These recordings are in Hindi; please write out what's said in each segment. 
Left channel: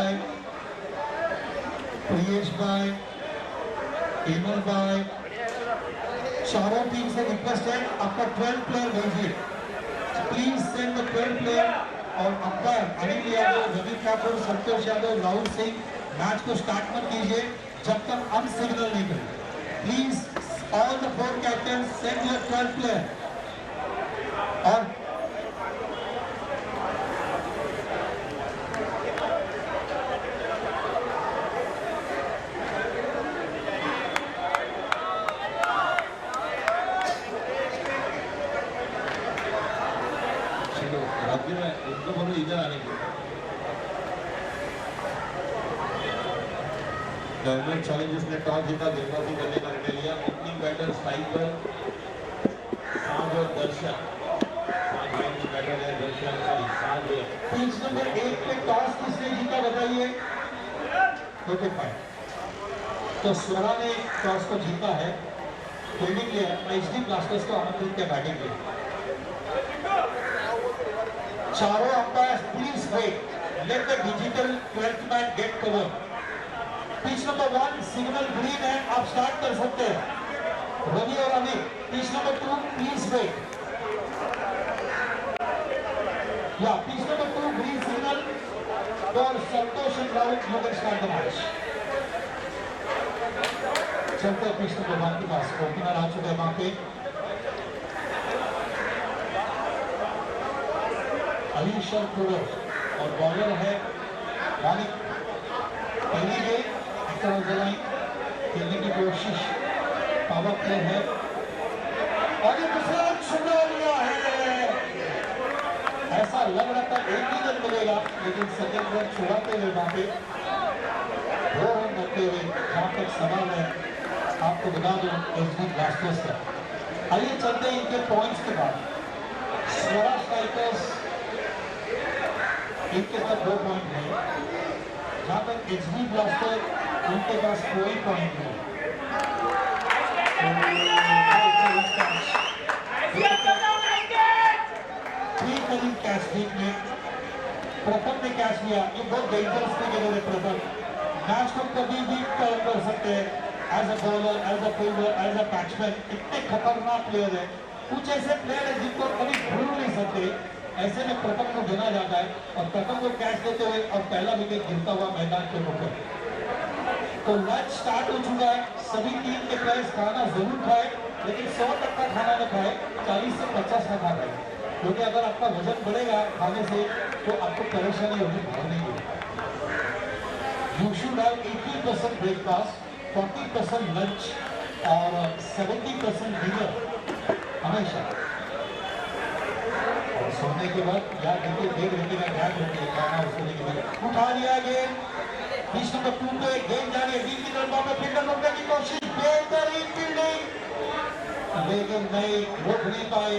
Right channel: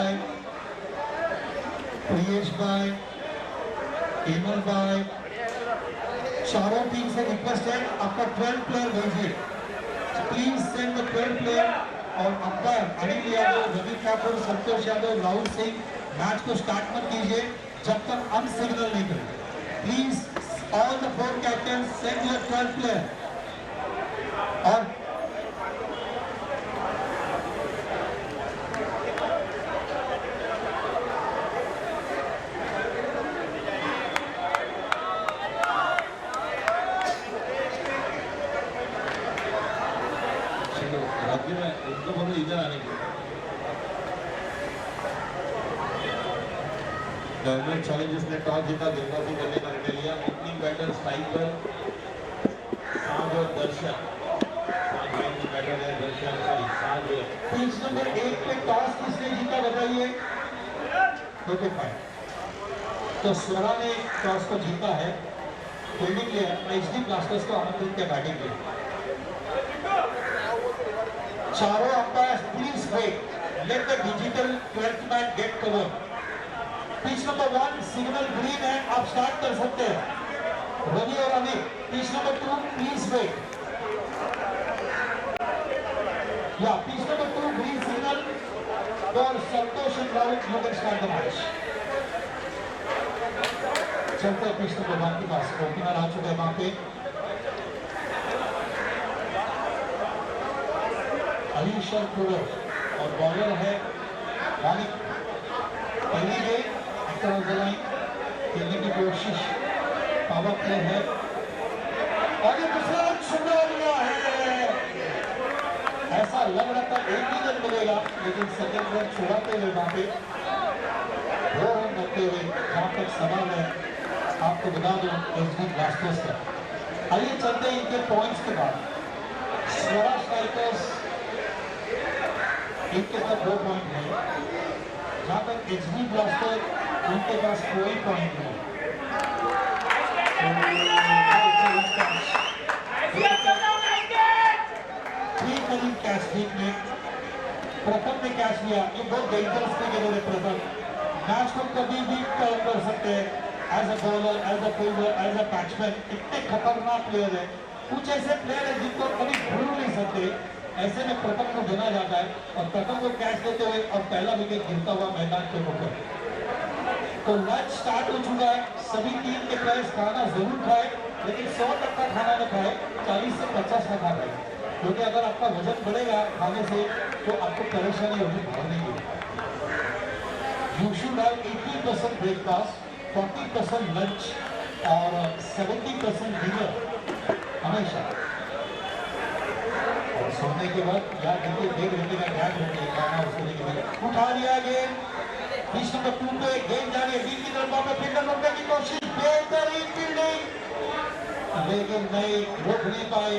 by Priyesh by Emal by चारों टीम से रिक्वेस्ट है आपका 12 प्लेयर भेजिए प्लीज सेंड द 12 प्लेयर और अंपायर अनिल यादव रवि ठाकुर संतोष यादव राहुल सिंह मैच को स्टार्ट मत कीजिए जब तक हम सिग्नल नहीं करें please all the 4 captain send your 12 player और उनको बोलो इधर आने के गवर्नमेंट चैलेंजर्स ने टॉस जीता गेंदबाजी करने का निर्णय लिया ओपनिंग बैटर स्ट्राइक पर साज और दर्शन बैटर है दर्शन साज पिच नंबर 1 पे टॉस किसने जीता बताइए ओके फाइन तो स्वरा ने टॉस को जीता है फील्डिंग प्लेयर एचडी ब्लास्टर्स को आमंत्रित किया बैटिंग के लिए चारों umpires please wait let the digital 12th man gate cover pitch number 1 signal green है आप स्टार्ट कर सकते हैं रवि और Anil pitch number 2 please wait या pitch number 2 green signal for Santosh and Rahul you can start the match चलते हैं पिच नंबर 1 के पास ओपनर आ चुके हैं वहां पे अलीशर कुवर और बॉलर है मालिक पहली गेंद अक्रॉस द लाइन खेलने की कोशिश पावर प्ले है और ये दूसरा रन छुड़ा लिया है ऐसा लग रहा था एक ही रन मिलेगा लेकिन सेकंड रन छुड़ाते हुए वहां पे 2 रन करते हुए जहां तक सवाल है आपको बता दूं एचडी ब्लास्टर्स का आइए चलते हैं इनके पॉइंट्स के बाद स्वरा स्ट्राइकर्स इनके पास 2 पॉइंट है जहां तक एचडी ब्लास्टर उनके पास कोई पॉइंट नहीं 3 करीब कैच लीग में प्रथम ने कैच लिया ये बहुत डेंजरस क्रिकेटर है प्रथम मैच को कभी भी टर्न कर सकते हैं as a bowler as a fielder as a batsman इतने खतरनाक प्लेयर है कुछ ऐसे प्लेयर है जिनको कभी भूल नहीं सकते ऐसे में प्रथम को गिना जाता है और प्रथम को कैच देते हुए और पहला विकेट गिरता हुआ मैदान के ऊपर तो मैच स्टार्ट हो चुका है सभी टीम के प्लेयर्स खाना जरूर खाए लेकिन 100% खाना न खाए 40 से 50 का खा खाए क्योंकि अगर आपका वजन बढ़ेगा खाने से तो आपको परेशानी होगी भागने की you should have 80% breakfast 40% lunch और 70% डिनर हमेशा सोने के बाद यार देखिए 1 घंटे का गैप रखिए खाना सोने के बाद उठा लिया गेंद पिच नंबर 2 पे गेंद जा रही है बीच की तरफ पे फील्डर रोकने की कोशिश बेहतरीन फील्डिंग लेकिन नहीं रोक नहीं पाए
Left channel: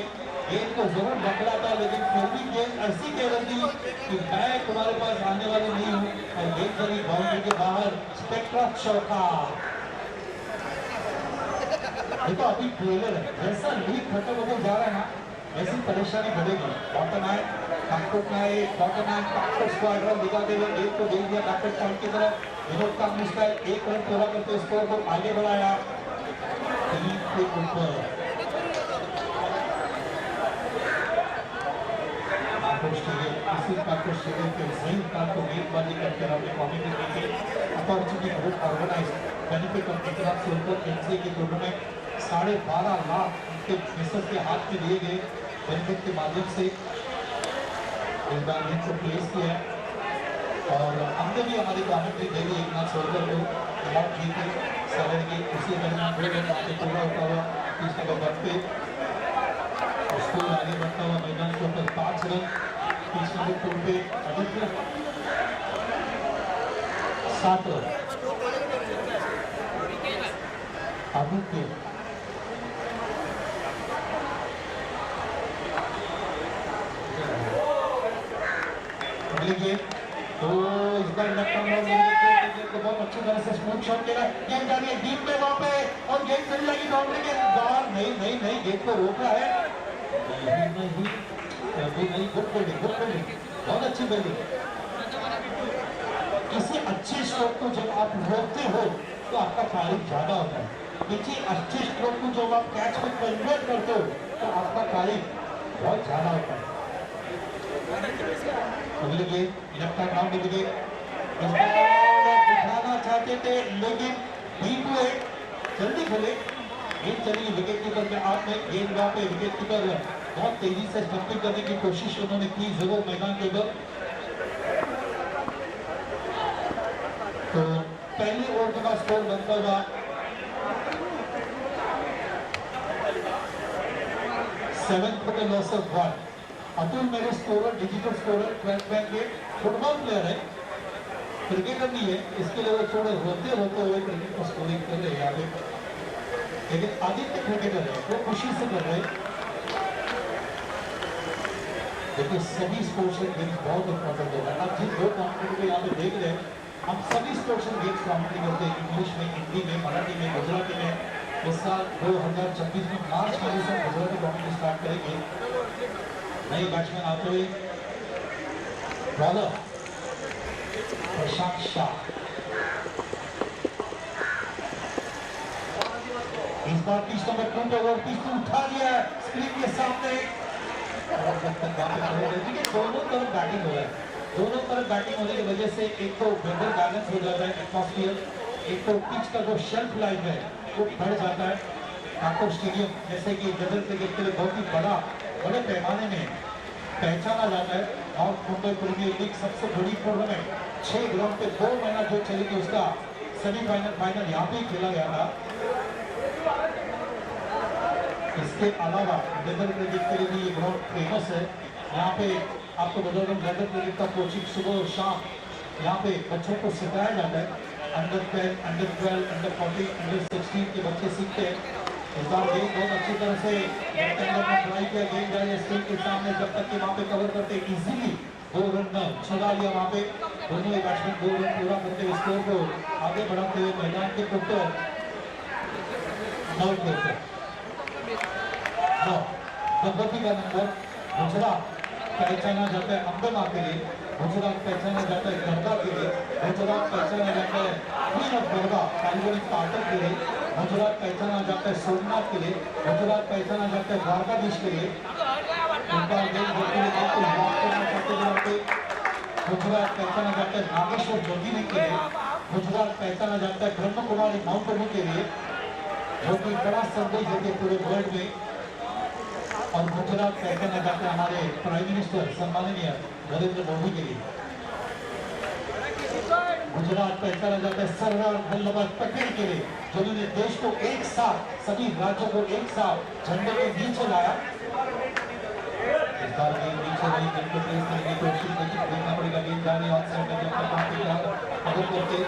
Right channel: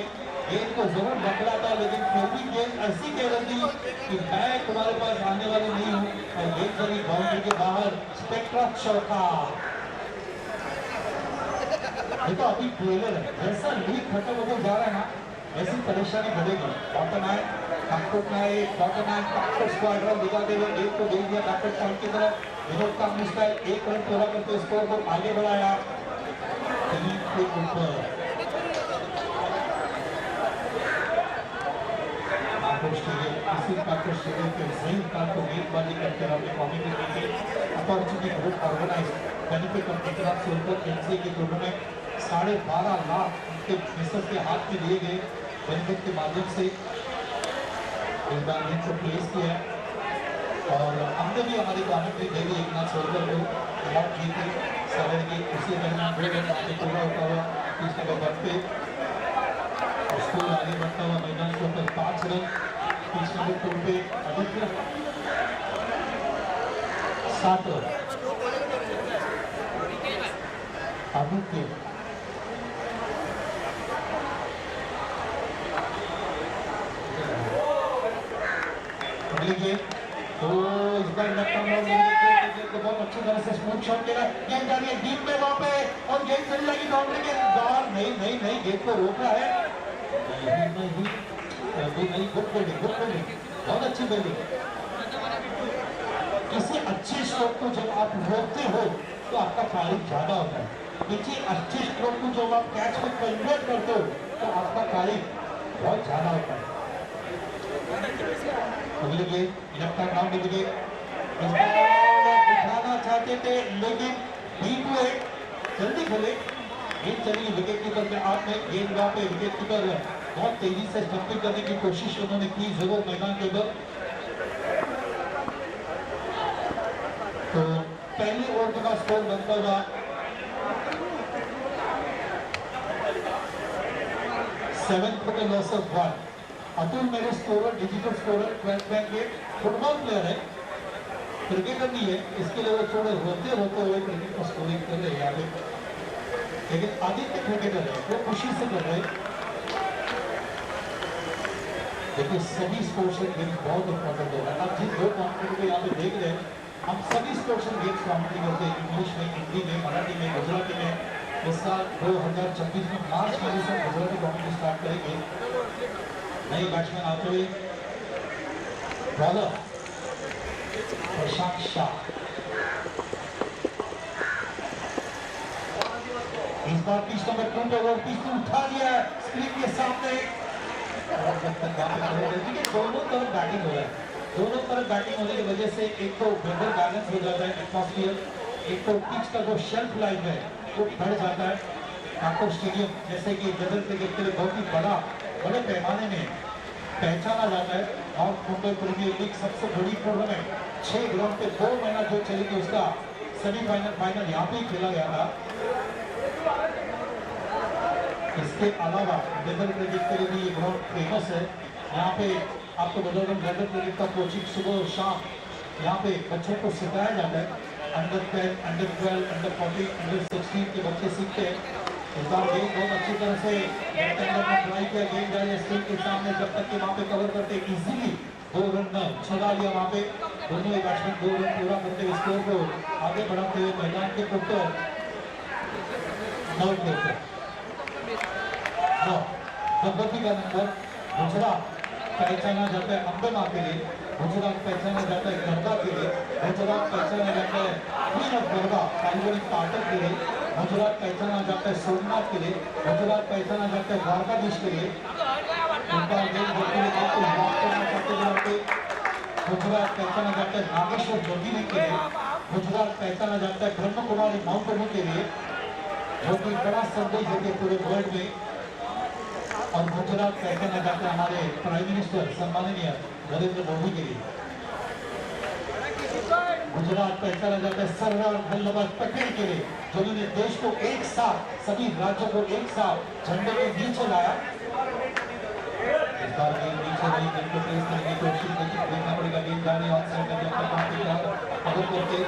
गेंद को जरूर बकला था लेकिन फिर भी गेंद ऐसी कह रही थी कि मैं तुम्हारे पास आने वाली नहीं हूँ और गेंद चली बाउंड्री के बाहर स्पेक्ट्रा चौका देखो अभी ट्रेलर है जैसा लीग खत्म होकर जा रहा है ना ऐसी परेशानी बढ़ेगी बॉटम आए स्क्वाड्रन दिखाते हुए एक को दे दिया बैकवर्ड पॉइंट की तरफ विनोद का मिसाइल 1 रन पूरा करते स्कोर को आगे बढ़ाया 3 के ऊपर इसी स्टेडियम के सही स्थान को गेंदबाजी करके अपने कॉमेडी के opportunity group organise benefit of Gujarat से ऊपर एनसीए के टूर्नामेंट 12.5 लाख उनके मिसर के हाथ में दिए गए बेनिफिट के माध्यम से इस बार मैच को प्लेस किया और हमने भी हमारी कॉमेंट्री दे दी 1 लाख सोलर को अवार्ड जीते सैलरी की उसी दरमियान 2 रन आगे पूरा होता हुआ 30 नंबर पे स्कोर आगे बढ़ता हुआ मैदान के ऊपर 5 रन 30 नंबर पे आदित्य 7 रन आदित्य लीजिए तो इस बार बहुत अच्छी तरह से स्मूथ शॉट खेला गेंद जा रही है डीप में वहां पे और गेंद चली जाएगी बाउंड्री के बाहर नहीं गेंद को रोका है नहीं गुड फील्डिंग बहुत अच्छी फील्डिंग किसी अच्छे स्ट्रोक को जब आप रोकते हो तो आपका फायरिंग ज्यादा होता है, किसी अच्छे स्ट्रोक को जब आप कैच में कन्वर्ट करते हो तो आपका फायरिंग बहुत ज्यादा होता है। अगले game left hand round wicket उठाना चाहते थे लेकिन बीट हुए, जल्दी खेले, गेंद चली विकेट कीपर के हाथ में, गेंद वहां पे विकेट कीपर बहुत तेजी से स्टंपिंग करने की कोशिश उन्होंने की जरूर मैदान के अंदर। तो पहले ओवर का स्कोर बनता हुआ 7 for the loss of 1। Atul मेरे स्कोरर, डिजिटल स्कोरर, 12 बैंक के फुटबॉल प्लेयर है, क्रिकेटर नहीं है, इसके लिए वो थोड़े रोते हुए क्रिकेट को स्कोरिंग कर रहे हैं यहाँ पे, लेकिन आदित्य क्रिकेटर है, वो खुशी से कर रहे हैं। देखिए सभी स्पोर्ट्स गेम्स बहुत इंपॉर्टेंट होगा। आप जिन दो कॉम्पिटिटर को यहाँ पे देख रहे हैं, हम सभी स्पोर्ट्स गेम्स कॉम्पिटिट करते हैं, इंग्लिश में, हिंदी में, मराठी में, गुजराती में। इस साल 2026 में मार्च महीने से गुजराती कॉम्पिटिशन स्टार्ट करेंगे। नए बैट्समैन आते हुए बॉलर प्रशांत शाह, इस बार पिच नंबर 2 पे ओवर पिच उठा लिया स्क्रीन के सामने। देखिए दोनों तरफ बैटिंग हो रहा है, दोनों तरफ बैटिंग होने की वजह से एक तो वेदर बैलेंस हो जाता है एटमॉस्फियर, एक तो पिच का जो शेल्फ लाइफ है वो बढ़ जाता है। ठाकुर स्टेडियम जैसे कि गदर क्रिकेट के लिए बहुत ही बड़े पैमाने में पहचाना जाता है। नॉर्थ मुंबई प्रीमियर लीग सबसे बड़ी टूर्नामेंट 6 ग्राउंड पे 2 महीना जो चलेगी उसका सेमीफाइनल फाइनल यहाँ पे खेला गया था। इसके अलावा लेदर क्रिकेट के लिए भी ये ग्राउंड फेमस है। यहाँ पे आपको बता दें लेदर क्रिकेट का कोचिंग सुबह और शाम यहाँ पे बच्चों को सिखाया जाता है। अंडर 10, अंडर 12, अंडर 14, अंडर 16 के बच्चे सीखते हैं। इस बार गेम बहुत अच्छी तरह से ट्राई किया, गेम जाए स्क्रीन के सामने जब तक कि वहाँ पे कवर करते इजीली 2 रन छुड़ा लिया। वहाँ पे दोनों ही बैट्समैन 2 रन पूरा करते हुए स्कोर को आगे बढ़ाते हुए मैदान के ऊपर 9 के ऊपर भगवती का नंबर गुजरात पहचाना जाता है अंबेमा के लिए, गुजरात पहचाना जाता है गरबा के लिए, गुजरात पहचाना जाता है क्वीन ऑफ गरबा पारिवारिक पाठक के लिए, गुजरात पहचाना जाता है सोमनाथ के लिए, गुजरात पहचाना जाता है द्वारकाधीश के लिए। गुजरात पहचाना जाता है नागेश्वर जोगिनी के लिए, गुजरात पहचाना जाता है ब्रह्म कुमारी माउंट आबू के लिए, जो कि बड़ा संदेश देते हैं पूरे वर्ल्ड में। और गुजरात पहचाना जाता है हमारे प्राइम मिनिस्टर सम्माननीय नरेंद्र मोदी के लिए। गुजरात पहचाना जाता है सरदार वल्लभ भाई पटेल के लिए, जिन्होंने देश को एक साथ, सभी राज्यों को एक साथ झंडे के नीचे लाया। इस बार गेंद नीचे नहीं, गेंद को तेज करने की कोशिश देखना पड़ेगा, गेंद जाने और अगर करके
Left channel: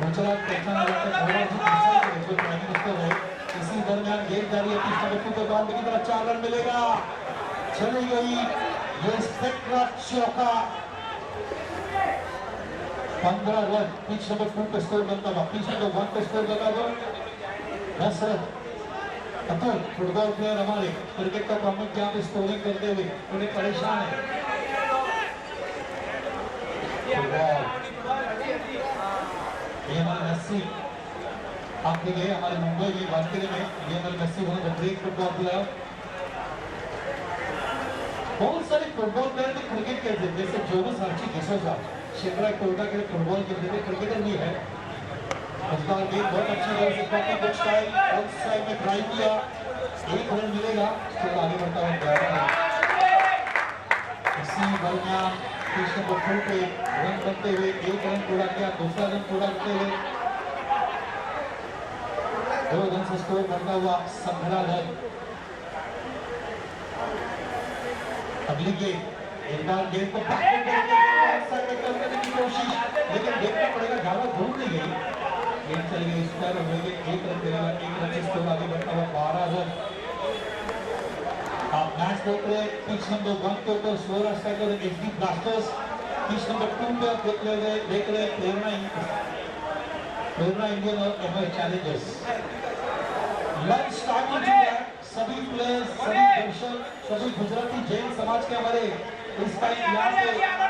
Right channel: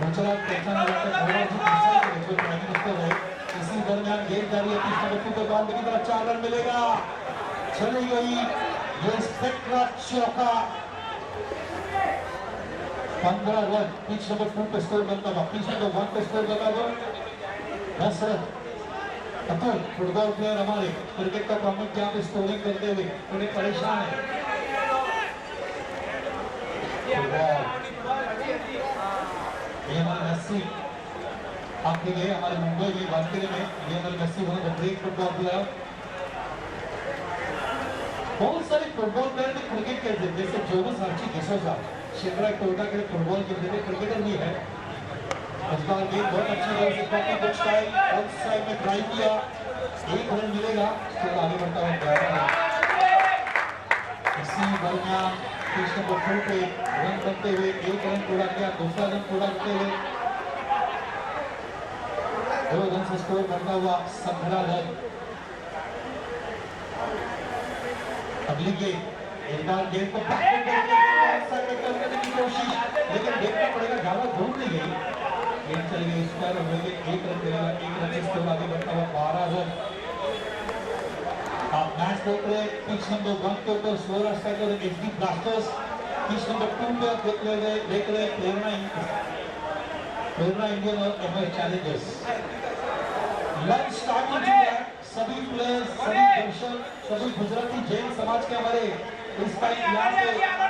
गुजरात पहचाना जाता है जो प्राइम मिनिस्टर है। इसी दरमियान गेंद जारी है, पिच नंबर 2 पे बाउंड्री की तरफ 4 रन मिलेगा, चली गई ये स्पेक्ट्रा चौका। 15 रन पिच नंबर 2 पे स्कोर बनता हुआ, पिच नंबर 1 पे स्कोर बना हुआ 10 रन। अतुल फुटबॉल प्लेयर हमारे क्रिकेट का प्रमुख यहाँ पे स्कोरिंग करते हुए थोड़े परेशान है। ये हमारे मेस्सी आगे गए, हमारे मुंबई में वानखेड़े में Lionel Messi one of the great football player. बहुत सारे फुटबॉल प्लेयर भी क्रिकेट खेलते हैं, जैसे जोनस आर्ची डिसोजा शिमरा टोयोटा के फुटबॉल खेलते थे, क्रिकेटर भी है। इस बार गेम बहुत अच्छी तरह से pocket book style on side में ट्राई किया, 1 रन मिलेगा, फिर आगे बढ़ता हुआ इसी दरमियान पिच नंबर 2 पे रन करते हुए 1 रन पूरा किया, दूसरा रन पूरा करते हुए 2 रन से स्कोर बनता हुआ 17 रन। अगली गेम एक बार गेम को करने की कोशिश, लेकिन देखना पड़ेगा ज्यादा दूर नहीं गई, गेम चली गई इस पर 1 रन मिलेगा, 1 रन से स्कोर आगे बढ़ता हुआ 12 रन। आप मैच देख रहे हैं पिच नंबर 1 के ऊपर slower striker HD blasters, pitch number 2 पे आप देख रहे प्रेरणा इंडियन और MI challengers. Lunch starting to that, सभी प्लेयर्स, सभी दर्शक, सभी गुजराती जैन समाज के हमारे इस टाइम यहाँ पे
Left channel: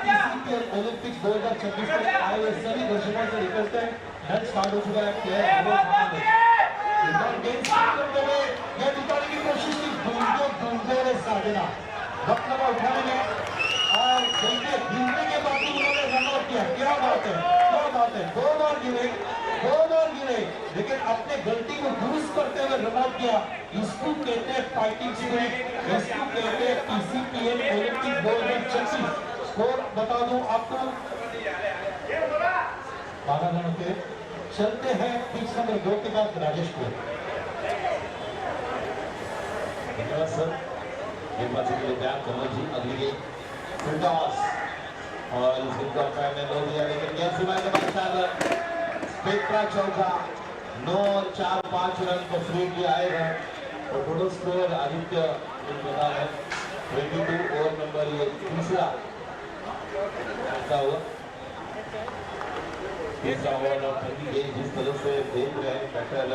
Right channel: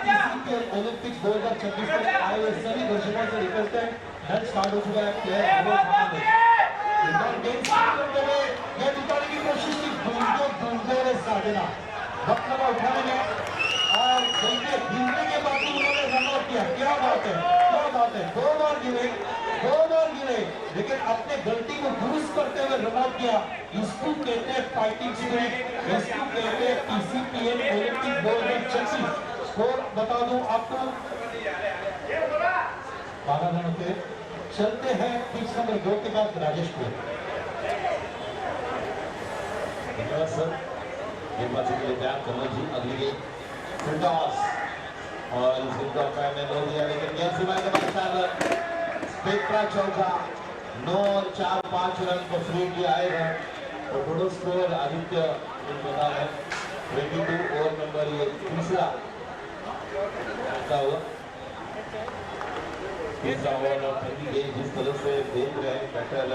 TCPL ओलंपिक्स 2026 में आए हुए सभी दर्शकों से रिक्वेस्ट है, मैच स्टार्ट हो चुका है, प्लेयर करते हुए यह दिखाने की कोशिश की ढूंढते साधना वक्त लगा उठाने में, और देखिए गिरने के बाद भी उन्होंने रन आउट किया। क्या बात है, क्या बात है, दो बार गिरे, लेकिन अपने गलती को दुरुस्त करते हुए रन आउट किया। इसको कहते हैं फाइटिंग स्पिरिट, इसको कहते हैं TCPL ओलंपिक 2026। स्कोर बता दूं आपको, 12 रन होते। चलते हैं पिच नंबर 2 के बाद राजेश को। धन्यवाद सर, गेंदबाजी के लिए तैयार कमल जी। अगली गेंद फुल टॉस और इस गेंद को अंपायर ने लो दिया, लेकिन गेंद सीमा के बाद शायद पेट्रा चौका 9 और 4-5 रन को फ्री किया आएगा और टोटल स्कोर आदित्य बता है 22 ओवर नंबर ये तीसरा हुआ। तीसरा ओवर और पहली गेंद जिस तरह से देख रहे हैं बैटर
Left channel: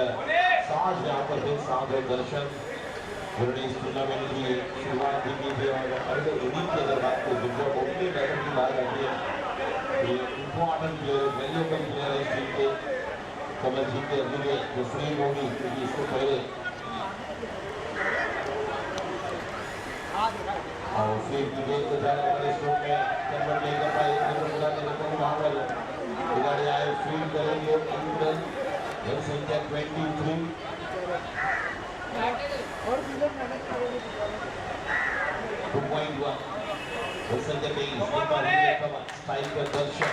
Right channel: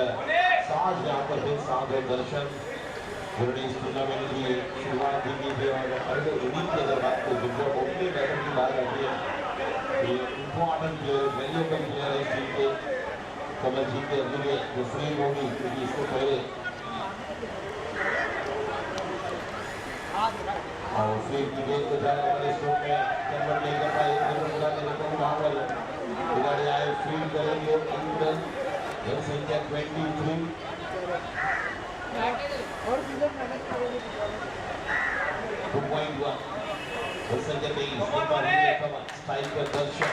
साज यहाँ पर है, साज और दर्शन जिन्होंने इस टूर्नामेंट की शुरुआत की थी और अगले इनिंग की अगर बात करें जिनको ओपनिंग बैटर की बात आती है, ये इम्पोर्टेंट प्लेयर, वैल्यूएबल प्लेयर है इस टीम के। कमल जी के अगली जो फ्रेम होगी क्योंकि इसको पहले और फ्रेम की गेंद को जाने वाले स्ट्रोक में कन्वर्ट नहीं कर पाए, वहाँ पर खिलाड़ी आए फील्ड करेंगे। जनसंख्या 23 2.1 जनसंख्या 23 स्ट्राइकर दर्शन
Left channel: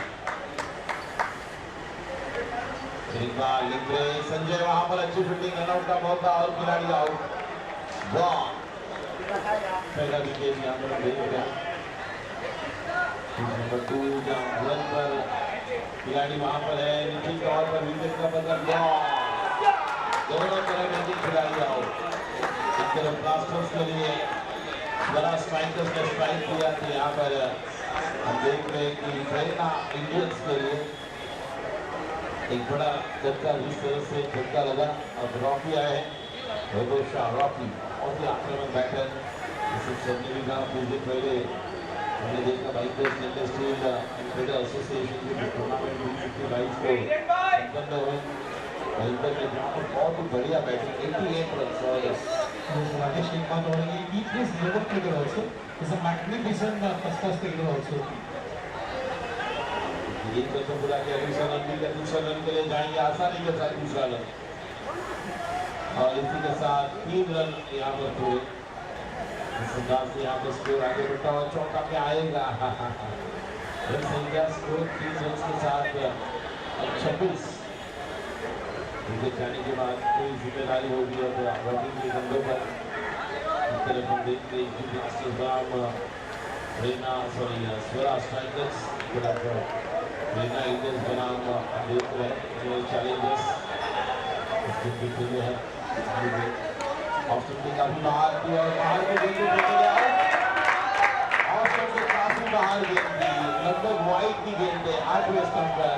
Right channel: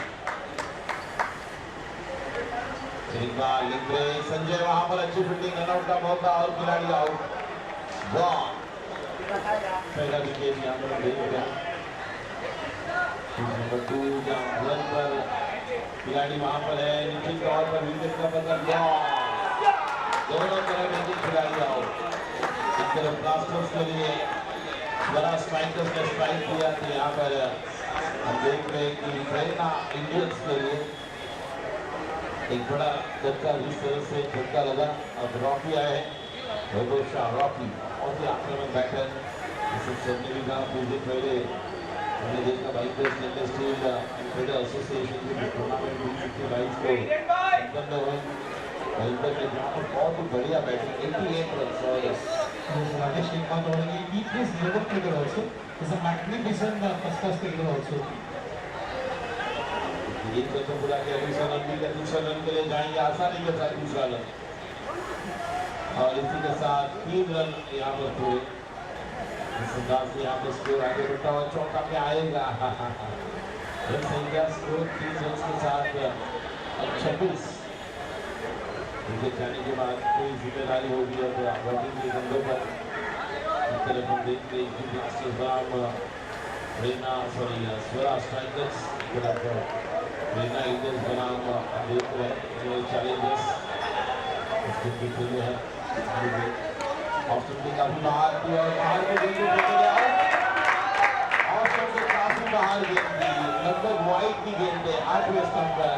एक बार लिख रहे संजय, वहां पर अच्छी फील्डिंग, रनआउट का मौका और खिलाड़ी आउट। वाह, पहला विकेट यहाँ पर देख रहे हैं नंबर 2 जहां पर खिलाड़ी वहां पर है, निखिल तौर पर विकेट का बदल। दोनों तरफ एक खिलाड़ी आउट। एक तरफ ब्लास्टर्स के लिए बड़ा स्ट्राइकर्स ने स्ट्राइक किया था, यहाँ पर हम देख रहे हैं कि प्रेरणा इंडियंस के लिए एक बड़ा झटका, जिस तरह से झटका लगा। अब रॉकी आए हैं, वैभव शाह रॉकी और आक्रमण बैटर पहले हमने देखा भाई इंडस्ट्रियल ट्रेडर एसोसिएशन के टूर्नामेंट 22 को संपन्न हुए, वहीं पर बहुत ही बढ़िया बैटिंग 88 रन और Rajesh एक बात और है, he plays never cricketer also. He's a magnificent first class cricketer also. ये तो पूरा के दूसरा रन मिल दूसरा रन के लिए जाएंगे आसानी के साथ दूसरा रन और इसी के साथ 3 रन यहाँ पर पूरे इस अंदाज से यहाँ पर स्कोर आगे बढ़ता हुआ चौका पे आएगा। जनसंख्या स्कोर 3 रन के साथ 26 विकेट जाने के बाद कोई जिम्मेदारी होगी और बॉलिंग के बंदों पर इस तरफ हम देखते हैं कि ब्लास्टर्स रेना स्वरा स्ट्राइकर्स रेना इंडियंस बनाम देख रहे हैं चैलेंजर्स इसके पीछे में है ऑस्ट्रेलिया की काफी बाहर की और बाहर को गेंद ऑस्ट्रेलिया से काफी बाहर गेंद थी, लगभग वाइड की गेंद है 8वें स्टंप पर,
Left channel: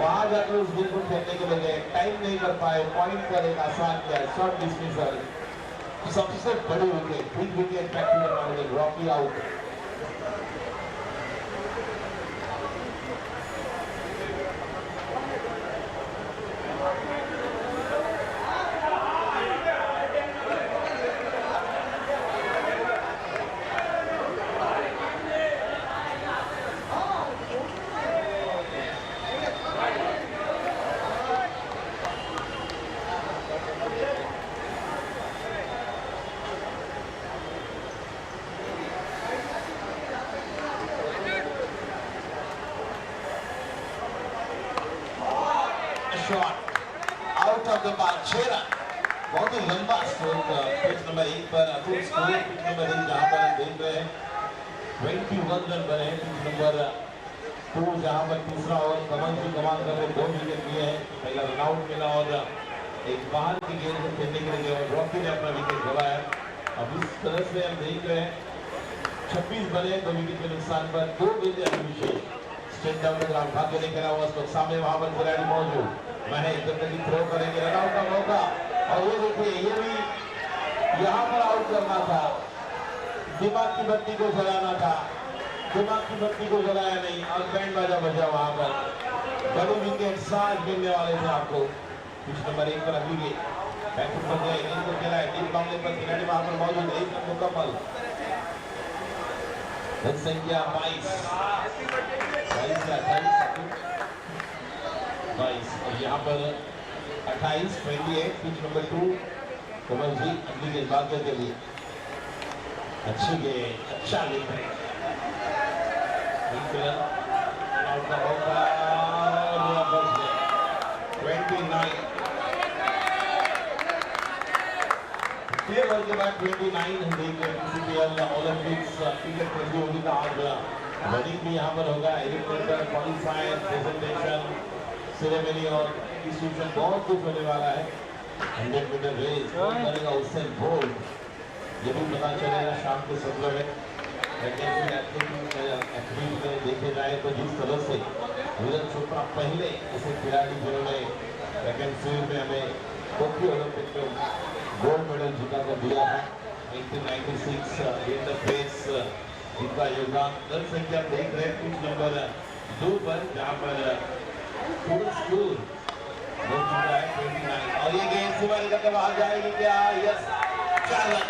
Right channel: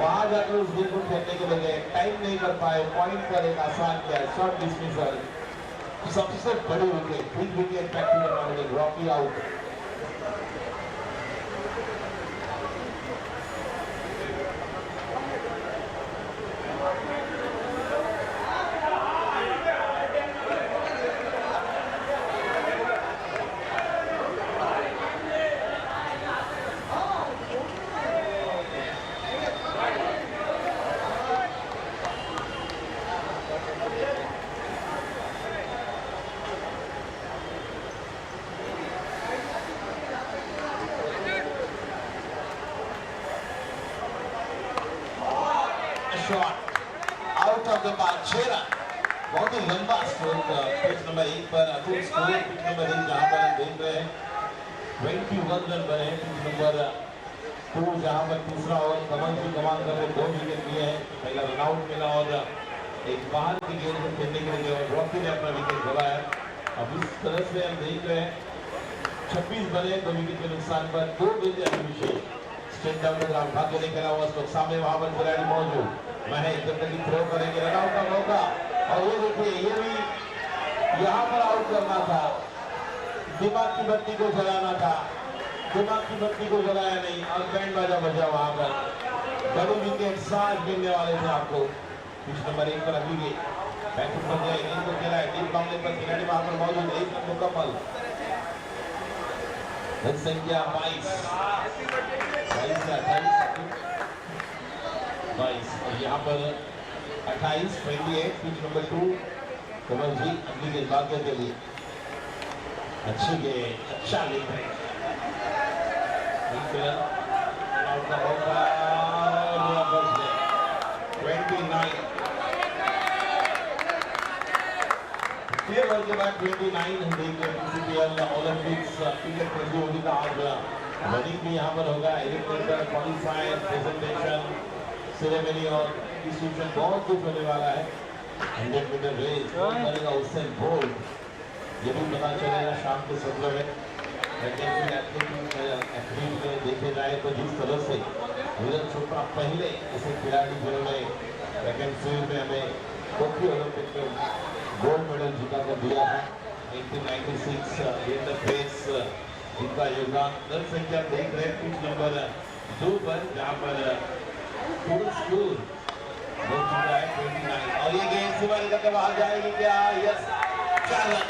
वहां जाकर उस गेंद को फेंकने के लिए टाइम नहीं कर पाए, पॉइंट पर एक आसान किया शॉर्ट डिस्मिसल। सबसे बड़ी wicket, big wicket practice Rocky out. Out of the park 6 run, बहुत ही लंबा स्ट्रोक पिच नंबर 1 पर अतुल स्कोर पिच नंबर 1 जहां पर हम देख रहे हैं 21 रन बने हैं। पिच नंबर 2 जहां पर तीसरा ओवर कमल जी कमान कर 2 विकेट लिए हैं, पहला रन आउट मिला और एक बाहर की गेंद को खेलने के लिए और रॉकी ने अपना विकेट गवाया। अब इस तरह से हम देख रहे हैं 26 बने 2 विकेट के नुकसान पर 2 गेंदें अभिषेक स्ट्रेट डाउन का भाग्य लेकर आया उसको सामने वहां पर खिलाड़ी मौजूद महेश जल्दी थ्रो करेंगे, रन आउट का मौका और ये देखिए ये भी यहाँ पर आउट करना था, दिमाग की बत्ती को जलाना था, दिमाग की बत्ती को जलाया नहीं और बैंड बाजा बजा वहां पर। डबल विकेट 7 मिलने वाले थे आपको। पिच नंबर 1 पर अभी बैटिंग पर गए, गेंद को खेला है डीप मामले पर, खिलाड़ी वहां पर मौजूद है, 1 रन मुकम्मल। रन संख्या 22 से 22 और यहाँ पर 28 28 पिच नंबर 2 कमल जी अगली गेंदबाजों के लिए अच्छी गेंद, अच्छा गेंद है। आउट का मौका 29 ओवर के बाद 29 हम देख रहे हैं PCBL ओलंपिक्स क्रिकेट प्रतियोगिता आज रनिंग भी यहाँ पर होगा, एलिमिनेटर, क्वालिफायर, प्रेजेंटेशन, सेरेमनी और डिस्ट्रीब्यूशन बहुत कुछ होने वाला है। 100 मीटर रेस करेगा उसेन बोल्ट, ये भी पता चलेगा शाम के 17 में। एथलीट में देखे जाए तो जिस तरह से नीरज चोपड़ा पहले ऐसे खिलाड़ी जिन्होंने ट्रैक एंड फील्ड में हमें टोक्यो ओलंपिक में गोल्ड मेडल जीता कर दिया था 1996 इन द फेस, इनका योगदान। दल संख्या देख रहे हैं पिच नंबर 2 पर, जहाँ पर फुल स्कोर हो चुका है 29 और ये गेंद सिवारी का बाहर जाएगी क्या? Yes, 4 run.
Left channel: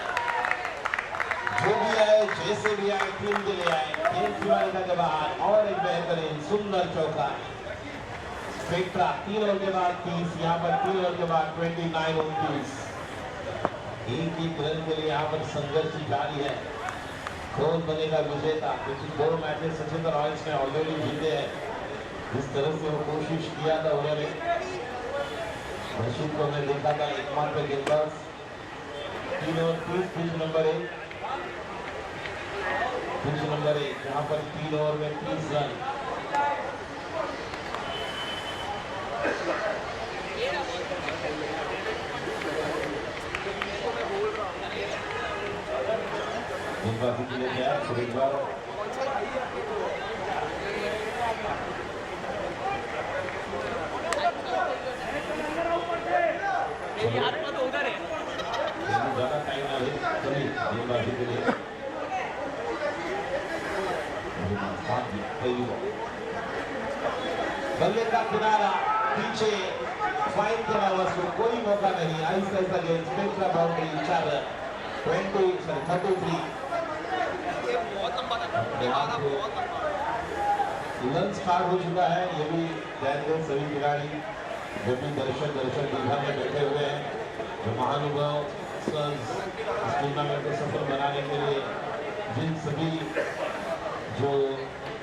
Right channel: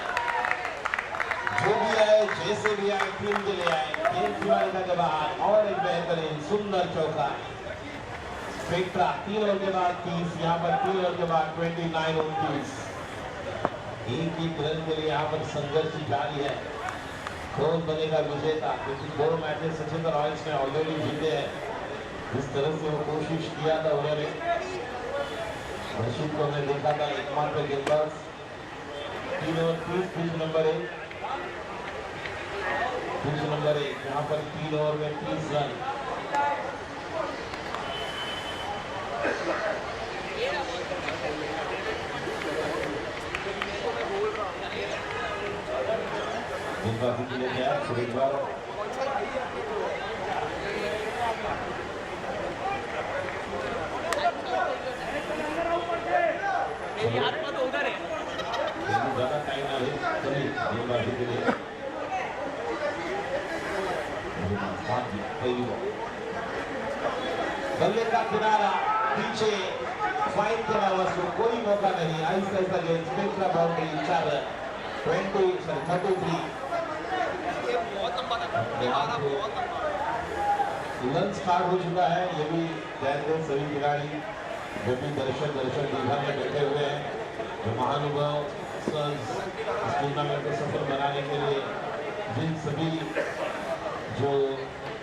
जो भी आए, जैसे भी आए, टीम के लिए आए, गेंद सिवारी का बाहर और एक बेहतरीन सुंदर चौका। स्पेक्ट्रा 3 ओवर के बाद 30, यहाँ पर 3 ओवर के बाद 29 29। एक रन के लिए यहाँ पर संघर्ष जारी है। कौन बनेगा विजेता, क्योंकि 2 मैचेस सचिन रॉयल्स ने ऑलरेडी जीते हैं। जिस तरह से वो कोशिश किया था उन्होंने, रशीद को हमने देखा था एकमात्र गेंदबाज। 3 ओवर 30 पिच नंबर 1 यहाँ पर 3 ओवर में 30 रन। गेंदबाजी के लिए जाए फिर एक बार ज्यादा टाइम ना ले, चलिए गेंदबाजी के लिए बल्ले का किनारा पीछे फाइन के अलावा कोई मौका नहीं। आहिस्ता आहिस्ता गेंद स्पेक्ट्रा बाउंड्री 4 33 रन स्टार्ट हो चुका है। ये भी ध्यान दें सभी खिलाड़ी जो भी दर्शक दीघा में बैठे हुए हैं, जो महानुभाव इस टूर्नामेंट को सफल बनाने के लिए जिन सभी जो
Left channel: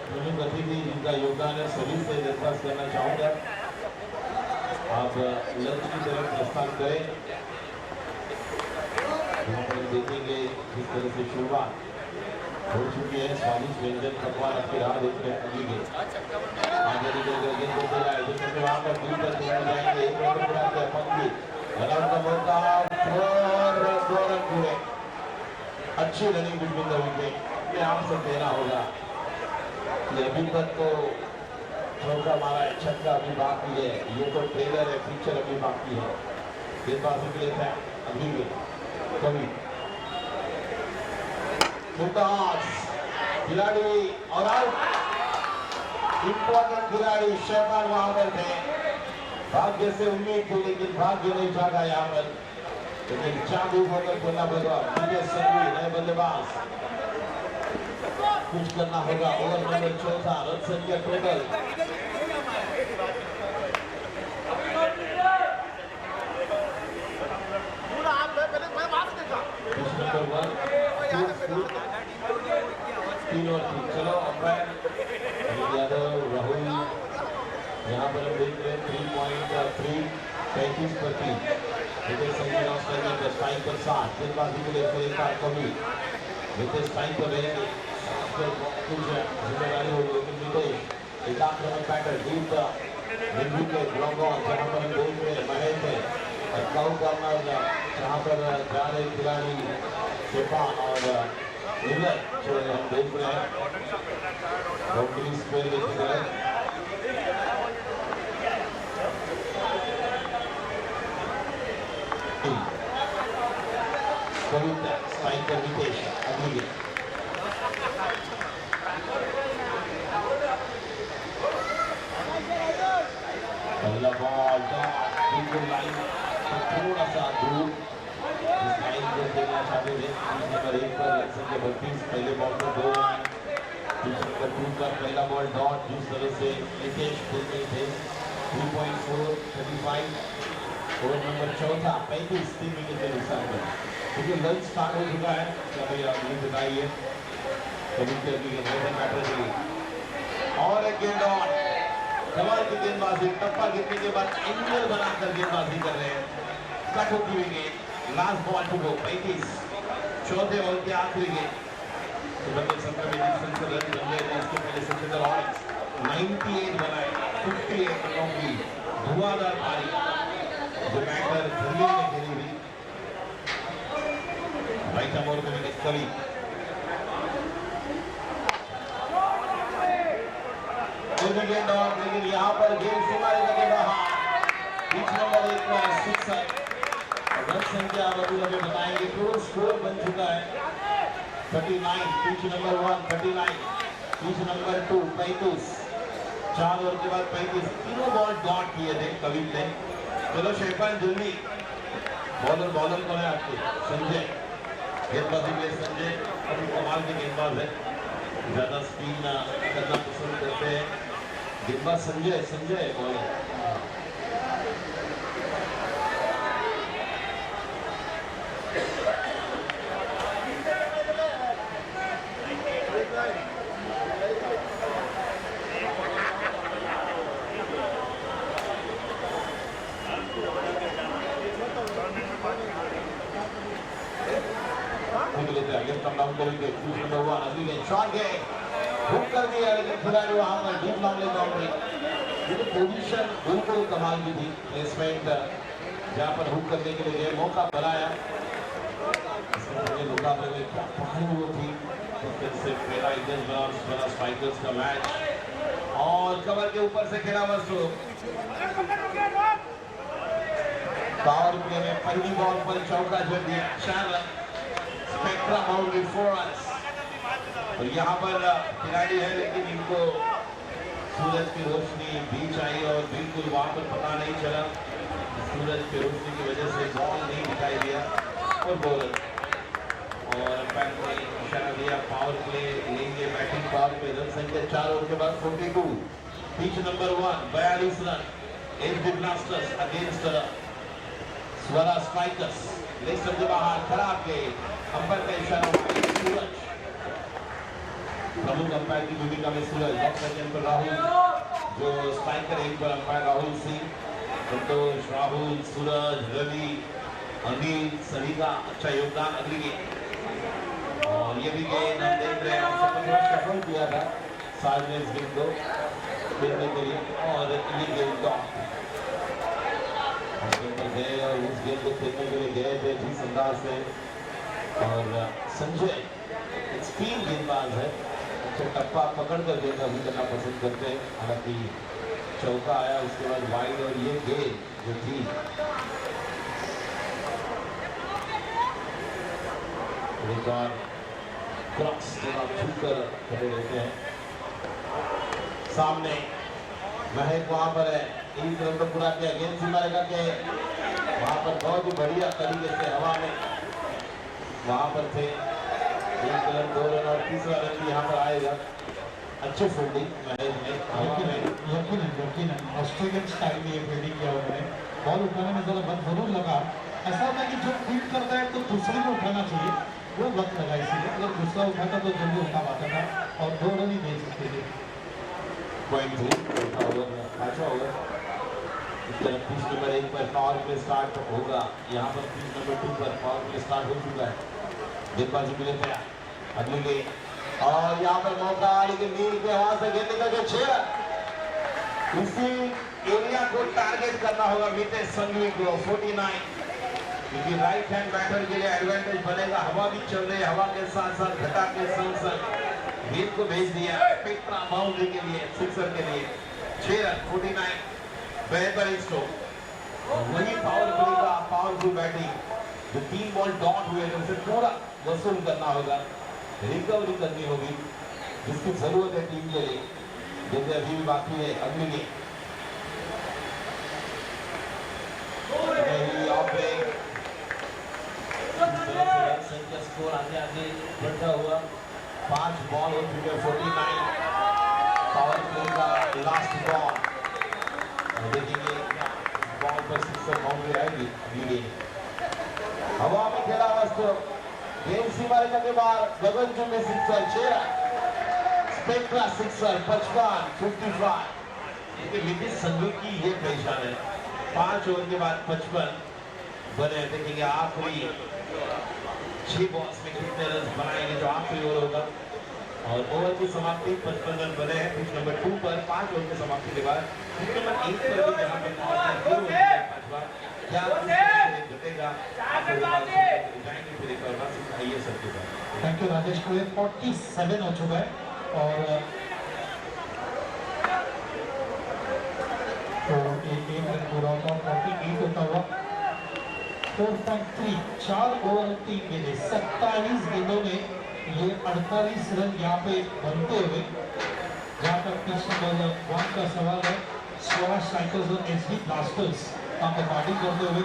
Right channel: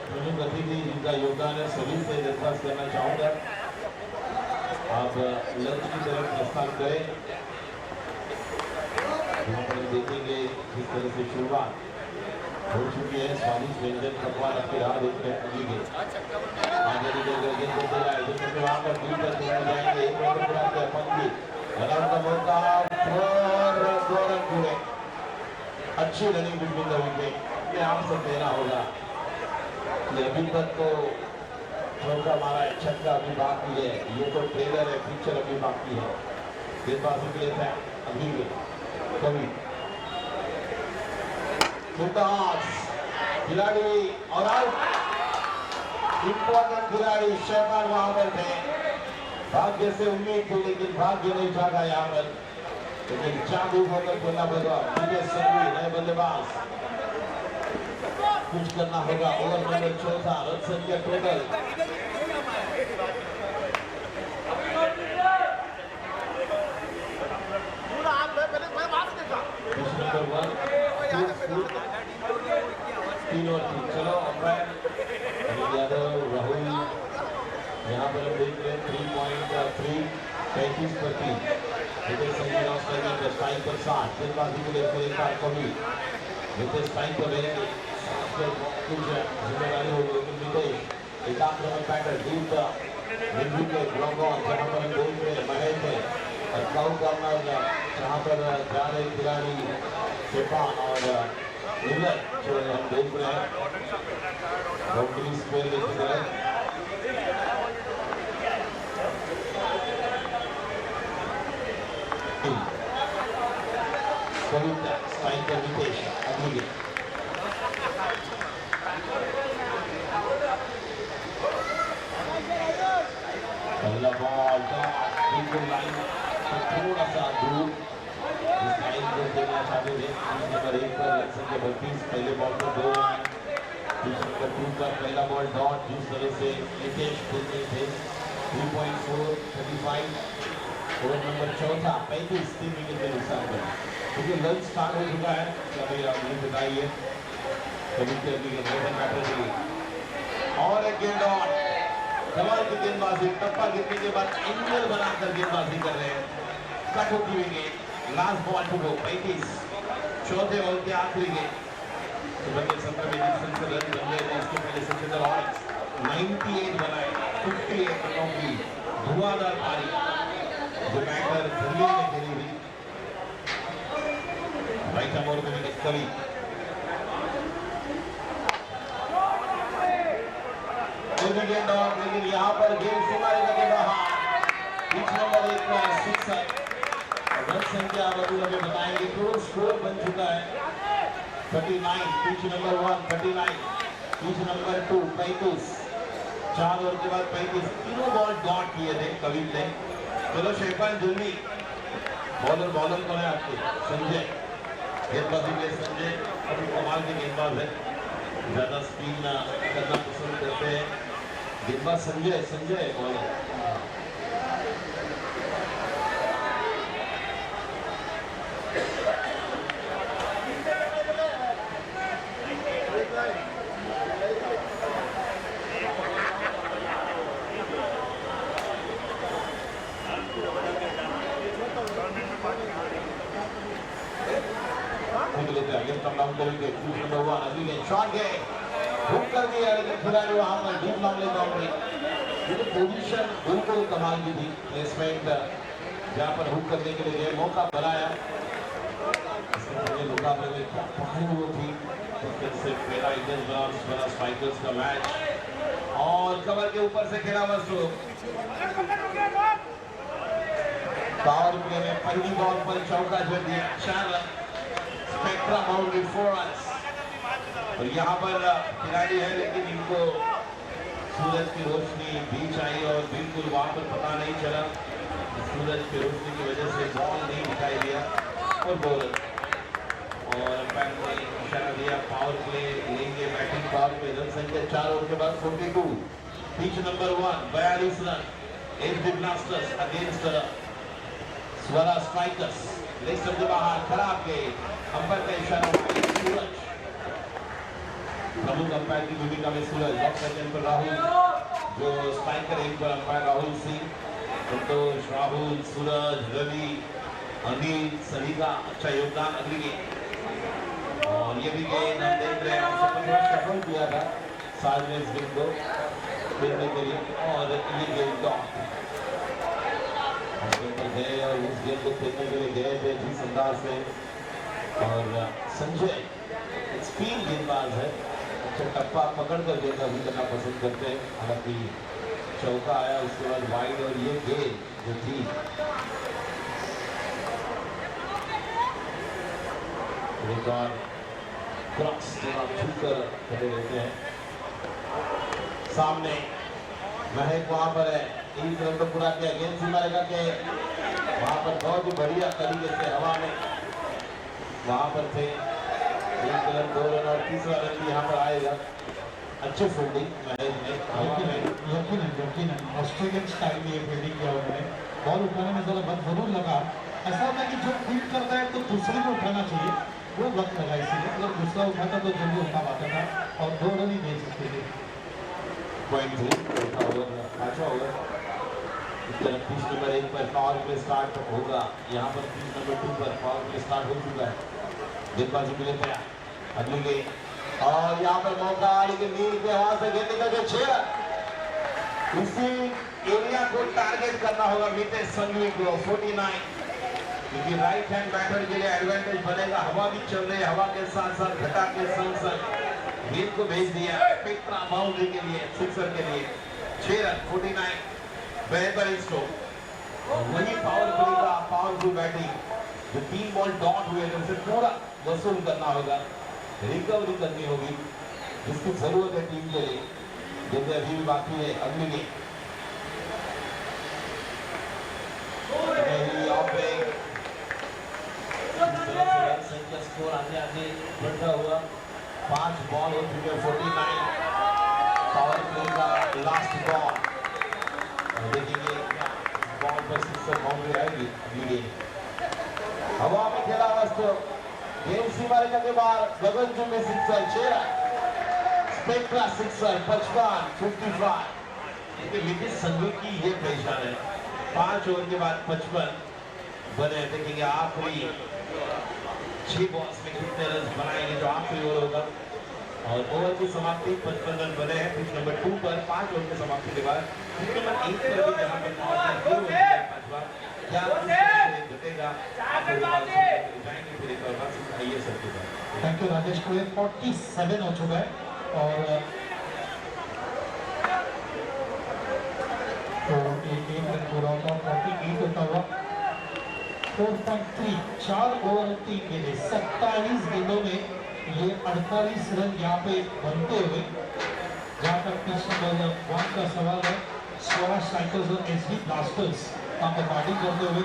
प्रमुख अतिथि जिनका योगदान है, सभी से दरख्वास्त करना चाहूँगा आप लंच की तरफ प्रस्थान करें। यहाँ पर देखेंगे जिस तरह से शुरुआत हो चुकी है, स्वादिष्ट व्यंजन पकवान आपकी राह देख रहे हैं। अभी के आगे गेंद को दे रहा है, जिसमें वहाँ पर दूर तक जाएंगे, एक रन पूरा किया पंक्ति रन का मौका, 2 रन पूरे। अच्छी रनिंग बिटवीन द विकेट में आप सब देना होगा। अभी तक तो चौका मारा है, छक्का अभी बाकी है, ये तो ट्रेलर है, पिक्चर अभी बाकी है। गेंदबाजी के लिए था अभी कभी खिलाड़ी और आउट। इंपॉर्टेंट खिलाड़ी शैतान वहां पर थे, भाग्य से उम्मीद थी लेकिन भाग्य नहीं जागा यहाँ पर, लेकिन जादू होकर खेलना पड़ेगा। नए बल्लेबाज कुछ करना होगा। ओवर नंबर 14 रन संख्या टोटल 3 और 3। चलो अंपायर यादव राहुल यहाँ पर हम देख रहे हैं 3.3 35 पर 3 स्ट्राइक पर 7 गेंदबाजी के लिए फिर एक बार कमी स्ट्राइक पर रहेंगे, कुछ जिम्मेदारी होगी। लेकिन नितेश एक आक्रमण pattern deep wicket long on जहाँ पर हम देख रहे हैं महेंद्र और काउ करना जहाँ पर जा रहे खिलाड़ी चेपान और नीलर जो हम देख रहे हैं बाउंड्री स्क्वायर लेते गए। स्ट्राइक पर नितेश अगली पहला बॉल बिल्कुल लाइन थोड़ा सा दूर इस लाइन को खेलना चाहते थे। नंबर 1 पर लक्ष्य के 32 पहले बॉल पर 2 रन। नंबर 2 का पहला बॉल डॉट जिस तरह से निकेश खेलते थे 3.4 35 ओवर नंबर चौथा 35 3 विकेट के नुकसान पर क्योंकि लंच स्टार्ट हो चुका है। क्या भाई आप ये बताइए कभी कभी बैटर के लिए और एक गेंद और कमाल की गेंदबाजी टप्पा गिरने के बाद एंगल बनाकर गेंदबाजी कर रहे हैं। कट होती हुई गेंद लास्ट बॉल टू गो 35 चौथे ओवर के आखिरी गेंद सुबह 17 में डिफेंस रन बन गए थे। इसके पहले सचिंदर ऑरेंज 98 बनाए 58 रनों की धुआंधार पारी जो बैटर धुरिया में खेली हुई राइट अमोर को विकेट कवि गेंद और लेकिन यहाँ पर गेंद सीमा रेखा के बाहर पिच नंबर 1 में सिक्सर रन संख्या अब्दुल हमें बताएंगे टोटल स्कोर बन चुका है 39 pitch number 1 39 pitch number 2 35 4 over के बाद 35 तीनों बॉल डॉट किए थे कविल ने। चलो शेफान जल्दी बॉलर कौन है आपके संजय गेंदबाजी में संजय अभी कमाल के गेंदबाज है ज्यादा स्पिन करना पसंद करते हैं गेंदबाज संजय बॉलर हुक कर दिया लेकिन खिलाड़ी वहां पर डीप लॉन्ग ले बाउंड्री ये पोजीशन बिल्कुल कमाल की थी प्लेसमेंट जहां पर हुक करने के लिए मौका बनाया इसके मुकाबले में क्या पहल वो थी उसके से पहला इंडियन बना स्ट्राइकर्स का मैच और कवर के ऊपर से खेला वस्तु पावर प्ले में पहली बॉल पर चौका जड़ दिया 4 रन स्पेक्ट्रा बाउंड्री 4 रन और यहाँ पर खिलाड़ी है लेकिन इनको सूरज की रोशनी भी चाहिए और बिल्कुल वहां पर पता नहीं चला सूरज की रोशनी की वजह से बॉल नहीं दिखाई दिया और बॉलर और अंपायर ने इशारा दिया पावर प्ले लेंगे बैटिंग पावर पे रन संख्या 4 ओवर के बाद 42 pitch number 1 42 run FD blasters against Swara strikers leg stump के बाहर खराब गए अंपायर का इशारा सूरज प्रमुख अंपायर की भूमिका में सूरज डॉक्टर पर राहुल जो स्ट्राइकर एक पर अंपायर राहुल सिंह संतोष राहुल सूरज रवि अनिल सभी का अच्छा योगदान अगली गेंद और ये भी गेंद हम देख रहे हैं सफल किया था साज ने इस गेंद को खेलने के लिए और ये गेंद डॉट गए और उस गेंद को खेलने के लिए गए थे जिस अंदाज से और संजय स्पिन गेंदबाज है टप्पा पकड़ कर गेंद अभी करना पसंद करते हैं हालांकि चौका आया उसके बाद वाइड और ये गेंद जो थी एक बार क्रॉस छूकर खड़े रहते हैं सामने महक वहां पर है एक रन तो पूरा किया गेंद सीमा रेखा के वहां पर बहुत ही बढ़िया तरीके से हवा में वहां पर थे 1 रन 2 रन और तीसरा रन भी यहाँ पर आएगा अच्छी फील्डिंग यकीन ऑस्ट्रेलियन स्टाइल में ये फील्डिंग किया उन्होंने बॉल उठाने में जरा वक्त जरूर लगा ऐसा होता है कि जो फील्ड करता है तो दूसरे को उठाना चाहिए वो वक्त लगा इसीलिए अगर दूसरा उठाता तो जल्दी उठा पाता था और 2 रन ही दे सकते थे पांचवा ओवर पिच नंबर 1 पर पावर प्ले स्टार्ट होगा यहाँ पर पिच नंबर 2 पर पावर प्ले स्टार्ट हो चुका है गेंदबाजी के लिए तैयार अगली गेंद और यहाँ पर मौका लेकिन नील के वहां से गेंद निकल के 6 इसी एरिया को टारगेट करना होगा मितेश संघवी को 49 क्योंकि राइट हैंड बैटर के लिए एडवांटेज बनेगा हवा भी चल रही है हवा के साथ साथ घटा के संग गेंद को भेज दिया स्पेक्ट्रा बाउंड्री के लिए सिक्सर के लिए 6 रन 49 बेहतर स्ट्रोक वही पावरफुल बैटिंग जो 3 बॉल डॉट हुए थे उसे पूरा वसूल करना होगा रिकवरी करनी होगी जिसकी जरूरत है टीम के लिए जिससे अभी भी बाकी है अगली गेंद स्कोर आगे आगे बढ़ता हुआ 5 बॉल हो चुके 49 पावर प्ले का लास्ट बॉल देखेंगे बॉल पर सिक्सर बाउंड्री आएगी लीडिंग हवा में खेला वस्तु गेम सीमा रेखा के बाहर गगनचुंबी में सिक्सर 6 स्पेक्ट्रा सिक्सर 55 ये विपिन संजू की ये पहचान है 5 ओवर के बाद 55 बने देखेंगे आखिरी 6 बॉल्स में कितने रन बनाएंगे जो आखिरी ओवर होगा और ओवर की समाप्ति 55 रन बने हैं पिच नंबर 2 पर 5 ओवर की समाप्ति के बाद पिच नंबर 1 पर भी जहां पे पांचवा क्या घटेगा जाएंगे फिर एक बार आइए सर के बाद थैंक यू राजेश को 47 हो चुका है और तो एक रन पूरा होता 48 होता हुआ 4.3 4 ओवर 3 गेंदे 27 गेंदों में ये 48 रन यहाँ पे बनते हुए जहाँ तक पिच नंबर 1 का सवाल है स्वराज स्ट्राइकर्स और एसडी ब्लास्टर्स यहाँ पे बैटिंग करते हुए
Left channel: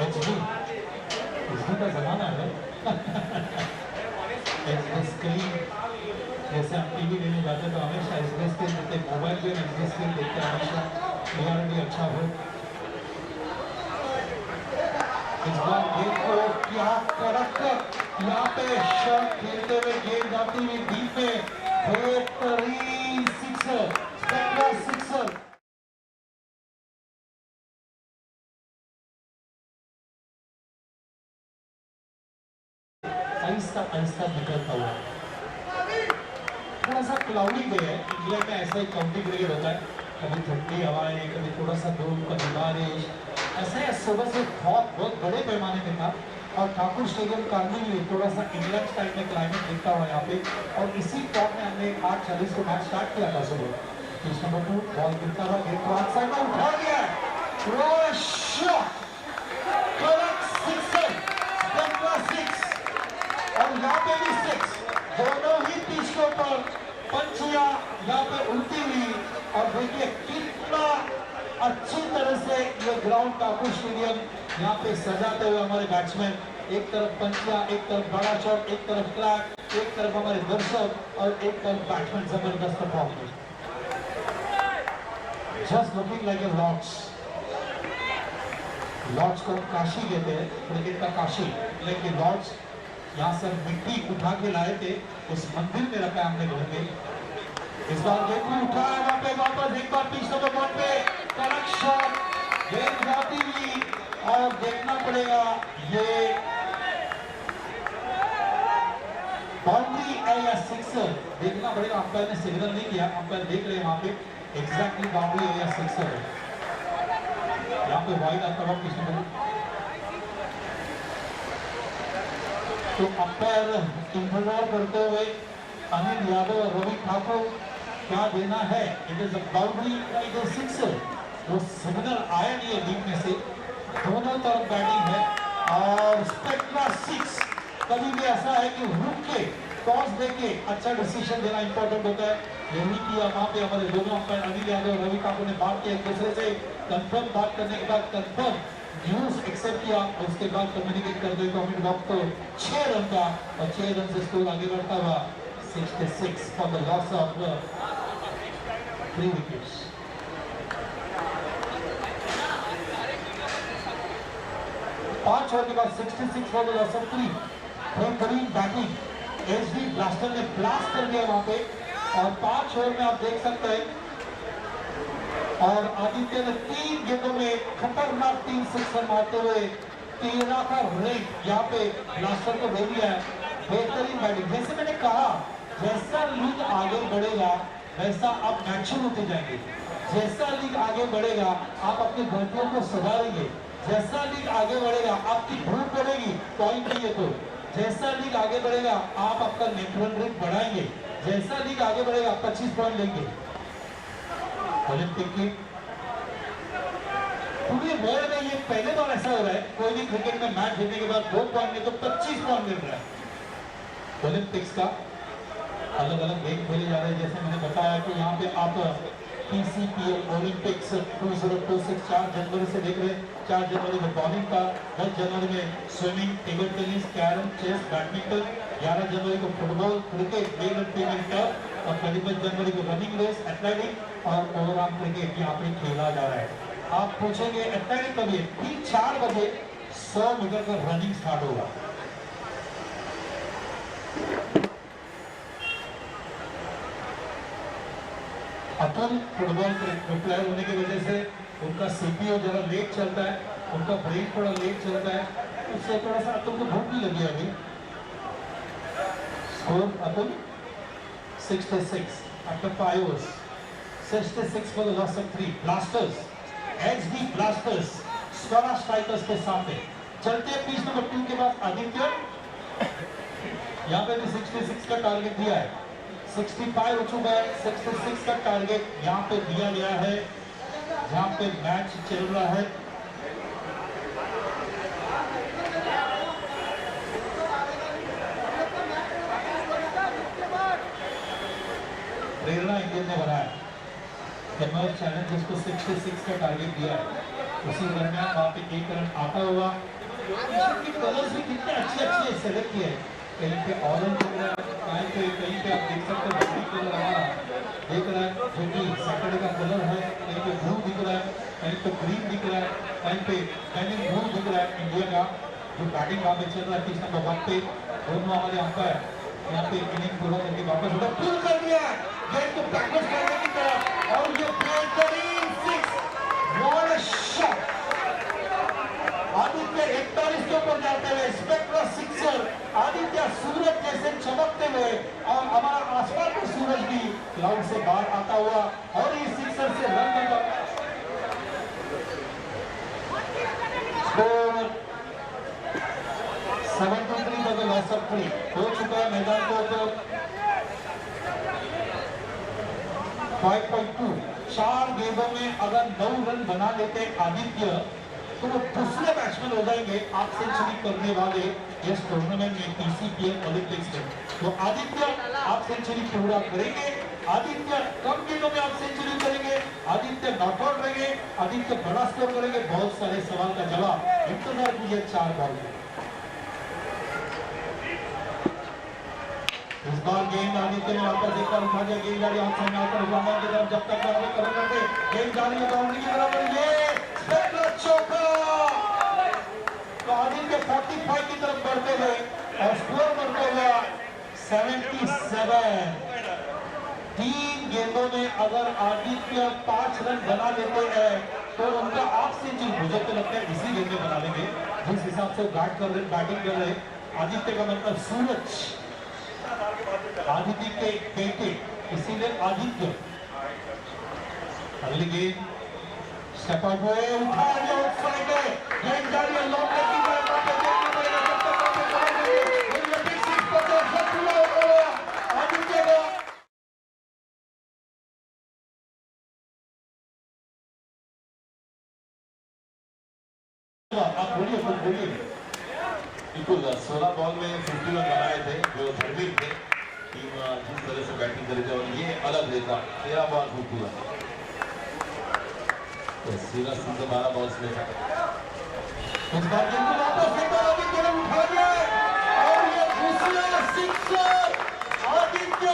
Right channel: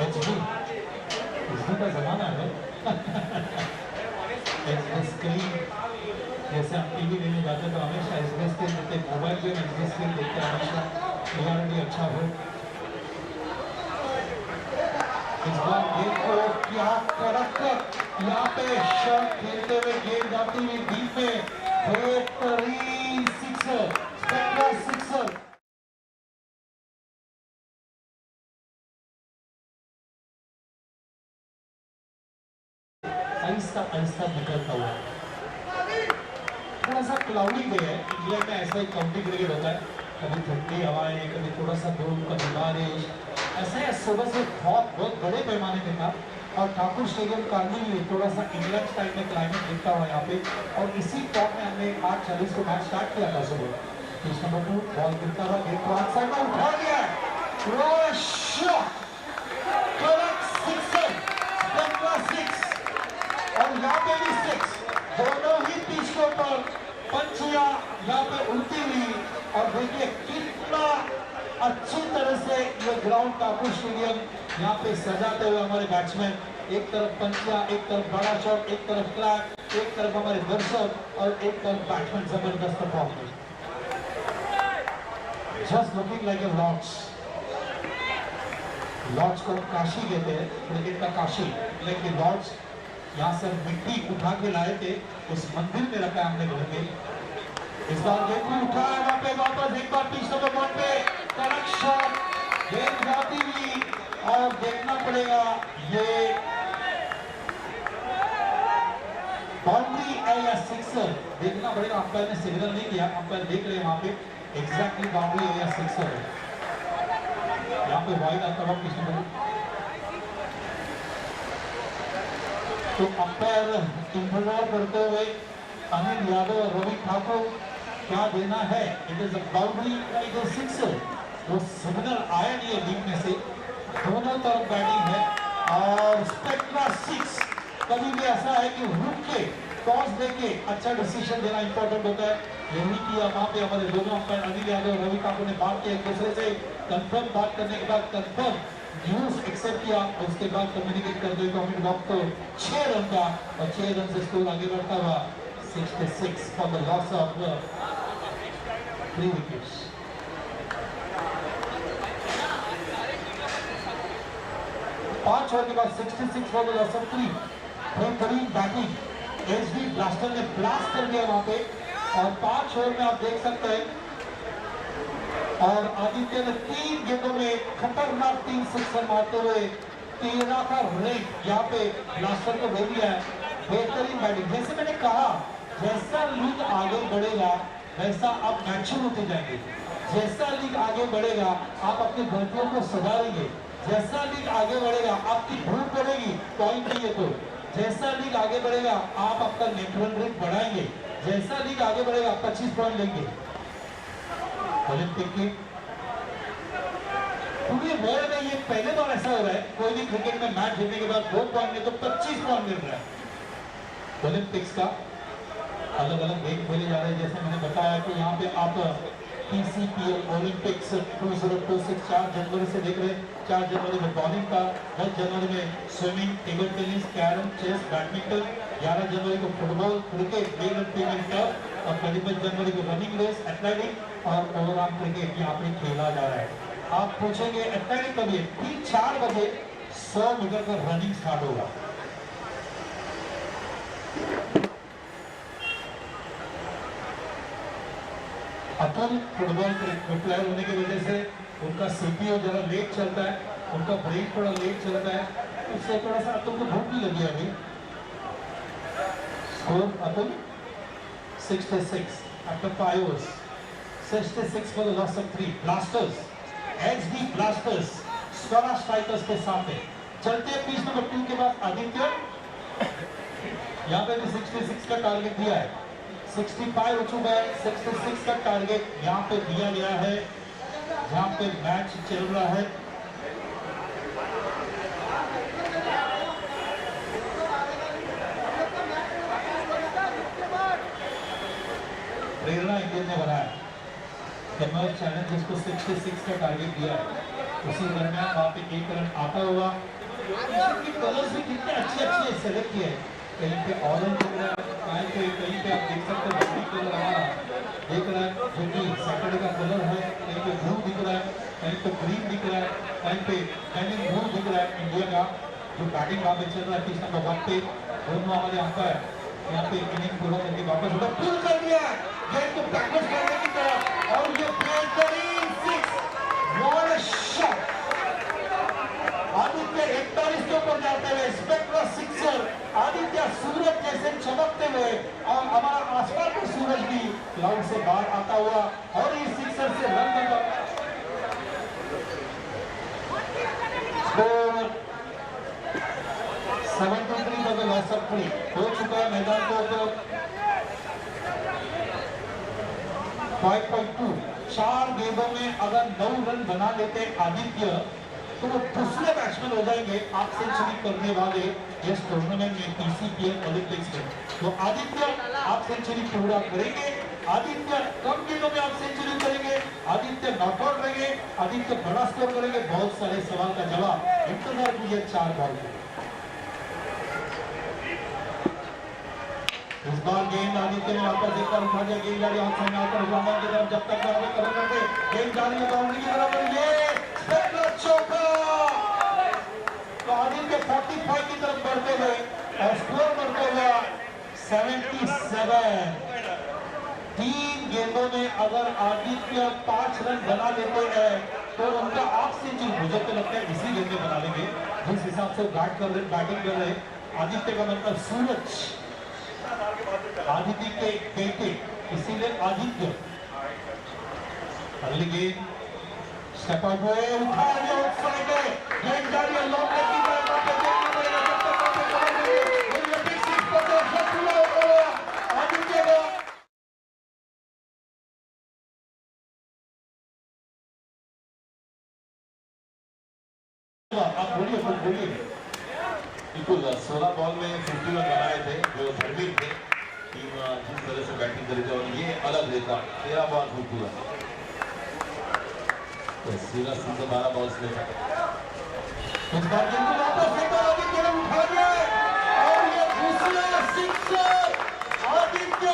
एचडी का जमाना है स्क्रीन जैसे हम टीवी लेने जाते तो हमेशा एसडी स्क्रीन देखते मोबाइल पे एसडी स्क्रीन देखते हमेशा क्लियरिटी अच्छा हो इस बार देखो क्या कड़क यहाँ पे शॉट खेलते हुए गेंद जाती हुई डीप में बेहतरीन sixer spectra sixer Aahista Aahista निकलता हुआ थोड़ा सा क्लाउडी डे है इंग्लैंड में ऐसा ही काउंटी क्रिकेट होता है कभी ठंडी हवाएं कभी थोड़ा सा धूप कभी बारिश ऐसे सुबह से बहुत बड़े पैमाने में था और ठाकुर स्टेडियम कार्मी में थोड़ा सा इंग्लैंड स्टाइल में क्लाइमेट दिखता हुआ यहाँ पे और इसी टॉप में हमने 8:40 को मैच स्टार्ट किया था सुबह पिच नंबर 2 बॉल गिरता हुआ गेट को आउटसाइड में उठा दिया और यहाँ पे भी 6 दोनों ही पिच के ऊपर पंचियां यहाँ पे उल्टी हुई और देखिए कितना अच्छी तरह से ये ग्राउंड ठाकुर स्टेडियम यहाँ पे सजाते हुए हमारे बैट्समैन एक तरफ पंचिया एक तरफ बड़ा शॉट एक तरफ फ्लैग एक तरफ हमारे दर्शक और एक तरफ बैट्समैन जबरदस्त performance just looking like a Lord's को काशी कहते हैं क्रिकेट का काशी लेकिन लॉर्ड्स यहाँ से मिट्टी उठा के लाए थे उस मंदिर में रखा हमने घर में इस बार गेंद भी उठाया वहां पे वापस एक बार पिच नंबर 1 पे कड़क शॉट गेंद जाती हुई और देखना पड़ेगा ये बाउंड्री है या सिक्सर देखना पड़ेगा अंपायर ने सिग्नल नहीं दिया अंपायर देख रहे हैं वहां पे एग्जैक्टली बाउंड्री है या सिक्सर है यहाँ पे वाइड आता हुआ पिच नंबर तो अंपायर इंतजार करते हुए अनिल यादव और रवि ठाकुर क्या देना है it is a boundary it is sixer वो सिग्नल आया नहीं है बीच में से दोनों तरफ बैटिंग है और स्पेक्ट्रा 6 कभी भी ऐसा है कि रुक के टॉस देके अच्छा डिसीजन देना इंपॉर्टेंट होता है यही किया वहां पे हमारे दोनों अंपायर अनिल यादव और रवि ठाकुर ने बात किया एक दूसरे से कंफर्म बात करने के बाद कंफर्म न्यूज एक्सेप्ट किया और उसके बाद कम्युनिकेट कर दिया कमेंट बॉक्स को 6 रन का और 6 रन से स्कोर आगे बढ़ता हुआ 66 for the loss of 3 wickets पांच ओवर के बाद 66 फॉर द लॉस ऑफ 3 बेहतरीन बैटिंग एसडी ब्लास्टर ने ब्लास्ट कर दिया वहां पे और 5 ओवर में आप देख सकते हैं और आदित्य ने 3 गेंदों में खतरनाक 3 सिक्सर मारते हुए 13 का रेट यहाँ पे ब्लास्टर को दे दिया है बेहतरीन बैटिंग जैसे मैंने कहा जैसा लीग आगे बढ़ेगा वैसा आप मैच्योर होते जाएंगे जैसा लीग आगे बढ़ेगा आप अपनी गलतियों को सुधारेंगे जैसा लीग आगे बढ़ेगा आपकी भूख बढ़ेगी पॉइंट नहीं है तो जैसा लीग आगे बढ़ेगा आप आपका नेट रन रेट बढ़ाएंगे जैसा लीग आगे बढ़ेगा 25 पॉइंट लेंगे ओलंपिक की पूरे वर्ल्ड में ये पहले बार ऐसा हो रहा है कोई भी क्रिकेट में मैच जीतने के बाद 2 पॉइंट में तो 25 पॉइंट मिल रहा है ओलंपिक्स का अलग अलग गेम खेले जा रहे हैं जैसे मैंने बताया कि यहाँ पे आप TCPL ओलंपिक्स 2026 4 जनवरी से देख रहे हैं। 4 जनवरी में बॉलिंग का, 10 जनवरी में swimming, table tennis, carrom, chess, badminton, 11 जनवरी को फुटबॉल, क्रिकेट, मेल और फीमेल टर्फ और 31 जनवरी को रनिंग रेस, एथलेटिक और ओवरऑल क्रिकेट यहाँ पे खेला जा रहा है। आप पूछेंगे एथलेटिक कभी है? ठीक 4 बजे 100 मीटर का रनिंग स्टार्ट होगा। अतुल फुटबॉल प्लेयर होने की वजह से उनका सीपीओ जरा लेट चलता है, उनका ब्रेक थोड़ा लेट चलता है, उससे थोड़ा सा अतुल को भूख भी लगी है अभी। Score Atul 66 after 5 overs, 66 for the loss of 3. Blasters, XD blasters Swara strikers के सामने चलते हैं। पिच नंबर 2 के बाद आदित्य, यहाँ पे भी 66 का टारगेट दिया है, 65 हो चुका है, 66 का टारगेट यहाँ पे दिया गया है जहाँ पे मैच चल रहा है। प्रेरणा इंडियन ने बनाया कमर्स चैलेंज जिसको 66 का टारगेट दिया है, उसी दरमियान वहाँ पे एक रन आता हुआ। टी-शर्ट के कलर्स भी कितने अच्छे सेलेक्ट किए हैं, कहीं पे ऑरेंज दिख रहा है, कहीं पे आप देख सकते हैं ग्रीन कलर हमारा दिख रहा है जो कि सैटरडे का कलर है, कहीं पे ब्लू दिख रहा है, कहीं पे ग्रीन दिख रहा है, कहीं पे बैनिंग ब्लू दिख रहा है। इंडिया का जो बैटिंग वहाँ पे चल रहा है पिच नंबर 1 पे, दोनों हमारे अंपायर यहाँ पे इनिंग पूरा करके वापस उधर पुल कर दिया गेंद को बैकवर्ड करने की तरफ और ये बेहतरीन 6 व्हाट अ शॉट। आदित्य 41 के ऊपर जाते हुए स्पेक्ट्रल सिक्सर, आदित्य सूरज जैसे चमकते हुए और हमारा आसमान में सूरज भी क्लाउड से बाहर आता हुआ और इस सिक्सर से run number score 73 for the loss of 3 हो चुका है मैदान के ऊपर। 5.2 4 गेंदों में अगर 9 रन बना लेते आदित्य तो वो दूसरे बैट्समैन हो जाएंगे आप सेंचुरी करने वाले इस टूर्नामेंट में TCPL ओलंपिक्स में। तो आदित्य आप सेंचुरी पूरा करेंगे, आदित्य कम गेंदों में आप सेंचुरी करेंगे, आदित्य नॉकआउट रहेंगे, आदित्य बड़ा स्कोर करेंगे। बहुत सारे सवाल का जवाब इंतजार कीजिए 4 बॉल में। इस बार गेंद आदित्य ने वापस एक बार उठा दिया, गेंद जा रही है ऑप्शन में आकर बाउंड्री की तरफ, जब तक बाउंड्री कवर करते गेंद जा रही है बाउंड्री की तरफ और ये स्पेक्ट्रल चौका। तो आदित्य 45 की तरफ बढ़ते हुए और स्कोर बढ़ता हुआ 77। 3 गेंदों में अगर आदित्य 5 रन बना लेते हैं तो उनका ऑफ सेंचुरी मुझे तो लगता है इसी गेंद में बना लेंगे जिस हिसाब से बैटिंग कर रहे आदित्य का मतलब सूरज आदित्य के बेटे, इसीलिए आदित्य। अगली गेंद स्टेप अप हुए, उठा लिया आउटसाइड है, गेंद जा रही है लॉन्ग लेग की तरफ, देखना पड़ेगा जब तक ओलंपिक 6 पर शॉट पूरा हो गया आदित्य का। आप बोलिए कुछ बोलिए। बिल्कुल 16 बॉल में 50 रन बनाए थे जो धर्मिक थे, टीम जिस तरह से बैटिंग करी थी और ये अलग रहता 13 बॉल 50 रन, तो सीधा सीधे 12 बॉल्स में इस बार गेंद को वापस फेंका, आदित्य ने उठा लिया और ये दूसरा सिक्सर। आदित्य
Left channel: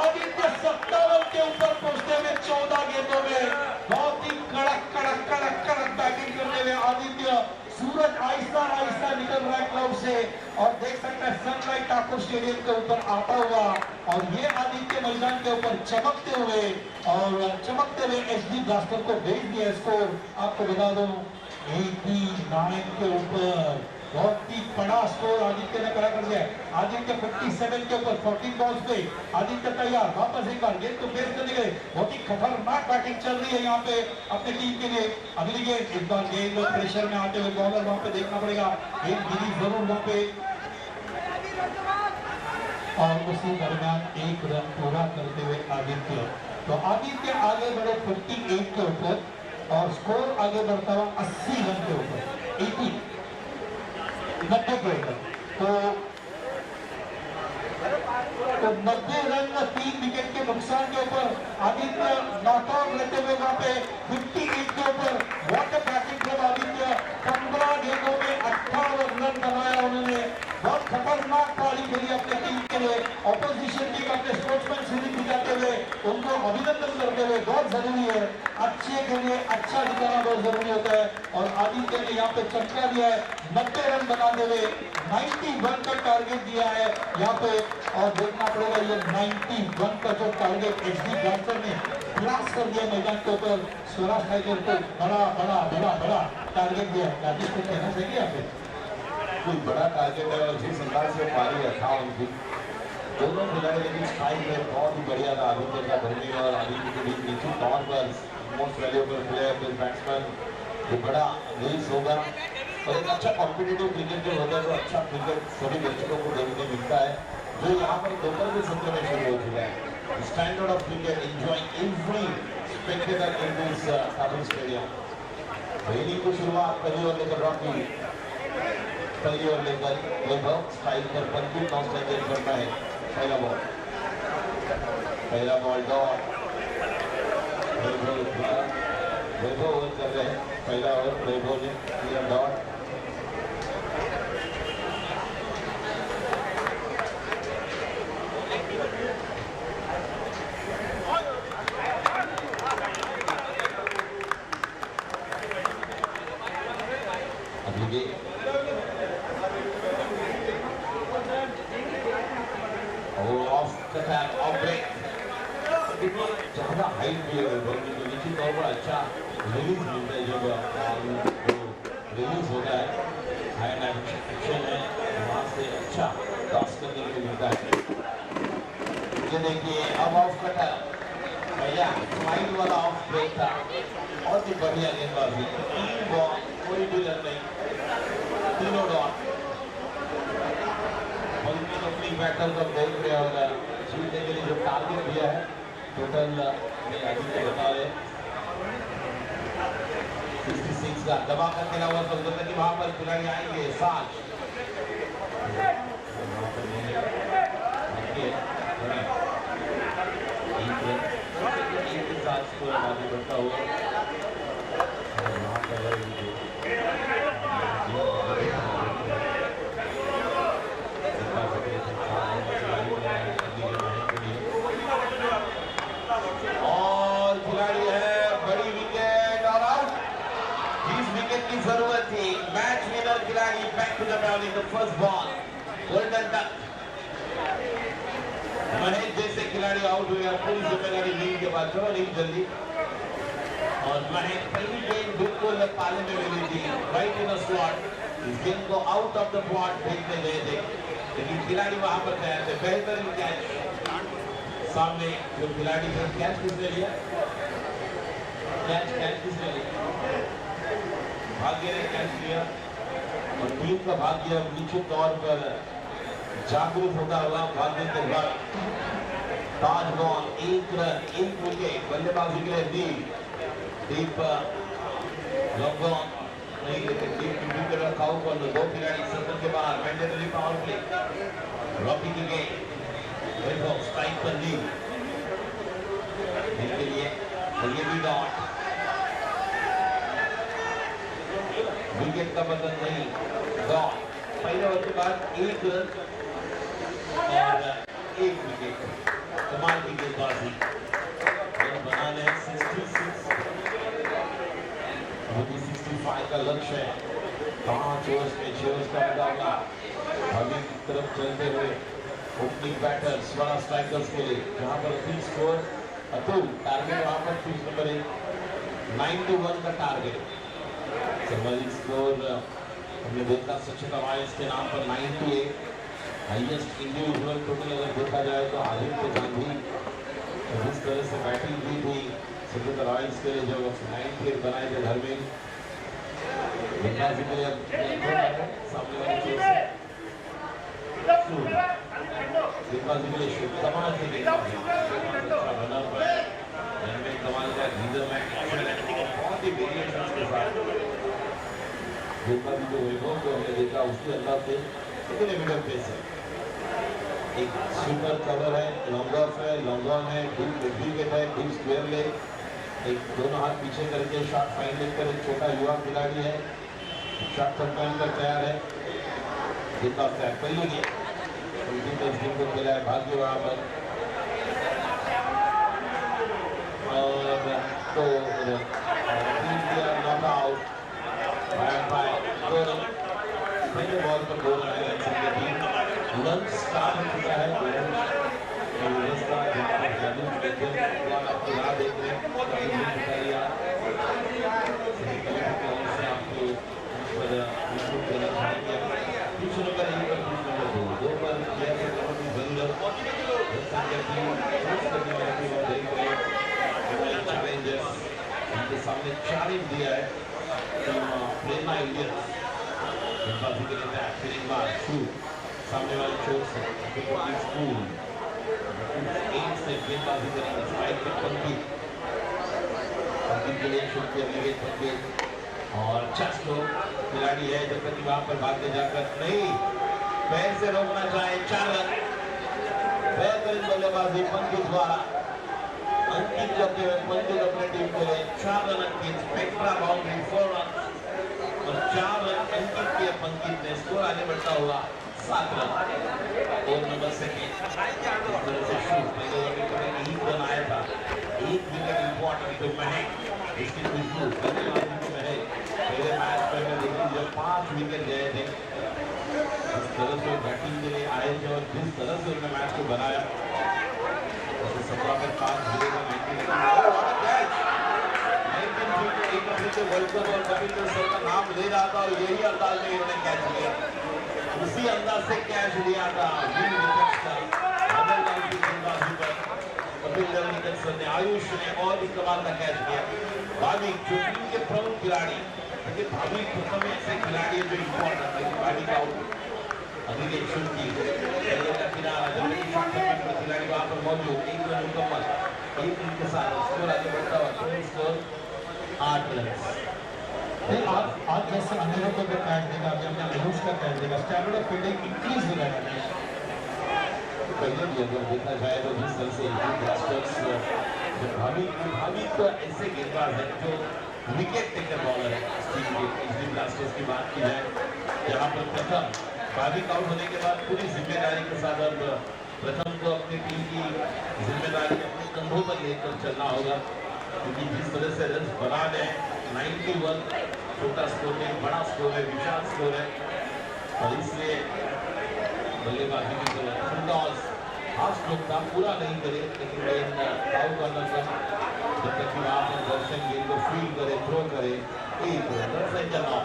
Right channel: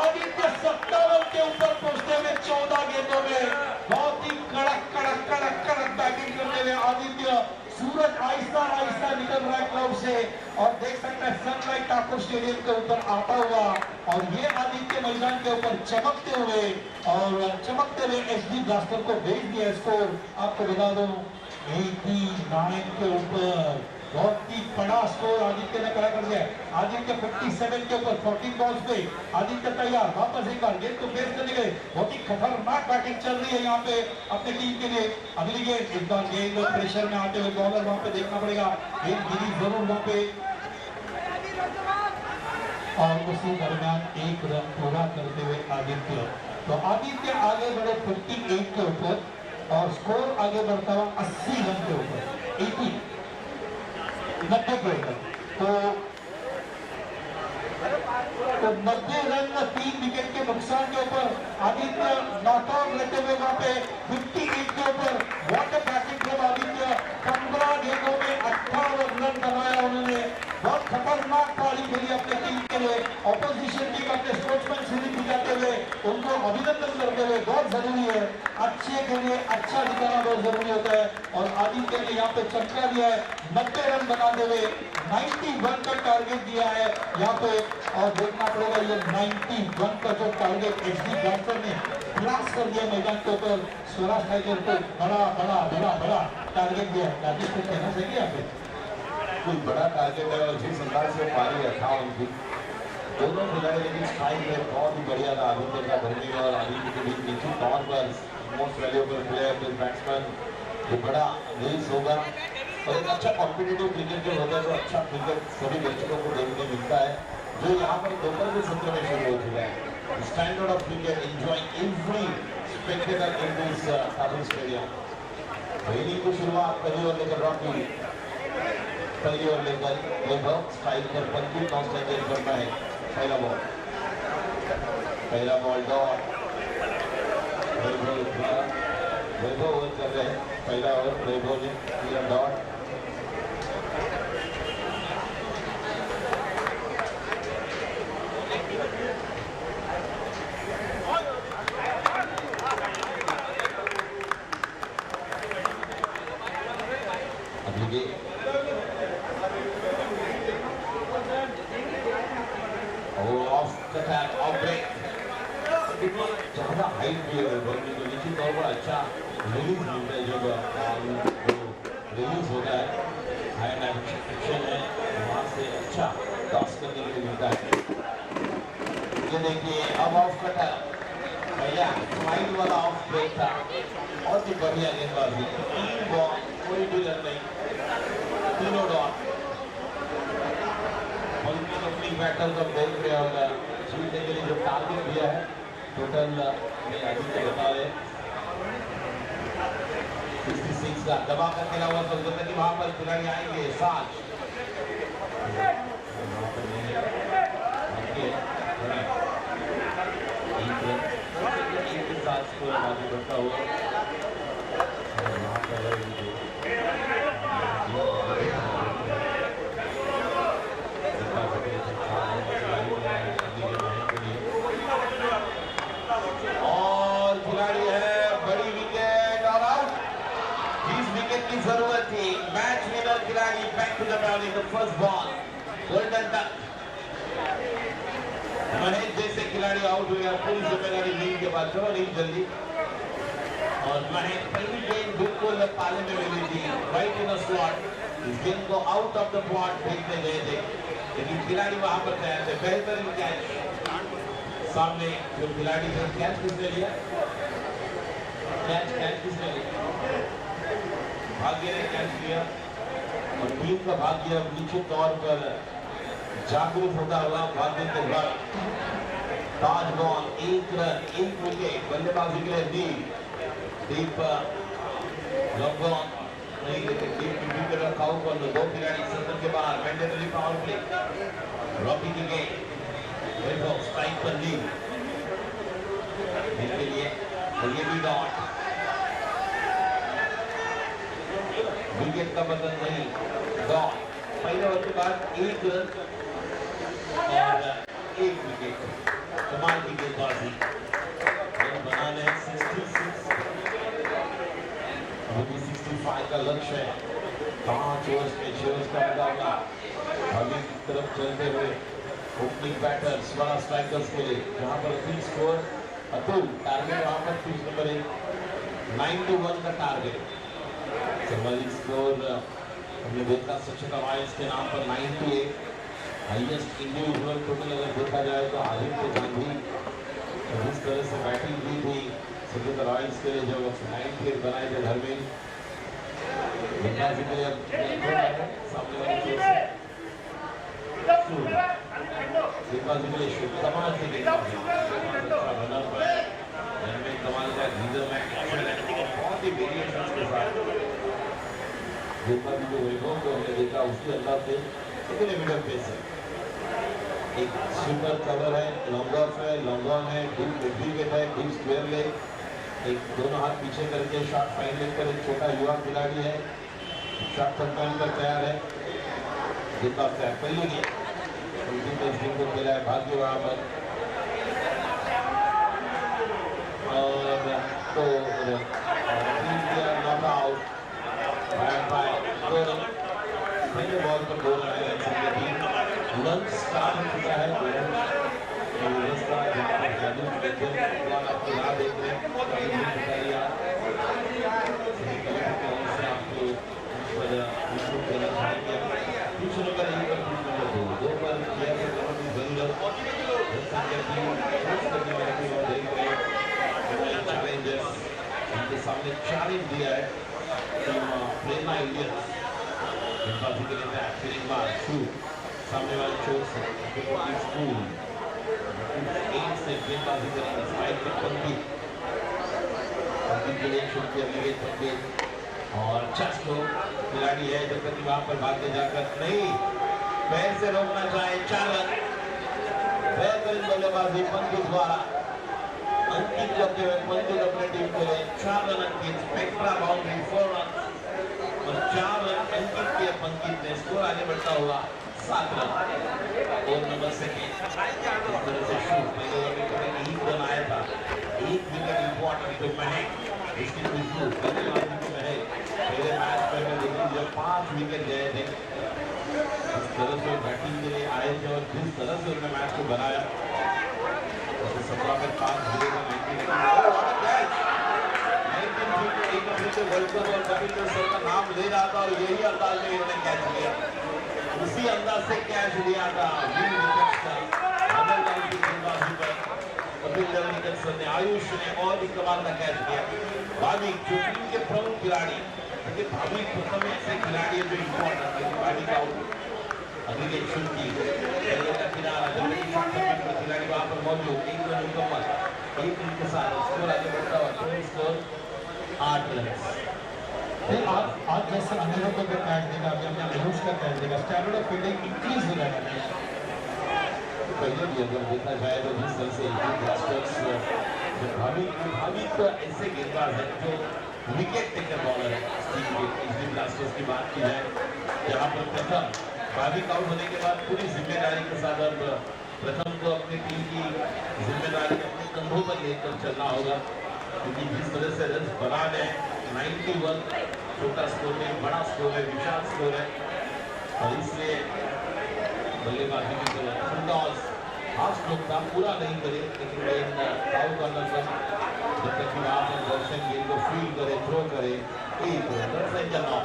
आदित्य 57 के ऊपर पहुंचते हुए 14 गेंदों में बहुत ही कड़क बैटिंग करने में आदित्य। सूरज आहिस्ता आहिस्ता निकल रहा है क्लब से और देख सकते हैं सनराइज ठाकुर स्टेडियम के ऊपर आता हुआ और ये आदित्य मैदान के ऊपर चमकते हुए HD ब्लास्टर को भेज दिया स्कोर। आपको बता दो 89 के ऊपर बहुत ही बड़ा स्कोर आदित्य ने खड़ा कर दिया। आदित्य 57 के ऊपर 14 बॉल्स पे आदित्य तैयार, वापस एक बार गेंद को फेस करने के लिए बहुत ही खतरनाक बैटिंग चल रही है यहाँ पे अपनी टीम के लिए। अगली गेंद, इस बार गेंद प्रेशर में आते हुए बॉलर वहां पे देखना पड़ेगा, गेंद गिरी जरूर वहां पे और उसी दरमियान एक रन पूरा करते हुए आदित्य। तो आदित्य आगे बढ़े 58 के ऊपर और स्कोर आगे बढ़ता हुआ 80 रन के ऊपर, 80 90 के ऊपर। तो 90 रन 3 विकेट के नुकसान के ऊपर आदित्य 58 के ऊपर। What a batting from Aditya. 15 गेंदों में 58 रन बनाया उन्होंने। बहुत खतरनाक पारी खेली अपने टीम के लिए। ऑपोजिशन टीम अपने स्पोर्ट्समैन सीरीज दिखाते हुए उनको अभिनंदन करते हुए बहुत जरूरी है। अच्छे के लिए अच्छा दिखाना बहुत जरूरी होता है और आदित्य ने यहाँ पे चमका दिया है। 90 रन बनाते हुए 91 का टारगेट दिया है यहाँ पे और देखना पड़ेगा ये 91 का जो टारगेट एचडी ब्लास्टर ने ब्लास्ट कर दिया मैदान के ऊपर। स्वराज टाइगर को बड़ा बड़ा बड़ा बड़ा टारगेट दिया है। राजेश को कहना चाहिए यहाँ पे कोई बड़ा टारगेट है और जिस अंदाज से पारी रखा उनकी दोनों खिलाड़ी, लेकिन स्ट्राइक रेट बहुत ही बढ़िया था आदित्य का। धर्मी और आदित्य के बीच निश्चित तौर पर मोस्ट वैल्यूएबल प्लेयर बैट्समैन ये बड़ा रेस होगा और एक अच्छा कॉम्पिटिटिव क्रिकेट जो होता है तो अच्छा क्रिकेट सभी दर्शकों को देखने मिलता है जो यहाँ पर दोपहर के सत्र में शुरू हो चुका है। Standard of cricket enjoying every Spectator in this Kabul stadium. पहली की शुरुआत पहली ओवर लेकर रॉकी, पहली ओवर लेकर वैभव स्ट्राइक पर 25 नौ स्ट्राइक करना है। पहला बॉल डॉट। वैभव ओवर कर रहे हैं। पहला ओवर वैभव ने किया डॉट। अभी ऑफ कटार ऑफ ब्रेक ज्यादा हाइट भी है वैभव की तो निश्चित तौर पर अच्छा रिलीज मिलता है। जब रिलीज होता है हाई एक्शन है वहाँ से अच्छा टॉस करने के लिए मिलता है। ये देखिए अब ऑफ कटार पहला स्लाइड वाला ऑफ ब्रेक था और भी बढ़िया गेंदबाजी। 3 बॉल कोई भी रन नहीं, तीनों डॉट। अपनी बैटर को देख रहे होगा जीतने के लिए जो टारगेट दिया है टोटल में आदित्य बता रहे 66 का दबा कर खेला हुआ सोचते कि वहां पर खिलाड़ी आएंगे साथ एक के साथ स्कोर आगे बढ़ता हुआ और खिलाड़ी है बड़ी विकेट और आउट। जिस विकेट की जरूरत थी मैच विनर खिलाड़ी back to the bowling the first ball golden duck. Mahesh जैसे खिलाड़ी आउट हुए पूरी जिम्मेदारी लीग के बाद चलो लीग जल्दी। और महेश पहली गेंद बिल्कुल पाले में मिली थी राइट इन स्लॉट। इस गेंद को आउट ऑफ द प्लॉट फेंकने गए थे लेकिन खिलाड़ी वहां पर तैयार थे। बेहतरीन कैच सामने जो खिलाड़ी थे। कैच किसने लिया? कैच किसने लिया? भाग्य ने कैच लिया और टीम का भाग्य निश्चित तौर पर जागरूक होता हुआ भाग्य के बाद ताज बॉल 1 रन 1 विकेट बल्लेबाजी के लिए दीप लॉन्ग ऑन नहीं लेकिन दीप की विकेट रखा हुआ और 2 खिलाड़ी सत्र के बाहर मैंडेटरी पावर प्ले। रॉकी की गेंद वैभव स्ट्राइक पर ली के लिए और ये भी डॉट। विकेट का बदल नहीं डॉट। पहले ओवर के बाद 1 रन और 1 विकेट। कमाल की गेंदबाजी बनाने 66 65 का लक्ष्य है। 5 ओवर्स में 6 ओवर्स का मुकाबला अभी की तरफ चलते हुए ओपनिंग बैटर्स बड़ा स्ट्राइकर्स के लिए जहां पर 3 स्कोर अतुल टारगेट वहां पर 3 नंबर 9-1 का टारगेट। सर्वाधिक स्कोर हमने देखा सचिन रॉयल्स के नाम पर 98 हाईएस्ट इंडिविजुअल टोटल अगर देखा जाए तो आदित्य गांधी जिस तरह से बैटिंग की थी सचिन रॉयल्स के लिए जो 98 बनाए थे घर में गेंदबाजी के लिए सामने वाले चीज से गेंदबाजी के लिए शूट कमाल की गेंदबाजी बना हुआ है कमाल का लीडर मैच बहुत ही वेरिएशंस के साथ गेंदबाजी जो वैभव को हमने देखा उसके अंदाज से कितने मीटर पेस है। एक सुपर कवर है लॉन्ग ऑफ है लॉन्ग ऑन है डीप विकेट है डीप स्क्वायर लेग एक दोनों हाथ पीछे करके शॉट फाइन लेकर एक छोटा युवा खिलाड़ी है, शॉट कंट्रोल कर तैयार है, गेंदबाज तैयार पहले नहीं को खेला है भाग्य वहां पर और तो नॉट आउट बाय 2 रन पहले बॉल पर 2 रन आए रन स्टार्ट हो चुका है आपको ना देख रहे हैं सामने चैलेंज दिया है प्रेरणा इंडियंस सामने वाले चोट से स्कूल से गेंदबाजी करेंगे स्ट्राइक पे पंडित के लिए शूट किया और चस्को खिलाड़ी है जब तक वहां पर भागने जाकर नहीं पैर से रोकना चाहे 4 रन बेहतरीन बल्लेबाजी पंडित द्वारा अंकित करते हुए पंडित अपने टीम के लिए 4 रन अंकित स्पेक्ट्रा बाउंड्री 4 रन और 4 रन अंकित के पंडित ने स्कोर आगे बढ़ता हुआ 7 रन और नंबर सेकेंड इस तरह से शूट पहले विकेट में 1 रन आया था 1 विकेट इंपॉर्टेंट तो महंग इसकी खुशबू बल्लेबाजी को महंग पहले मैच में देखिए जब 5 विकेट गए थे इस तरह से बैटिंग के लिए आए थे और जिस तरह से उन्होंने मैच को बनाया 17 में 5 विकेट वर्ल्ड कप और कपिल देव का नाम ले रहा था और यही अंदाज में इन्होंने कैच लिया उसी अंदाज से कैच लिया था कपिल देव ने आयुष ने और भी कमाल का कैच किया भाविक जो टीम के प्रमुख खिलाड़ी क्योंकि भाविक प्रथम ऐसे खिलाड़ी है जो इम्पोर्टेंट है खिलाड़ी का अभी की पहले का किनारा खिलाड़ी वहां पर मौजूद 1 रन मुकम्मल 1 रन के साथ स्कोर आगे बढ़ता हुआ स्कोर 8 रन आज जैसे अनिरुद्ध को कैच देगा जब आयुष का कैच देगा स्टैंडर्ड ऑफ फील्डिंग इंक्रीज हो जाएगा पहले भी अगर देखा जाए तो जिस तरह से ब्लास्टर्स भाभी तो ऐसे गेंदबाज है जो विकेट टेकर बॉलर है ब्लास्टर्स की बात की जाए यहाँ पर प्रथम भाभी आउट होने के बाद पूरी जिम्मेदारी के साथ अब प्रथम को अपनी टीम की जिम्मेदारी अपने कंधों पर लेकर चलना होगा क्योंकि जिस तरह से रन बना है 91 छोटा स्कोर है बड़ा स्कोर है विशाल स्कोर है और इसलिए बल्लेबाजी की जरूरत अंदाज हाफ स्ट्रोक था पूरा नहीं करे लेकिन आउट करना पर जब तक कि वहां पर दर्शक गेंद को फील्ड करे थ्रो करे एक रन से चलना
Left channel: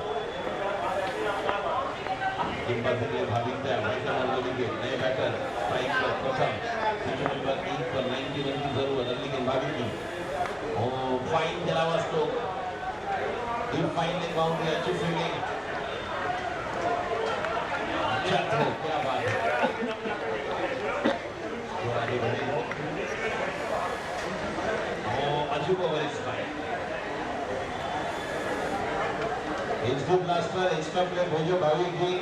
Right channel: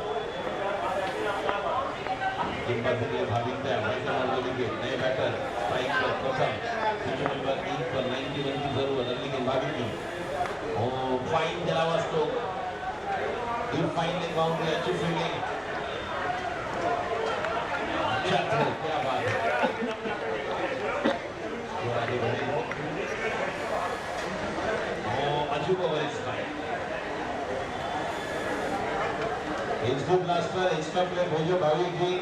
गेंदबाजी के लिए भाविक नए बैटर स्ट्राइक पर प्रथम नंबर 3 पर 91 की जरूरत अगली गेंदबाजी की और फाइन चला हुआ स्ट्रोक फाइन बाउंड्री अच्छी फील्डिंग क्या बात है आगे बढ़े अजूब ओवर इस ब्लास्टर एक्स्ट्रा प्लेयर भेजो भाविक जी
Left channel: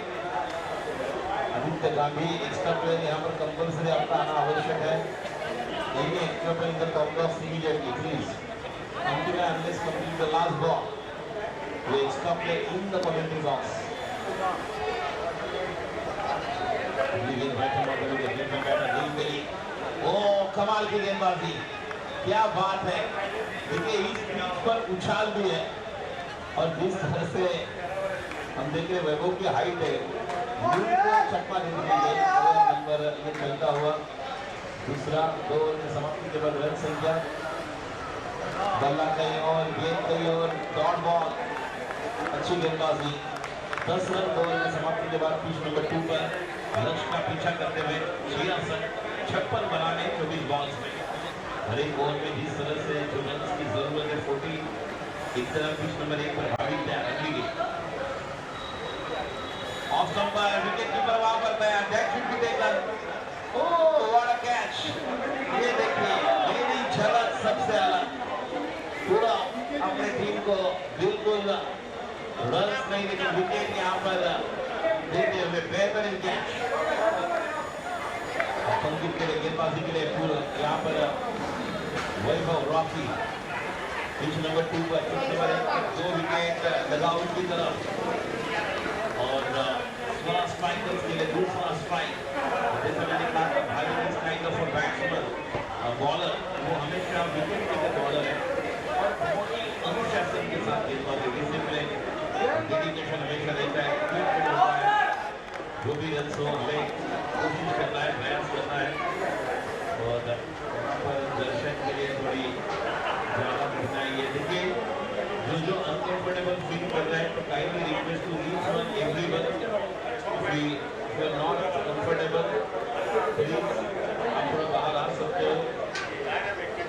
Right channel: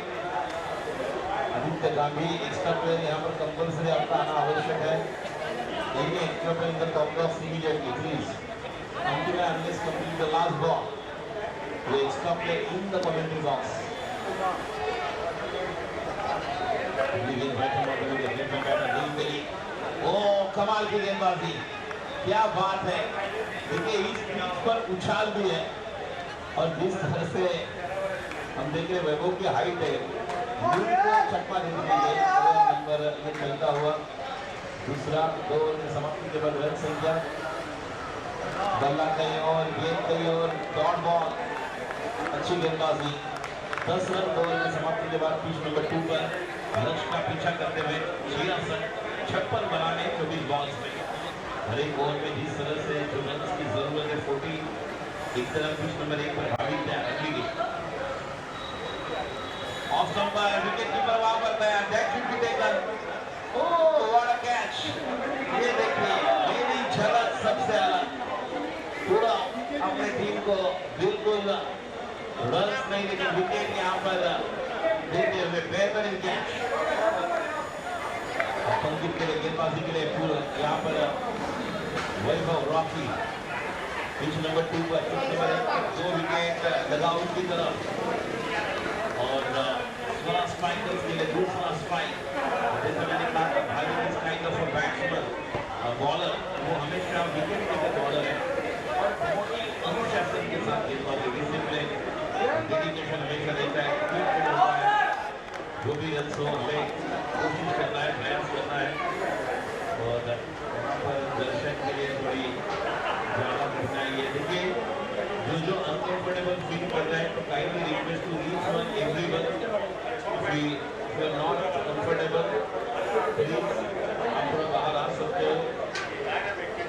आदित्य गांधी एक्स्ट्रा प्लेयर यहाँ पर कंपल्सरी आपका आना आवश्यक है any extra player in the top box immediately please until and unless complete the last ball the extra player in the commentary box कमाल की गेंदबाजी क्या बात है देखिए इस पिच पर उछाल भी है और जिस तरह से हम देख रहे वैभव की हाइट है चकमा दे दी नंबर ये चलता हुआ दूसरा 2 ओवर की समाप्ति के बाद रन संख्या बल्ला कहीं और गेंद कहीं और डॉट बॉल अच्छी गेंदबाजी 10 रन 2 ओवर की समाप्ति के बाद पिच नंबर 2 पर लक्ष्य का पीछा करते हुए 56 बनाने 24 बॉल्स में हर एक बॉल में जिस तरह से जो रन की जरूरत है 40 एक तरफ पिच नंबर 1 पर भाविक तैयार रखेंगे ऑफ स्टंप पर विकेट कीपर वहां पर तैयार that should be taken oh what a catch ये देखिए मेरी झलक सबसे अलग पूरा अपने टीम को बिल्कुल रन नहीं लेकिन विकेट यहाँ पर देते हुए बेहतरीन कैच पंकित के लिए गेंदबाजी के लिए पूरा यहाँ पर वैभव रॉकी पिच नंबर 2 पर चुटकी पर 2 विकेट लगाउट की तरफ और स्वरा स्ट्राइकर्स के लिए दूसरा स्ट्राइक। जैसे मैंने कहा भाई इस kind of a batsman bowler वो हमेशा विकेट टेकर बॉलर है और बहुत ही अनुशासन के साथ गेंदबाजी डिसिप्लिन डेडिकेशन हमेशा रहता है, commitment होता है, जो भी रन हो हमें कोशिश करना है, प्रयास करना है और वहाँ पर दर्शक के लिए थोड़ी ज़्यादा कठिनाई है। देखिए जो अनकंफर्टेबल फील कर रहे हैं तो kindly request to each one everyone if you are not comfortable please आप थोड़ा बाहर आ सकते हो,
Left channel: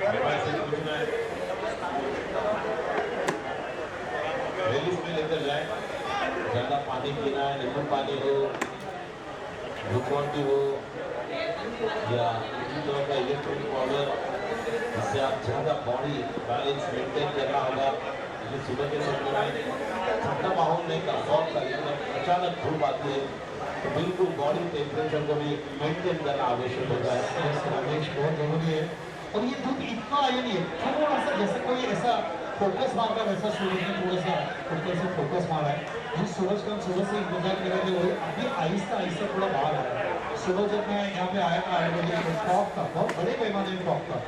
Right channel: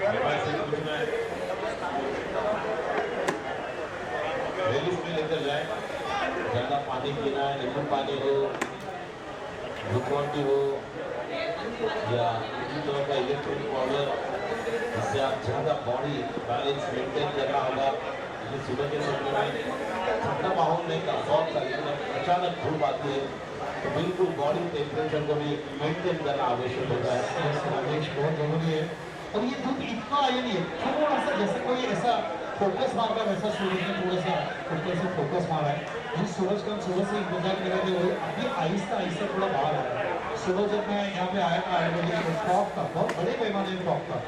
मेरे पास से पूछना है रिलीज में लेकर जाए, ज़्यादा पानी पीना है, नींबू पानी हो, ग्लूकॉन डी हो या किसी तरह का इलेक्ट्रॉनिक पाउडर जिससे आप ज़्यादा बॉडी बैलेंस मेंटेन करना होगा। क्योंकि सुबह के समय में ठंडा माहौल नहीं का फॉग का लेकिन अचानक धूप आती है तो बिल्कुल बॉडी टेम्परेचर को भी मेंटेन करना आवश्यक होता है। रमेश बहुत जरूरी है और ये धूप इतना आया नहीं है, थोड़ा सा जैसे कोई ऐसा फोकस मार रहा है वैसा सूरज ने थोड़ा सा ऊपर से फोकस मारा है। जिस सूरज का सूरज से इंतजार कर रहे थे अभी आहिस्ता आहिस्ता थोड़ा बाहर आया है। सुबह जब मैं यहाँ पे आया था 8 बजे तो फॉग था, बहुत बड़े पैमाने में फॉग था।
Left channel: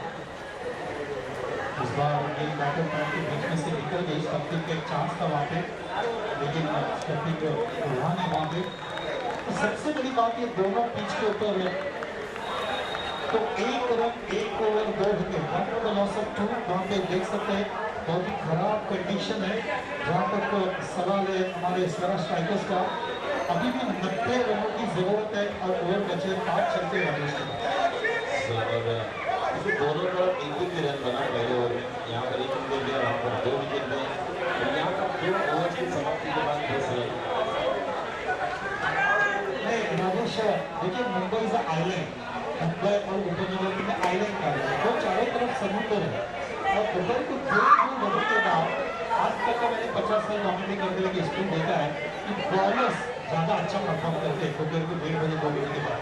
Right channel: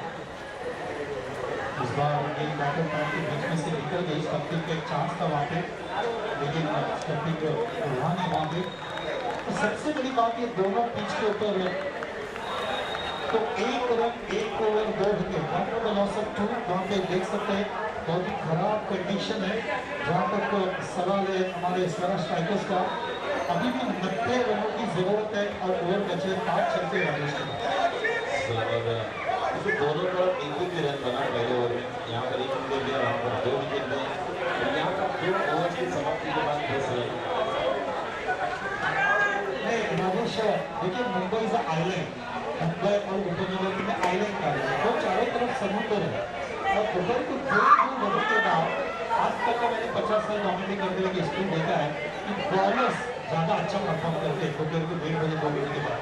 इस बार एक बैटर पैर के बीच में से निकल गई, स्टंपिंग का एक चांस था वहाँ पे लेकिन स्टंपिंग हुआ नहीं वहाँ पे। तो सबसे बड़ी बात ये दोनों पिच के ऊपर तो 1 run 1 over 2 wicket, 1 for the loss of 2। वहाँ पे देख सकते हैं बहुत ही खराब कंडीशन है जहाँ तक सवाल है हमारे स्वरा स्ट्राइकर्स का। अभी भी 90 रनों की जरूरत है और ओवर बचे 5 चलते हैं। दोनों तरफ एक ही रन बना पहले ओवर में, यहाँ पर 1 विकेट दिया, वहाँ पर 2 विकेट दिए और यहाँ पर 2 ओवर की समाप्ति के बाद 10 रन। राजेश देखिए मुंबई इज आइलैंड, मुंबई और उपनगर में आइलैंड का है तो चारों तरफ समुद्र है और दुबई को 2 बजे के बाद आज तक का मैंने 50 साल कॉमेडी करते हुए स्कूल देखा है कि बॉलर्स ज़्यादा अच्छा परफॉर्म करते हैं दोपहर को 1:30 बजे 2 बजे के बाद।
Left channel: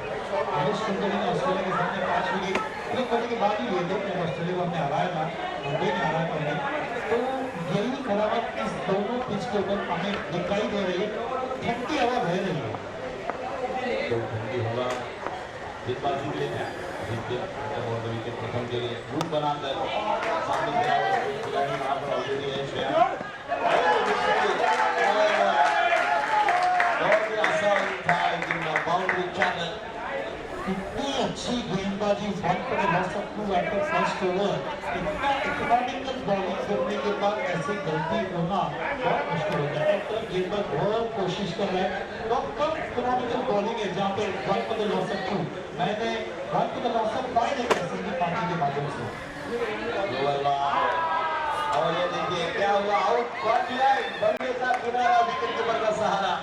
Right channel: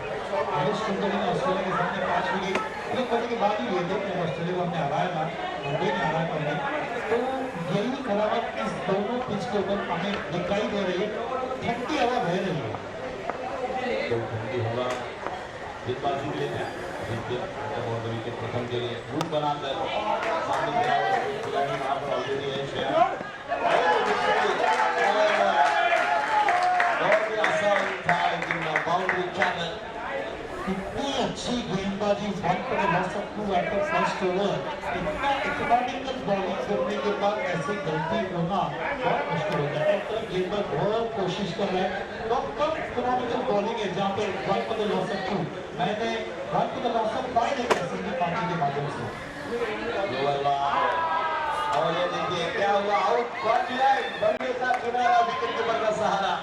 हरीश कुलकर्णी ने ऑस्ट्रेलिया के सामने 5 विकेट 1 बजे के बाद ही लिए थे, जब ऑस्ट्रेलिया को हमने हराया था, मुंबई ने हराया था उन्हें। तो यही खराबत इस दोनों पिच के ऊपर हमें दिखाई दे रही है, ठंडी हवा बह रही है। तो ठंडी हवा गेंदबाजी के लिए विकेट प्रथम के लिए रूट बनाकर सामने खिलाड़ी वहाँ पर ऑलरेडी है श्रेया, बहुत ही आसान था लेकिन बाउंड्री चैनल। इतनी अच्छी गेंदबाजी 1 for the loss of 2 after first over, इतना इकोनॉमिकल बॉलिंग करने के बाद ऐसी गलती होना बहुत मुश्किल होता है। तो गेंदबाज बहुत कोशिश कर रहे हैं, कम इकोनॉमिकल बॉलिंग है जहाँ पे 1 for the loss of 2, मैंने 1 for the loss of 5 एक ऐसे ही पानी के माध्यम से। और ये देखिए क्या हुआ, आउट कर दिया बंदे का किनारा विकेट कीपर का सहारा,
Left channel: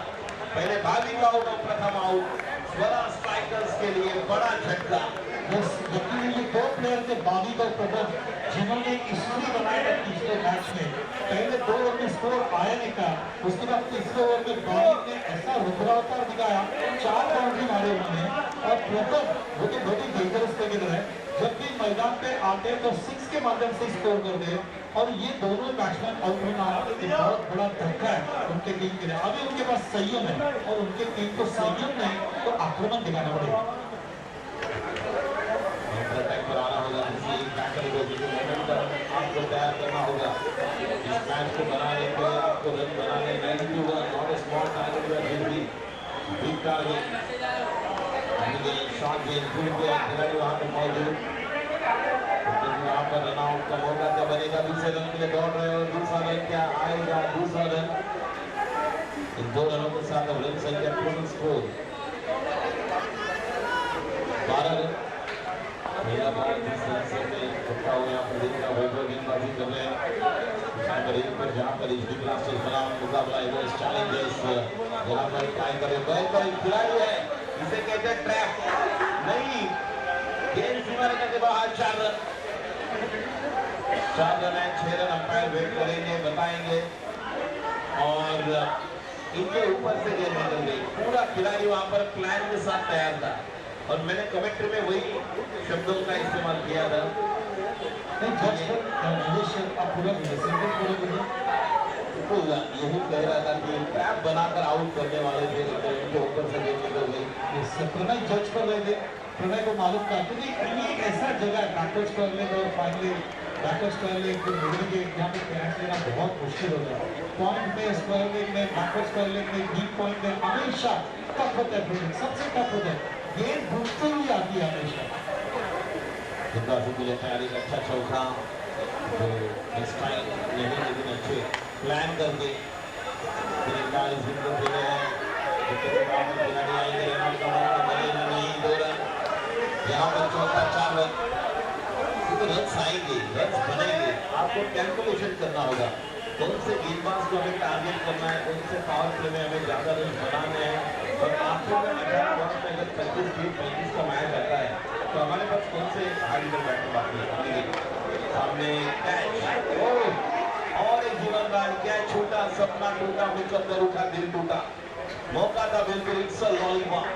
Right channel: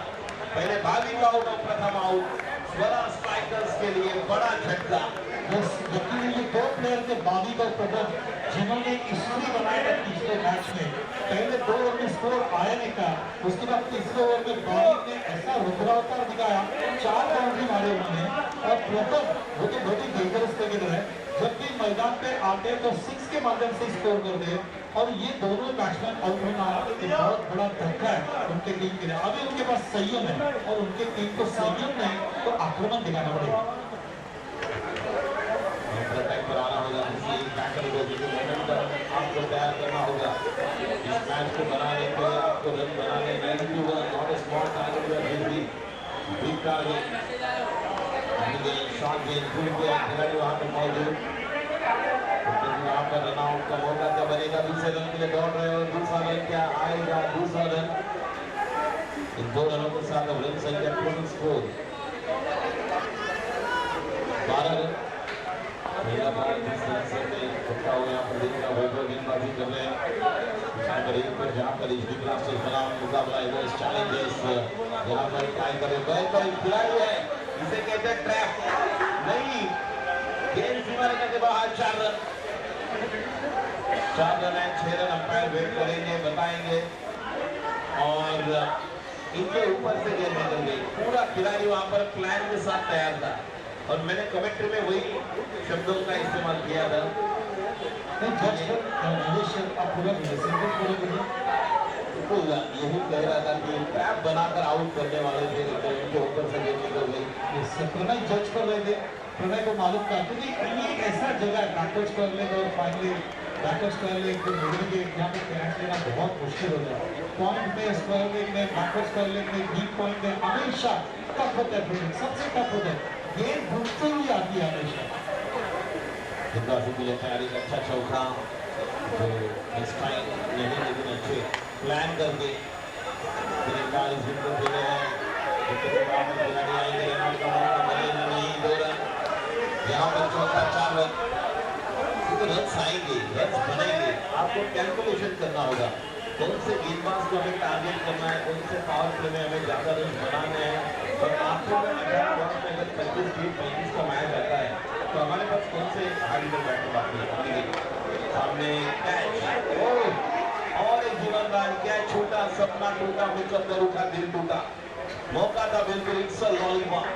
पहले भाभी का होगा प्रथम आउट। स्वरा स्ट्राइकर्स के लिए बड़ा झटका। बस यकीन ये 2 प्लेयर थे बावी और प्रदम जिन्होंने हिस्ट्री बनाया था पिछले मैच में। पहले 2 ओवर में स्कोर आया नहीं था, उसके बाद तीसरे ओवर में बावी ने ऐसा रुद्रावतार दिखाया, 4 बाउंड्री मारे उन्होंने और प्रदम वो तो बहुत ही डेंजरस क्रिकेटर है, जब भी मैदान पे आते तो 6 के माध्यम से स्कोर कर दे और ये दोनों बैट्समैन आउट होना बहुत बड़ा धक्का है उनके टीम के लिए। अभी उनके पास संयम है और उनके टीम को संयम नहीं तो आक्रमण दिखाना पड़ेगा। आपको तैयार करना होगा इस मैच को बनाने के लिए, आपको रन बनाने 91 not a small target big target shot गेंद गुड गेंद खिलाड़ी वहाँ पे मौजूद। यहाँ पर रन आउट का मौका क्या बनेगा, दूसरे रन के लिए दौड़ रहे हो, दूसरा रन क्या आएगा, दूसरा रन। इन 2 रनों के साथ अब रन संख्या टोटल स्कोर 12 रन। पहला बॉल दूसरे से छक्का हुआ, यहाँ पर देखना वैभव गेंदबाजी कर रहे हैं पर जहाँ पर एचडी ब्लास्टर्स बना मुकाबला है इस चैलेंजर्स यहाँ पर ट्राई करे कोई खिलाड़ी है इसे कहते हैं ट्रैप नहीं, गेंद सीमा रेखा के बाहर 4 रन है, 6 रन अंपायर वेट करेंगे बताएंगे और इनके ऊपर से गेंद निकल गई। पूरा खिलाड़ी वहां पर प्लान के साथ तैयार था और मैंने कमेंट्री में वही शब्दों का इस्तेमाल किया था नहीं जज पर आप पूरा सिंपल पूरे बोलिए। बिल्कुल यही कह रहा था कि ट्रैप बनाकर आउट करने वाले थे, लेकिन उनके ऊपर से गेंद निकल गई। प्रणय जज कर रहे थे, प्रणय को मालूम था क्योंकि ये एक ऐसा जगह है बैकवर्ड स्क्वायर और फाइनली बैकवर्ड स्क्वायर को मिडिल गेट जहाँ पे कैच लेना बहुत मुश्किल होता है। पॉइंट में स्क्वायर लेग में बैकवर्ड स्क्वायर लेग में डीप पॉइंट में हमेशा टफ होता है, फील्डिंग सबसे टफ होता है, गेंद घूमते हुए आती है हमेशा। जिंदा से मुझे तैयारी का अच्छा चौका जो नेक्स्ट टाइम नहीं, लेकिन अच्छे प्लान करके गेंदबाज जिनको खेले हैं खिलाड़ी आएंगे, नहीं 2 रन यहाँ पर चौथा 4 रन, रन आएंगे, रन बनेंगे। आपको कैलकुलेशन करना होगा कौन से गेंदबाज को हमें टारगेट करना है, कौन से पावर प्ले में हमें ज़्यादा रन बनाने हैं। और आपको 18 बॉल में अगर 35 का मैच आता है तो हमारे पास कौन से हार्ड हिटर बैटर बाकी है। सामने कैच और एक जीवनदान कैच, छोटा सपना टूटा, मुकद्दर उठा, दिल टूटा, मौका था बिल्कुल, इट्स अ लॉलीपॉप,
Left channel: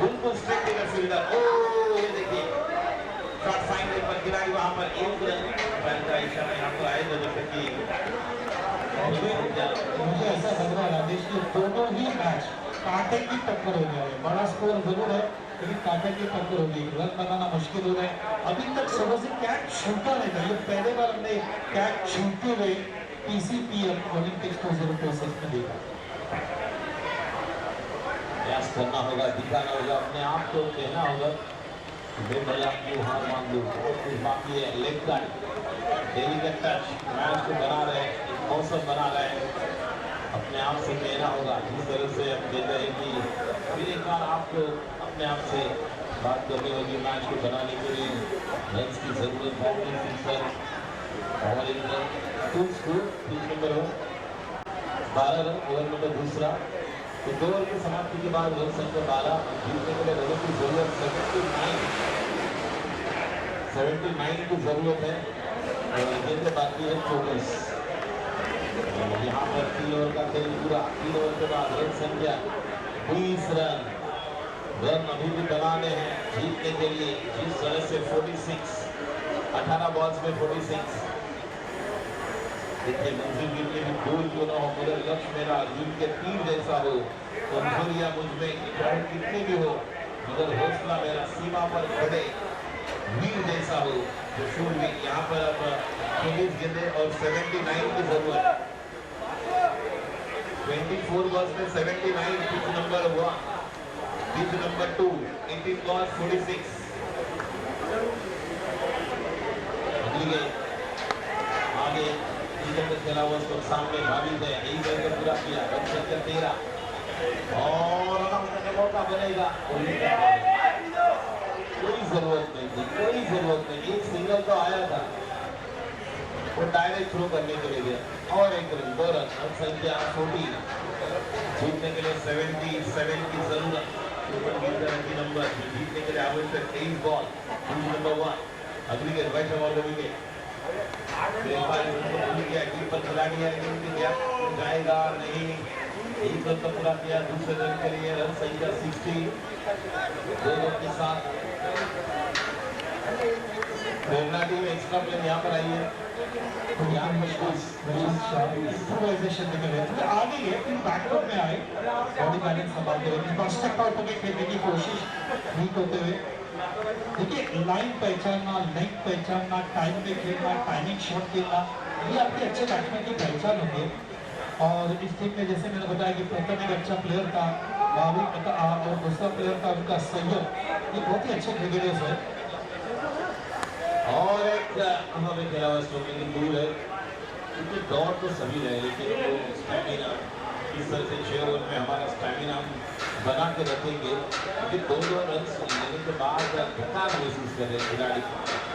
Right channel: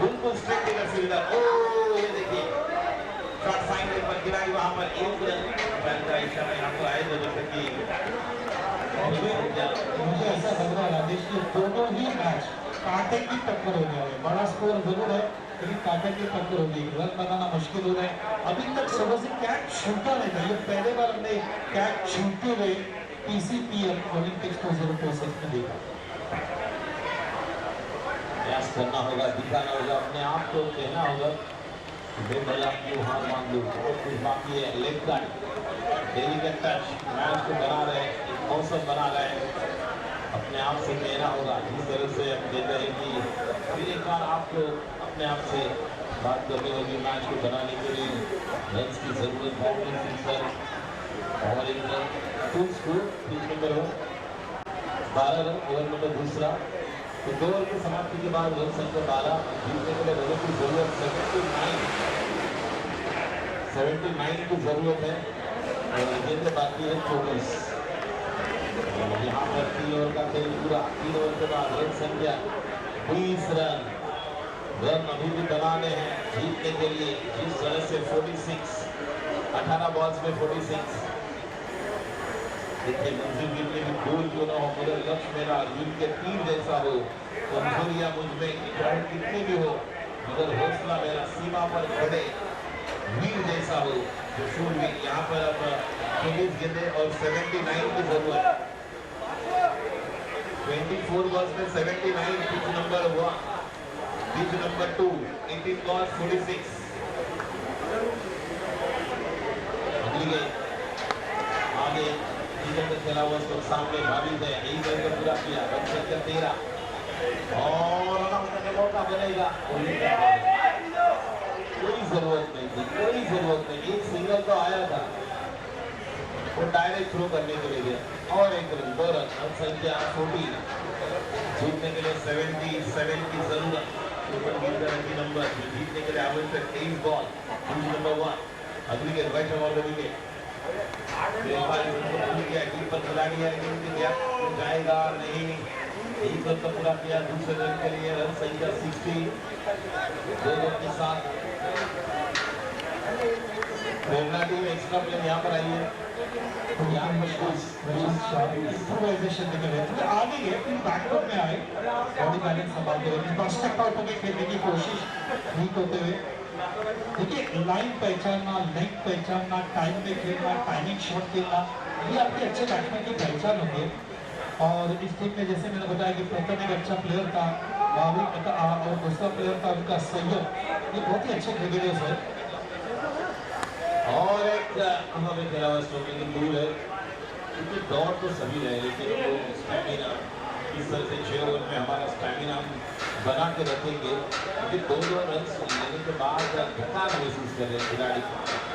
बिल्कुल स्ट्रेट इन फील्डर। ये देखिए शॉट फाइन पर गिराई, वहां पर 1 रन का इशारा यहाँ पर आए जैसे कि मुझे ऐसा लग रहा है राजेश की दोनों ही मैच कांटे की टक्कर हो गया है। बड़ा स्कोर जरूर है लेकिन कांटे की टक्कर होगी, रन बनाना मुश्किल हो रहा है। अभी तक सुबह से कैच छूटा नहीं था, ये पहले बार हमने कैच छूटते हुए पीसीपीएल ओलंपिक्स 2026 में देखा। प्रयास करना होगा, दिखाना होगा, अपने आप को कहना होगा बेबला क्यों हार मान लो, और कुछ बाकी है। लेग गार्ड डेली का टच मैच को बना रहे हैं, एक मौसम बना रहे हैं, अपने आप से कहना होगा। जिस तरह से हम कहते हैं कि फिर एक बार आपको अपने आप से बात करनी होगी, मैच को बनाने के लिए रन की जरूरत है। और एक रन टूल्स को 3 नंबर हो 12 रन, ओवर नंबर दूसरा, तो 2 ओवर की समाप्ति के बाद रन संख्या 12, जीतने के लिए रनों की जरूरत 79 की जरूरत है और जितने बाकी है 24। यहाँ पर 3 ओवर का खेल पूरा, 3 ओवर के बाद रन संख्या 20 रन, रन अभी भी बनाने हैं जीतने के लिए। जिस तरह से 46, 18 बॉल्स में 46, देखिए मंजिल गिरने की दूर क्यों ना हो, मगर लक्ष्य मेरा अर्जुन के तीर जैसा हो, कमजोरियां मुझ में कितनी भी हो, मगर हौसला मेरा सीमा पर खड़े वीर जैसा हो, जो शूरवीर। यहाँ पर अब 24 गेंदे और 79 की जरूरत, 24 बॉल्स में 79, pitch number 1, pitch number 2, 18 balls 46। अगली गेंद आगे इधर खेला हुआ तो सामने भाभी है, एक रन का पूरा किया, रन संख्या 13 और मौका बनेगा। कोई जरूरत नहीं थी, कोई जरूरत नहीं, एक सिंगल तो आया था, वो डायरेक्ट थ्रो करने के लिए गया और एक रन, 2 रन, रन संख्या 14। जीतने के लिए 77 की जरूरत, की नंबर जीतने के लिए आवश्यक 23 बॉल, नंबर 1। अगली के राइट ओवर के कीपर खिलाड़ी है, जाएगा नहीं, एक रन तो पूरा किया, दूसरे रन के लिए रन संख्या 60, 2 रन के साथ प्रेरणा टीम एक्स्ट्रा प्लेन यहाँ पर आई है। इम्प्रोवाइजेशन निकले आगे गए, फिर बैकवर्ड में आए, बॉडी बैलेंस संभालते हुए कॉन्स्टेक्ट आउट होकर खेलने की कोशिश ठीक होते हुए। देखिए लाइन पहचानना, लेंथ पहचानना, टाइम में खेलना, टाइमिंग शॉट खेलना, ये आपके अच्छे बैट्समैन की पहचान होती है। और इस टीम में जैसे मैंने बताया कि प्रथम एक अच्छा प्लेयर था, भाविक और दूसरा प्लेयर था उनका सैयद, ये बहुत ही अच्छे क्रिकेटर्स है। और एक हमें खेला हुआ स्ट्रोकिंग दूर है, क्योंकि दौड़ तो सभी रहे, लेकिन वो स्टैमिना इस तरह से 6 ओवर में हमारा स्टैमिना बना के रखेंगे, क्योंकि 2 रन लेने के बाद थकान महसूस कर रहे खिलाड़ी।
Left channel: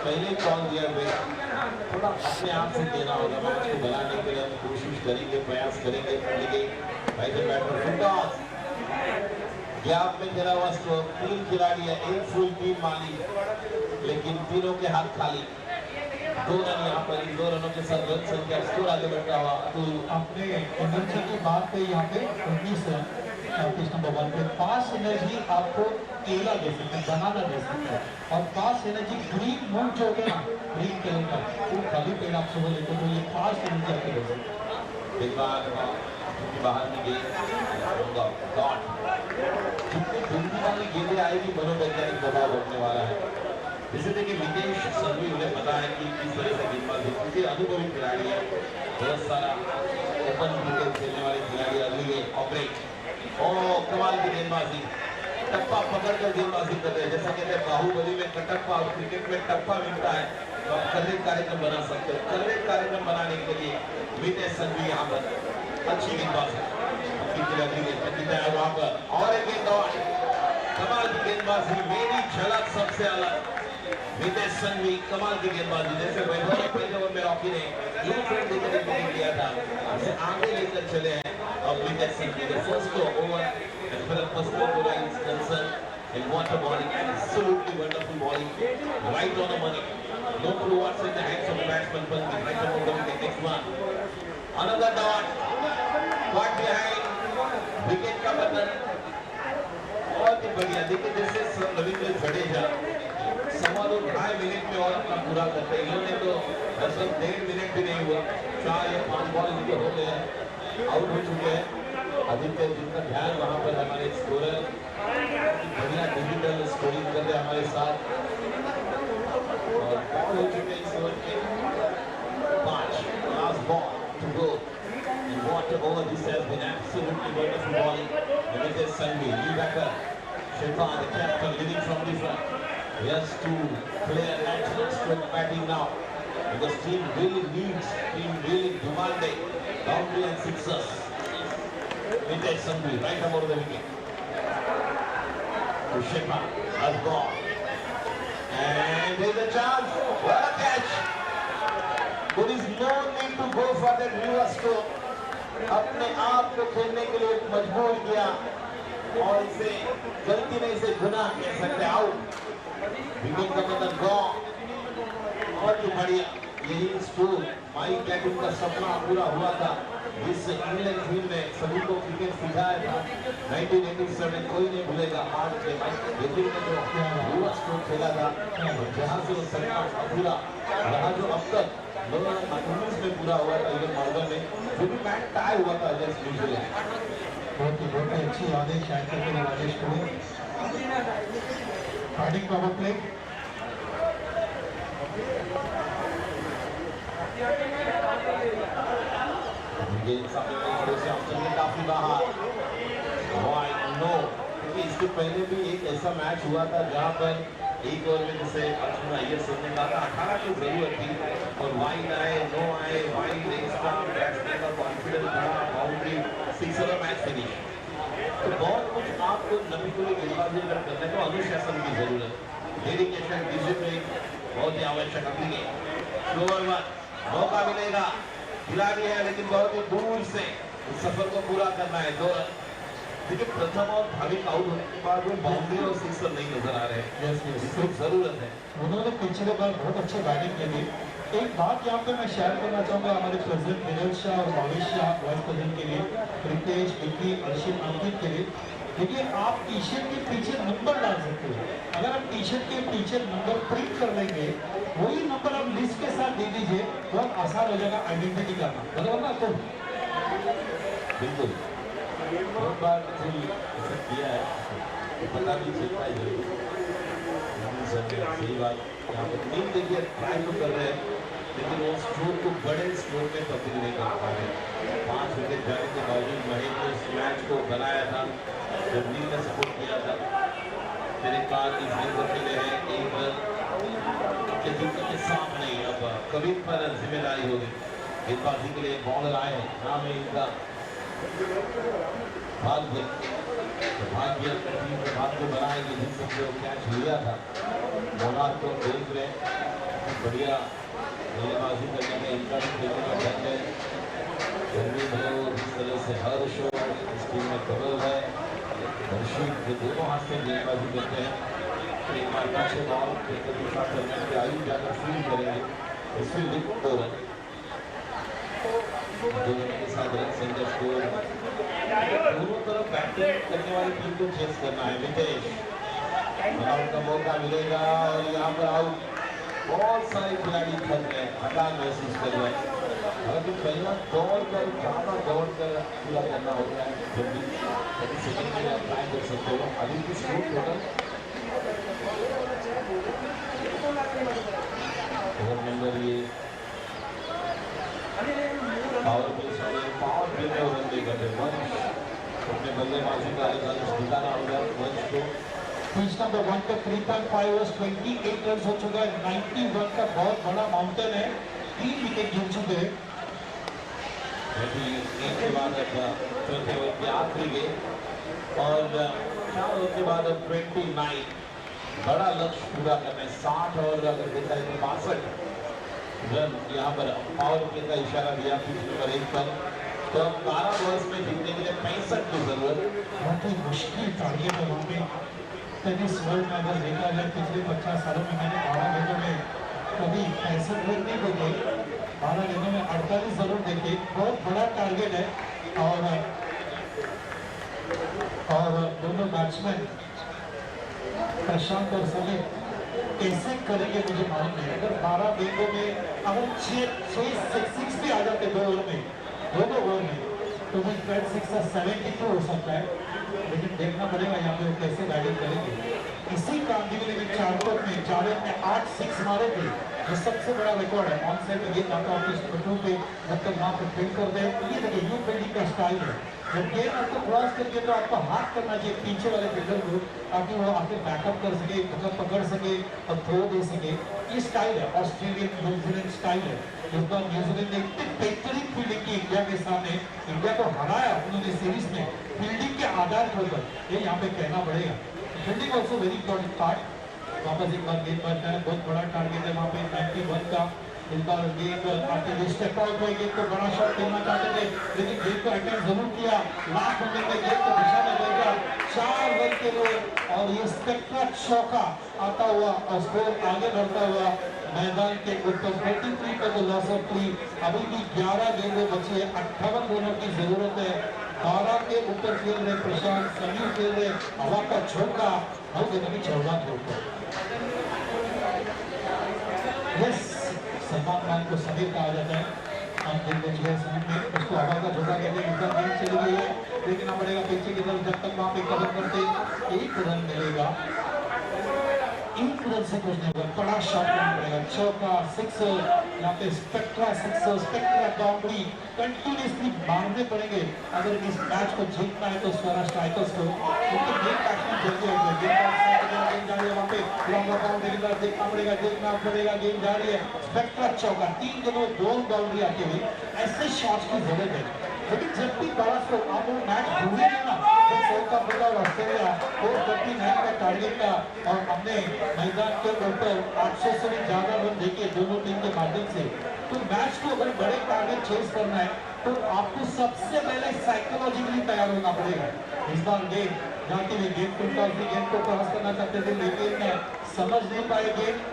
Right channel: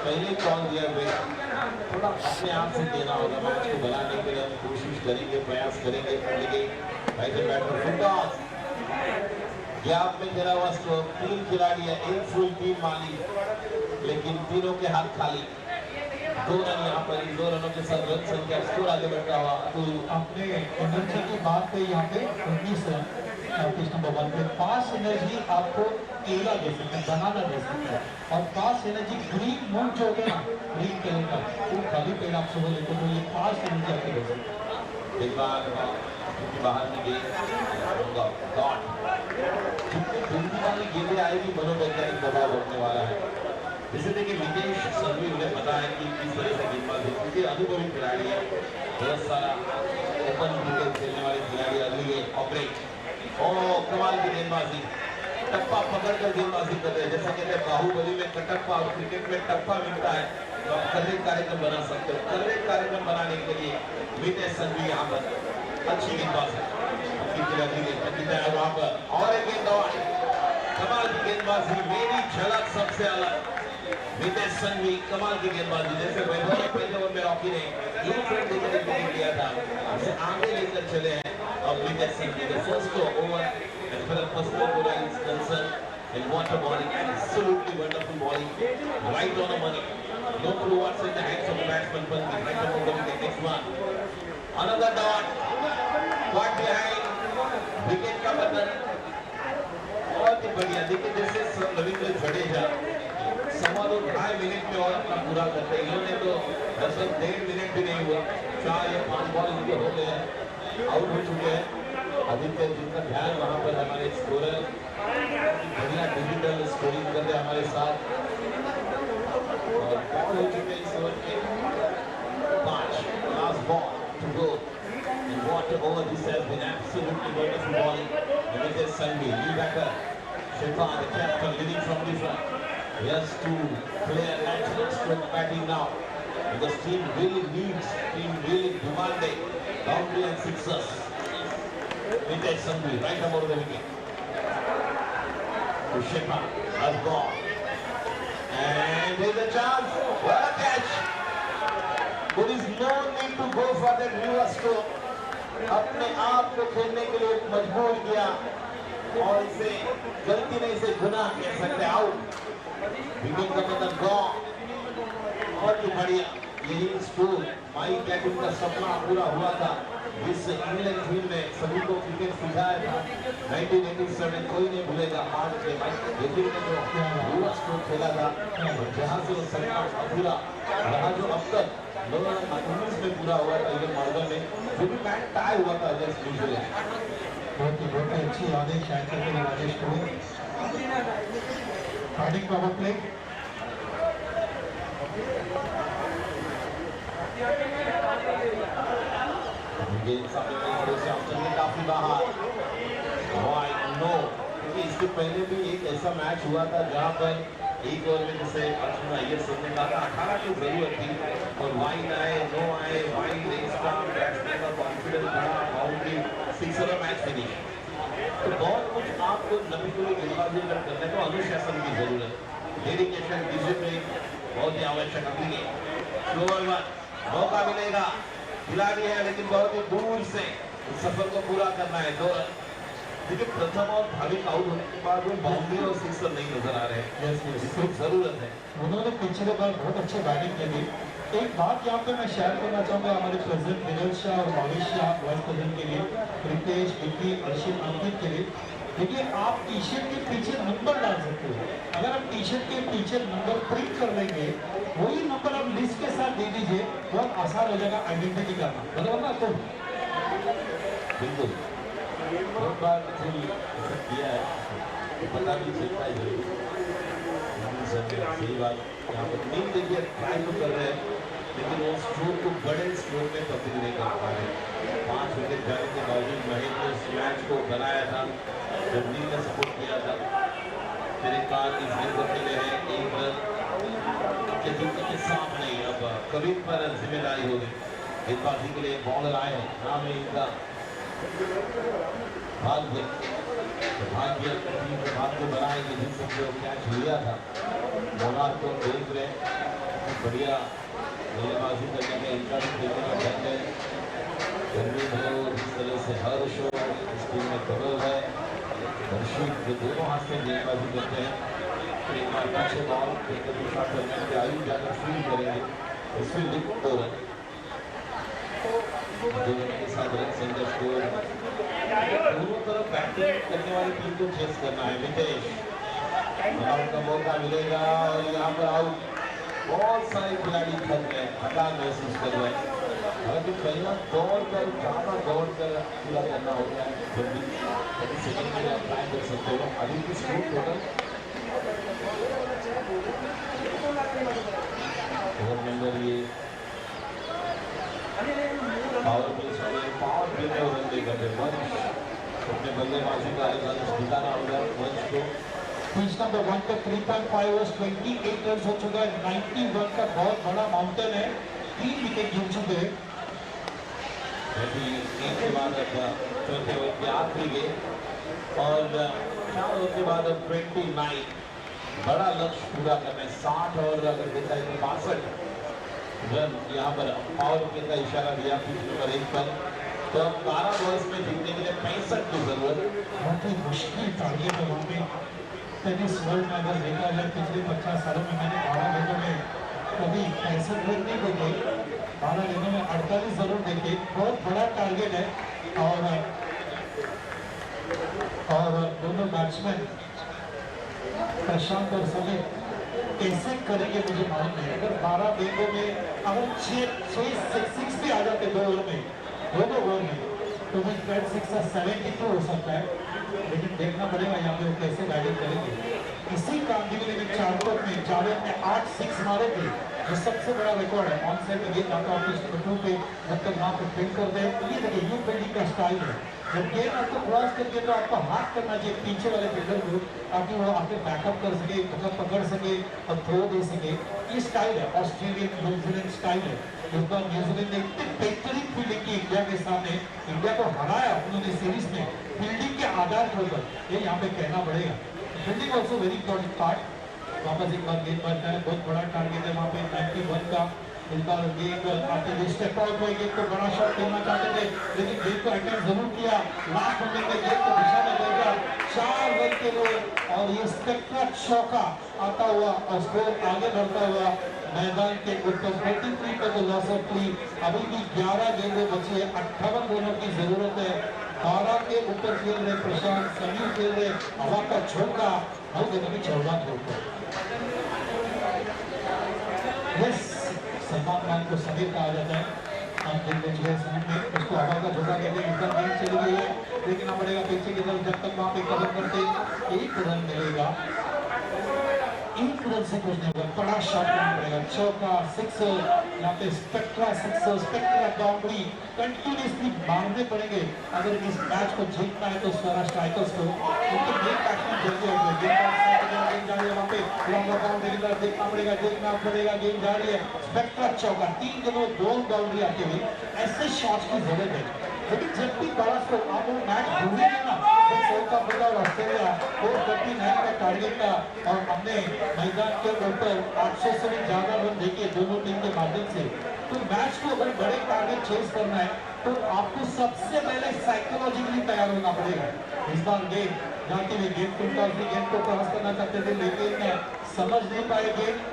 पहले कॉल दिया हुए थोड़ा अपने आप से देना होगा, मैच को बनाने के लिए हम कोशिश करेंगे, प्रयास करेंगे। ऐसे बैटर फुटबॉल गैप में खेला हुआ स्ट्रोक, 3 खिलाड़ी है, एक फुल टीम माली, लेकिन तीनों के हाथ खाली। 2 रन यहाँ पर, 2 रनों के साथ रन संख्या स्कोर आगे बढ़ता हुआ। तो अपने एनर्जी की बात पे यहाँ पे 19 रन पिच नंबर 1 पे पास एनर्जी आपको केला दे सकते हैं, बनाना दे सकते हैं, और पास एनर्जी ग्रीन मूव जो होगा ना, ग्रीन कलर का वो खाली पेड़ आपसे वो लेते तो ये पास एनर्जी आपको दे सकते हैं। एक बार क्योंकि बाहर में गेंद डॉट जितनी जल्दी वाली गेंदें आएगी मनोवैज्ञानिक दबाव बढ़ने वाला है। जैसे देखिए विकेश संघवी, उन्हें पता है कि किस तरह से गेंदबाजी, क्योंकि अनुभवी खिलाड़ी है, बहुत सारा ओपन क्रिकेट खेलने वाले खिलाड़ी, अगली ऑपरेट और कमाल की गेंदबाजी, टप्पा पकड़कर गेंदबाजी कर रहे हैं। जैसा कहते हैं बाहुबली में कटप्पा और क्रिकेट में टप्पा मिलता है, तो आप कर एक कार्यक्रम बना सकते हो। कर एक कार्यक्रम बनाने के लिए विकेश संघवी यहाँ पर अच्छी गेंदबाजी, वहां पर और एक गेंदबाज, कमाल की गेंदबाजी, मेरी झलक सबसे अलग, विकेश संघवी कमाल की गेंदबाजी। जैसे वैभव ने पहले ओवर में रॉकी ने एक रन देकर विकेट लिया था, उसे आगे लेकर चले हैं। और Vikesh Sanghvi the first over as far as first over is concerned, and what a bowling, absolutely wonderful bowling, right on the money, no clue what's in the hands of the batsman, but right on the wicket. Next one, another dot, caught behind wicket का बटन, बहुत ही बढ़िया। देखिए जैसे रविंद्र जडेजा 2.5 मिनट में और अपना पूरा करते हैं, इन्होंने तो लगभग 1.5 मिनट भी नहीं हुआ, 4 या 5 बॉल इनके हो गए हैं, आउट हो चुके हैं। आदित्य जिनका ध्यान वहां पर हमारे स्कोरर बढ़िया डिजिटल स्कोरिंग कर रहे हमारे साथ, और बॉल हो चुके इस ओवर के 5, last ball to go. And what a over this has been, absolutely wonderful bowling. Vinesh Sangvi, new batter, Shefan, the captain, leading from the front. He has to play a natural stroke batting now, because team really needs, team really demanding boundary and sixers. Vinesh Sangvi, right above the wicket. To Shefan, has gone. And there's a chance. What a catch! There is no need to go for that reverse stroke. अपने आप को खेलने के लिए मजबूर किया, और इसे गलती नहीं, इसे गुनाह कह सकते। आउट, विकेट का मतलब गॉन, बहुत ही बढ़िया। यही स्कोर माइक कैटिन का सपना पूरा हुआ था, इस इंग्लैंड टीम ने सभी को क्रिकेट सिखाया था 1987, कोई नहीं भूलेगा। आज के विकेट में जो रिवर्स स्ट्रोक खेला था, जहां से वो सपना अधूरा रहा, जो अब तक 2019 में पूरा हुआ था इधर मालवा में, जो भी मैच टाई हुआ था अगेंस्ट न्यूजीलैंड। बहुत ही अच्छी आदेश शायद करते हैं राजेश को। बैटिंग पावर प्ले, काफी बाहर, क्योंकि इसके पहले भी एक ऐसा मैच हुआ था जहां पर एक ओवर में जैसे अर्जुन अय्यर सर ने कहा था 18 की जरूरत थी, और वाइड आए, नो आए, वाइड एक्स्ट्रा, बैट्समैन का कॉन्फिडेंस बढ़ा, बाउंड्री, सिक्सर और मैच फिनिश। तो बहुत कुछ आपको नबी को गेंदबाजी अगर करने को अनुशासन की जरूरत, डेडिकेशन, डिसिप्लिन बहुत ही आवश्यक है। स्लोअर वन, मौका मिलेगा, खिलाड़ी है लेकिन बहुत ही दूर से इस सफर को पूरा करना है। 2 रन, देखिए प्रथम और भाविक आउट होने के बाद वो बाउंड्री और सिक्सर नहीं नजर आ रहे हैं, जिसकी जरूरत है। उन्होंने पिछले बार बहुत अच्छे बैटिंग की थी। एक बात यहाँ पे मैं शेयर करना चाहूँगा हमारे प्रेसिडेंट विनोद शाह और भावेश शाह, वाइस प्रेसिडेंट के लिए, रितेश, विक्की, अर्शित, अंकित के लिए। देखिए आप टी शर्ट के पीछे नंबर डाल सकते हो, अगर आप टी शर्ट के पीछे नंबर प्रिंट कर लेंगे, वही नंबर आप लिस्ट के साथ दे दीजिए, बहुत आसान हो जाएगा आइडेंटिटी करना, बराबर ना? तो बिल्कुल बहुत बार ऐसा किया है, तो पता नहीं चलता है सही बात। यहाँ पर टीम देखिए ट्राई तो कर रहे हैं, लेकिन वो स्ट्रोक को बड़े स्ट्रोक में तब्दील नहीं कर पा रहे। 5 विकेट जाने के बावजूद महेश ने उस मैच को बनाया था, जर्नी ने सपोर्ट किया था। फिर एक बार इस गेंद को खेले हैं, एक रन के जूतों के साफ नहीं, अब कबीर पर जिम्मेदारी होगी। गेंदबाजी के लिए बॉलर आए हैं, नाम है इनका भाग्य, भाग्य टीम के भाग्य बनाएंगे, जिससे जो कैच लिया था मोनार्क को देख रहे, बढ़िया बल्लेबाजी करने में इनका भी खेलने का ढंग है। गर्मी हो जिस तरह से हर्ष हो इस टीम में कबल है, हर्षित जो दोनों हाथ से गेंदबाजी करते हैं, तो एक बार पीछे बॉल फिर दूसरा टूर्नामेंट के आयु जाकर फील्ड करेंगे, इसमें 2 रन। दोनों के साथ रन संघर्ष को दोनों तरफ बैटिंग करने वाली टीम को चेस करना है। नितेश आउट का मौका मिलेगा और यहाँ पर आउट। बहुत सारे खिलाड़ी थक गए, थकान महसूस कर रहे हैं। अगर पहला दौड़ कर ज़्यादा दौड़ कर पूरा करना होता है जब भी 30 सेकंड में आप ट्राई कर सकते हो। अभी की स्कोर टोटल ओवर नंबर ये पावर प्ले में रन देकर वंश अपने बल्लेबाजी का दिखाना होगा। वंश को पिच नंबर 1 पे 3.5 ओवर्स 28 रन हो चुका है। 91 का बहुत बड़ा माउंटेन है, 3 विकेट गिर चुके हैं। के बाद अब चौथे ओवर के आखिरी गेंद और 4 ओवर के बाद अब 29 बड़ा लक्ष्य पूरा करना है। 60 और अगर देखा जाए 62 रन यहाँ पर पावर प्ले का इशारा दिया पिच नंबर 1 पर। तो अब 12 बॉल्स में जीतने के लिए 65 की जरूरत। बहुत ही मुश्किल टारगेट है वहाँ पे। टेनिस वर्ल्ड में अगर देखा जाए पिछले 50 सालों में मैंने 12 गेंदों में कभी 65 रन नहीं देखे, 12 गेंदों में 48 जरूर देखे। बहुत बड़ा टारगेट है और दोनों बैट्समैन प्रशांत और समीर कैसे करेंगे मुझे मालूम नहीं। अगर 12 गेंदों में अगर 6 भी आ जाते 2 ओवर में, दोनों ओवर में, तो भी 6 और 72 हो सकता है। लेकिन देखना पड़ेगा यहाँ पे वो कैसे बैटिंग करेंगे। इसी कामगिरी में चारों में 8 6 मारे थे, जो सबसे बड़ा रिकॉर्ड है। ऑन साइड गेंद आता है पिच नंबर 2 पे, जब तक वहाँ पे फील्ड कर दे। ये देखिए यू फील्डिंग का स्टाइल है। जब गेंद आपको क्रॉस करके तो आपको हाथ करना चाहिए पीछे वाले फील्डर को, ताकि वो आके बैकअप कर सके, पकड़ सके और थ्रो दे सके। ये स्टाइल है, ऑस्ट्रेलियन न्यूजीलैंड स्टाइल है। इस बार न्यूजीलैंड ने इतनी बेहतरीन फील्डिंग की इंडिया के सामने, इंडिया को हराया उन्होंने सीरीज में फील्डिंग के आधार के ऊपर। ये यहाँ पे कहना पड़ेगा। Fielding also very important part. वापस एक बार गेंद बढ़ता है, बहुत बड़ा टारगेट है वहाँ पे 91 का। इस बार गेंद आते हुए स्टेप आउट हुए, गेंद को बड़ा शॉट खेलना चाहते थे, लेकिन गेंद को अटैक जरूर किया। लास्ट मोमेंट में गेंद को दिशा में भेजा 4 रन के लिए और ये स्पेक्ट्रा चौका आता हुआ और स्कोर आगे बढ़ता हुआ मैदान के ऊपर 43 पर लॉस ऑफ 3। अभी भी 11 गेंदें बची है, 58 रनों की जरूरत है। 12 के ऊपर खेल रहे प्रशांत, समीर खेल रहे हवा का झोंका, हर गेंदों में 14 के ऊपर। यस, सलमान खान को समीर कहा जाता है। हम देख लीजिए समीर में उसको हवा का झोंका कहते हैं। इधर गेंद चली गई है, देखना पड़ेगा पीछे की तरफ, जब तक वहाँ पे कदम करते 1 रन मिलेगा। 1 रन से कुछ नहीं होगा, बड़ा शॉट करना पड़ेगा। चौका, सिक्सर, यहाँ पे spectra sixer, spectra boundary continuously मारने पड़ेंगे अगर इस मैच को जीतना है तो स्वराज स्ट्राइकर्स को। क्योंकि गेम बैट्समैन जल्दी हो गए, गेम जा रही है वहाँ पे लॉन्ग बाउंड्री की तरफ देखना पड़ेगा, गेम जा रही है। स्पेक्ट्रा चौका, 3 गेंदों में 2 बाउंड्री आती हुई, ऐसे शॉट्स की जरूरत है। लेकिन जब भी बड़ा स्कोर आप वो मैच भूलेंगे ना, जब साउथ अफ्रीका और ऑस्ट्रेलिया 439 का टारगेट था और हमने मैदान के ऊपर 800 से भी ज्यादा रन देखे दोनों टीम के माध्यम से, तो मैच को अगर बड़े टारगेट चेस करना है तो आपको सबसे पहले साइकोलॉजिकली तैयार होना पड़ेगा। इस बार गेंद जाती हुई, गेंद को क्रॉस करना चाहते थे लेकिन समझ नहीं पाए गेंद,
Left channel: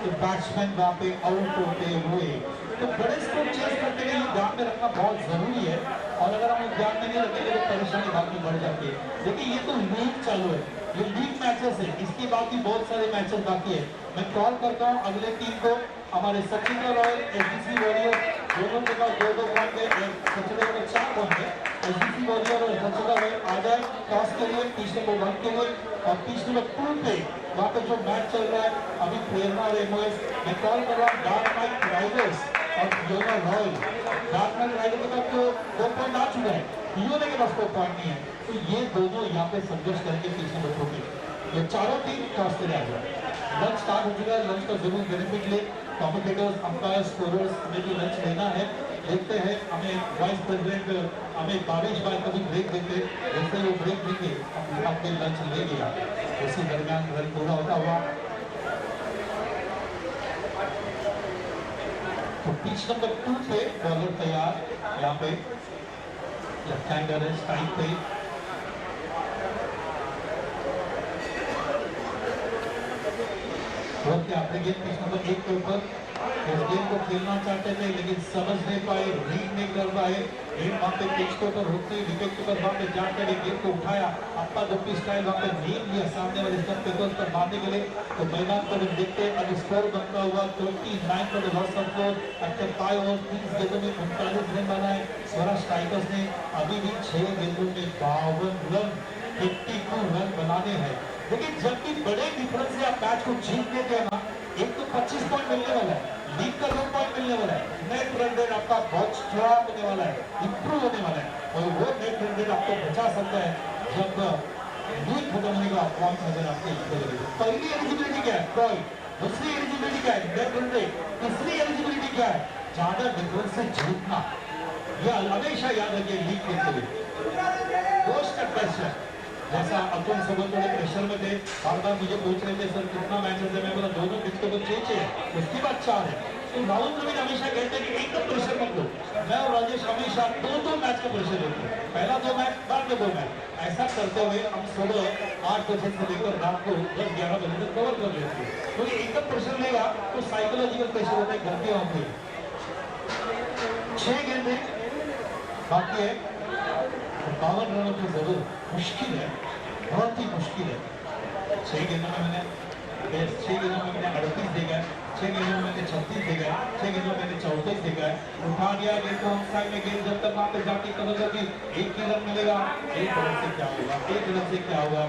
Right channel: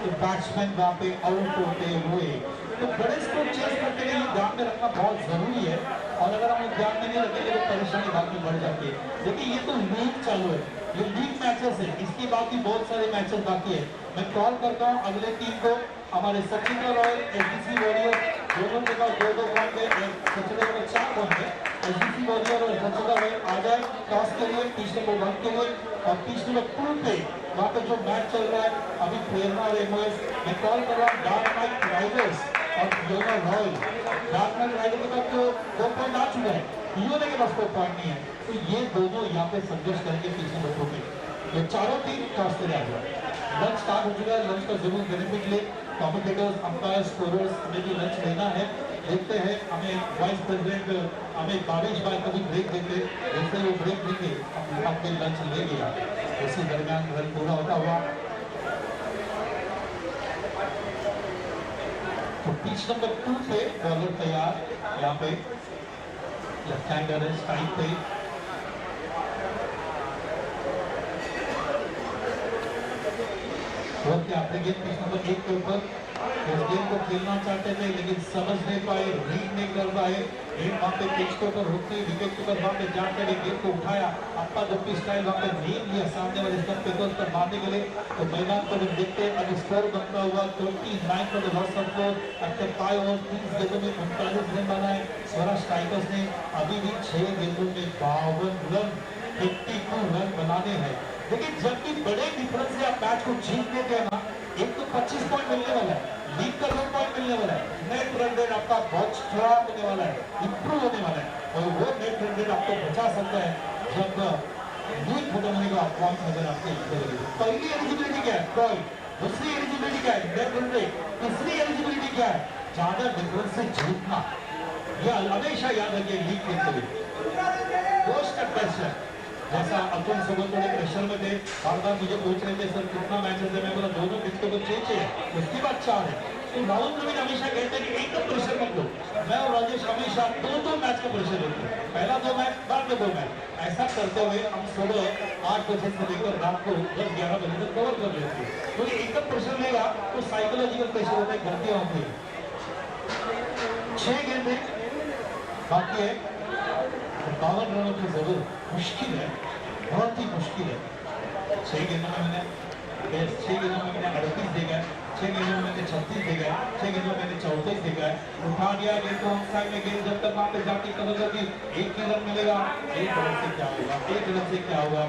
तो बैट्समैन वहाँ पे आउट होते हुए। तो बड़े स्कोर चेस करने के लिए ध्यान में रखना बहुत जरूरी है, और अगर हम ध्यान में नहीं रखेंगे तो परेशानी बाकी बढ़ जाती है। देखिए ये तो लीग चालू है, ये लीग मैचेस है, इसके बाद भी बहुत सारे मैचेस बाकी है। मैं कॉल करता हूँ अगले टीम को, हमारे सचिन रॉयल, एसडीसी वॉरियर दोनों के पास 2-2 पॉइंट है, सचिन रॉयल 4 पॉइंट है। एसडीसी वॉरियर और सचिन रॉयल आ जाए टॉस के लिए, पिच नंबर 1 के लिए, और पिच नंबर 2 पे वहाँ पे जो मैच चल रहा है अभी प्रेरणा और एमओएस। मैं कॉल कर रहा हूँ डार्क नाइट राइडर्स और योना रॉयल। डार्क नाइट राइडर के पास तो 2 पॉइंट आ चुका है, योना के पास 2 पॉइंट नहीं है, तो ये दोनों यहाँ पे संघर्ष करेंगे पिच नंबर 2 पे। ये चारों टीम टॉस के लिए आ जाए। लंच स्टार्ट हो चुका है, लंच का जरूर बेनिफिट ले। कॉमेंटेटर्स, अंपायर, स्कोरर्स हमें भी लंच लेना है। देखते हैं हमें वाइस प्रेसिडेंट हमें बारिश भाई कभी ब्रेक देते, जैसे वो ब्रेक देंगे हम अपने लंच लेंगे। उसी दरमियान रन पूरा होता हुआ तो पिच नंबर 2 पे बॉलर तैयार, यहाँ पे लेफ्ट हैंडर है स्ट्राइक पे। आपने गेंद पिच नंबर 1 के ऊपर इस गेम को खेलना चाहते थे लेकिन समझ नहीं पाए, रीड नहीं कर पाए। गेम वहाँ पे पिच के ऊपर होते ही विकेट कीपर वहाँ पे जाकर गेम को उठाया, अपना दुप्पी स्टाइल वहाँ पे नीम लिया सामने वाले स्टंप पे पर मारने के लिए। तो मैदान को जब देखते हैं अब स्कोर बनता हुआ 29 for the loss of 4 after 5 overs 30 गेंदों में 39 रन बनाए स्वराज टाइगर्स ने। अभी भी 6 गेंदों में 52 रन 52 रन बनाने हैं। लेकिन जब भी बड़े डिफरेंस से आप मैच को जीत लेते हैं ना, एक तो 25 पॉइंट मिलने वाला है, लीग का 2 पॉइंट मिलने वाला है, नेट रन रेट आपका बहुत स्ट्रॉन्ग होने वाला है, इंप्रूव होने वाला है। और वो नेट रन रेट आपको बचा सकता है जब लीग खत्म होने का पॉइंट नजर आपके पहली एलिजिबिलिटी क्या है पॉइंट, दूसरी एलिजिबिलिटी क्या है नेट रन रेट, तीसरी एलिजिबिलिटी क्या है ज्यादा डिफरेंस से जीतना। यह हमेशा याद रखिए लीग खेलते हुए दो स्टेप टेस्ट है। जैसा अतुल सुबह थोड़े प्रेशर में थे, बार बार मुझे पूछ रहे थे सर कितना मैचेस है, मैं बोला दोनों पिच के ऊपर 6 है, उसके बाद 4 है। तो राहुल द्रविड़ हमेशा कहते हैं कि एकदम प्रेशर मत लो। मैं और राजेश हमेशा दो मैच का प्रेशर लेते हैं, पहला 2 मैच बाद में 2 मैच। ऐसा करते हुए हम सुबह 8 बजे से लेकर रात को 10-11 बजे तक कवर कर लेते हैं। तो ये एकदम प्रेशर लेगा तो साइकोलॉजिकल प्रेशर होता है, गलतियां होंगी। 6 गेंदे बाकी है, 52 रनों की जरूरत मुश्किल है, बहुत ही मुश्किल है। 6 गेंदों में मैंने 38 देखा है, 6 गेंदों में मैंने 36 देखा है, 6 गेंदों में मैंने 34 देखा है। उठा दिया गेंद को ऑन साइड में, गेंद जब तक वहां पे जाके कवर होगी 1 ही रन मिलेगा। 1 रन से क्या होगा, 1 रन से क्या होगा।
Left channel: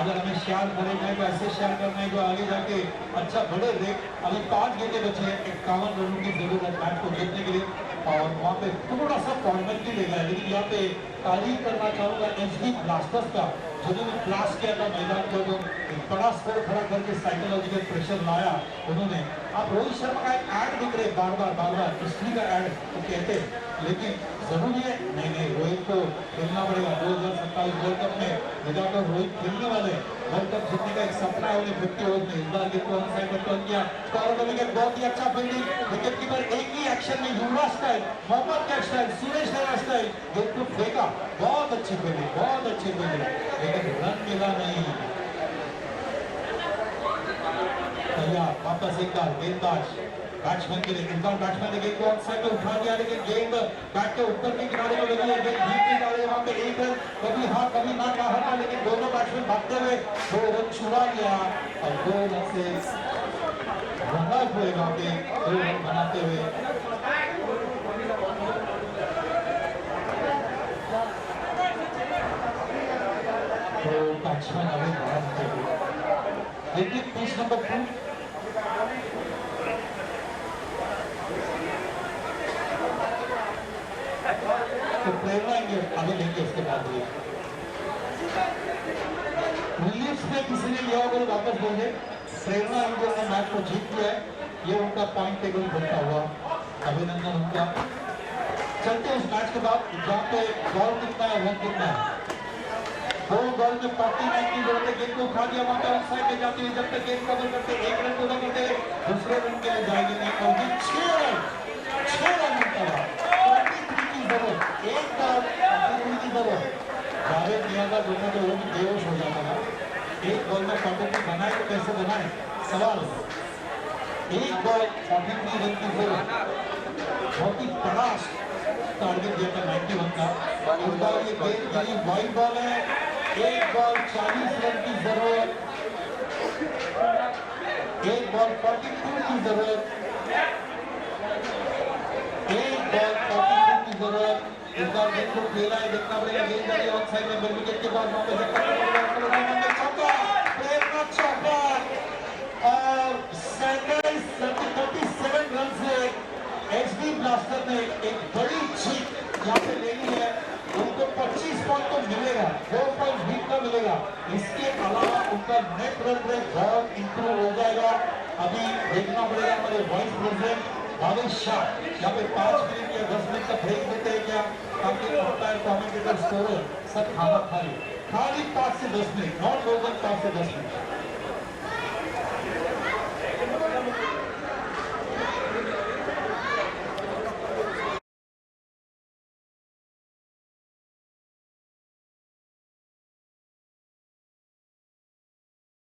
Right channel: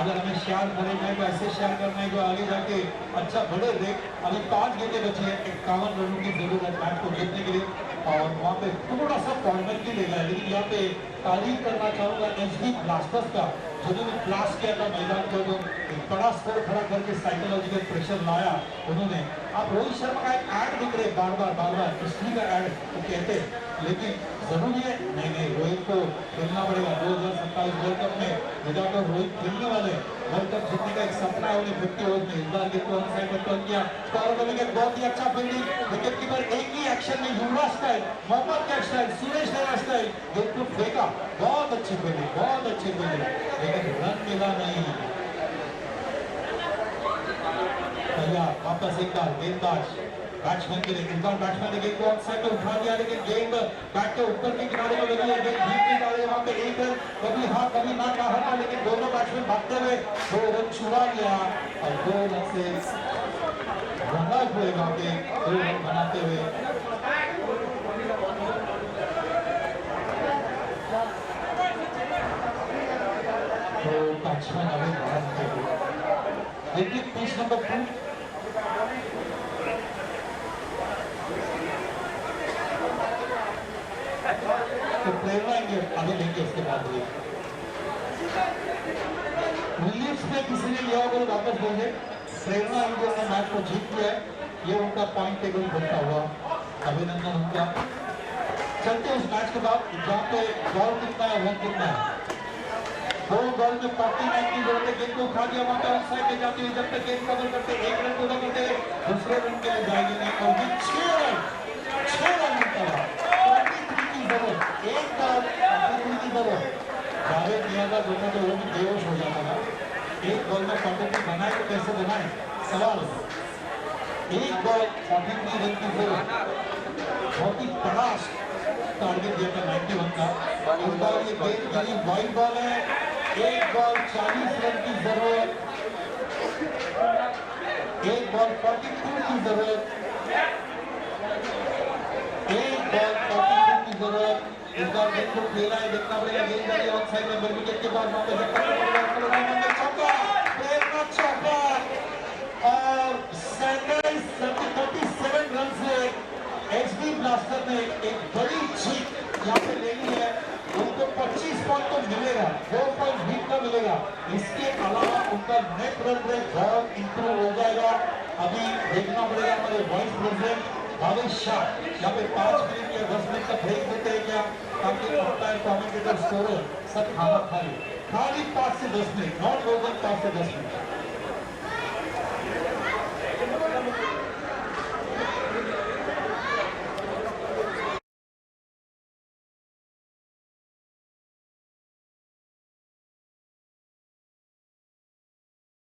अगर हमें शेयर करना है तो ऐसे शेयर करना है जो आगे जाके अच्छा बड़े रेट। अभी 5 गेंदे बचे हैं, 51 रनों की जरूरत है मैच को जीतने के लिए। और वहाँ पे थोड़ा सा कॉर्नर की लेगा, लेकिन यहाँ पे तारीफ करना चाहूंगा एसडी ब्लास्टर्स का, जिन्होंने क्लास किया था मैदान को, एक बड़ा स्कोर खड़ा करके साइकोलॉजिकल प्रेशर लाया उन्होंने। आप रोहित शर्मा का एक ऐड दिख रहे बार बार हिस्ट्री का ऐड तो कहते, लेकिन जरूरी है नहीं रोहित को खेलना पड़ेगा। 2027 वर्ल्ड कप में विदाकर रोहित खेलने वाले, वर्ल्ड कप जीतने का एक सपना है उन्हें 50 ओवर में। इस बार गेंद को ऑन साइड पर टर्न किया, स्कोर का विकेट, बहुत ही अच्छा फील्डिंग, विकेट कीपर एक ही एक्शन में युवराज स्टाइल, मोहम्मद का स्टाइल, सुरेश रैना स्टाइल गेंद को फेंका, बहुत अच्छी फील्डिंग, बहुत अच्छी फील्डिंग, लेकिन रन मिला नहीं। वापस एक बार गेंदबाज बैट्समैन के लिए, इस बार बैट्समैन ने गेंद को ऑन साइड में उठा दिया, लेकिन गेंद बैट के ऊपर के किनारे में लगी है, गेंद डीप नहीं जा रही है। वहां पे एक रन कभी हाँ कभी ना कहा था, लेकिन दोनों बैट्समैन भागते हुए 2 रन छुड़ा लिया और 2 रन से रन आउट हुए वहां पे 2 रन बनाते हुए। तो बैट्समैन अभी भागते हुए देखिए पिच नंबर 2 तो प्रेरणा आगे लेंगे उसके बाद विलियम्स ने किसी ने लिया होगा वापस देंगे। प्रेरणा इंडिया ने मैच को जीत लिया है, ये उनका पॉइंट टेबल बनता हुआ, अभिनंदन उनका। चलते उस मैच के बाद जहाँ पे बॉल कितना है, रन कितना है। 2 बॉल में 49 की जरूरत है, गेंद को उठा दिया, वहां पे ऑन साइड में जाती हुई जब तक गेंद कवर करते 1 रन पूरा करते दूसरे रन के लिए जाएगी नहीं, और ये 6 रन मिलता है। 43 की जरूरत, एक बॉल 43 की जरूरत। जावेद मियां दोनों तो वो भी बेहोश हो जाता था। एक बॉल में 43 बनाए तो कैसे बनाए सवाल। एक बॉल 43 रन की जरूरत, बहुत ही बड़ा टारगेट दिया था 91 का। इस बार ये गेंद गिरी, वाइड बॉल है, एक बॉल 40 रन की जरूरत, एक बॉल 42 की जरूरत, एक बॉल 42 की जरूरत। इस बार गेंद को खेला है, देखना पड़ेगा गेंद जाती है ऑन साइड में, मिड विकेट के बाद वहां पे चौका, प्रेरणा चौका और 37 रन से एसडी ब्लास्टर ने एक बड़ी जीत यहाँ पे लेनी है। उनको 25 पॉइंट तो मिलेगा, 2 पॉइंट जीत का मिलेगा, इसके अलावा उनका नेट रन रेट बहुत इंप्रूव हो जाएगा। अभी देखना पड़ेगा हमारे वाइस प्रेसिडेंट भावेश शाह यहाँ पे 5 मिनट या 10 मिनट का ब्रेक देते हैं क्या, ताकि अंपायर कमेंटेटर स्कोरर सब खाना खाली 5 से 10 मिनट, नॉट मोर देन 5 से 10 मिनट।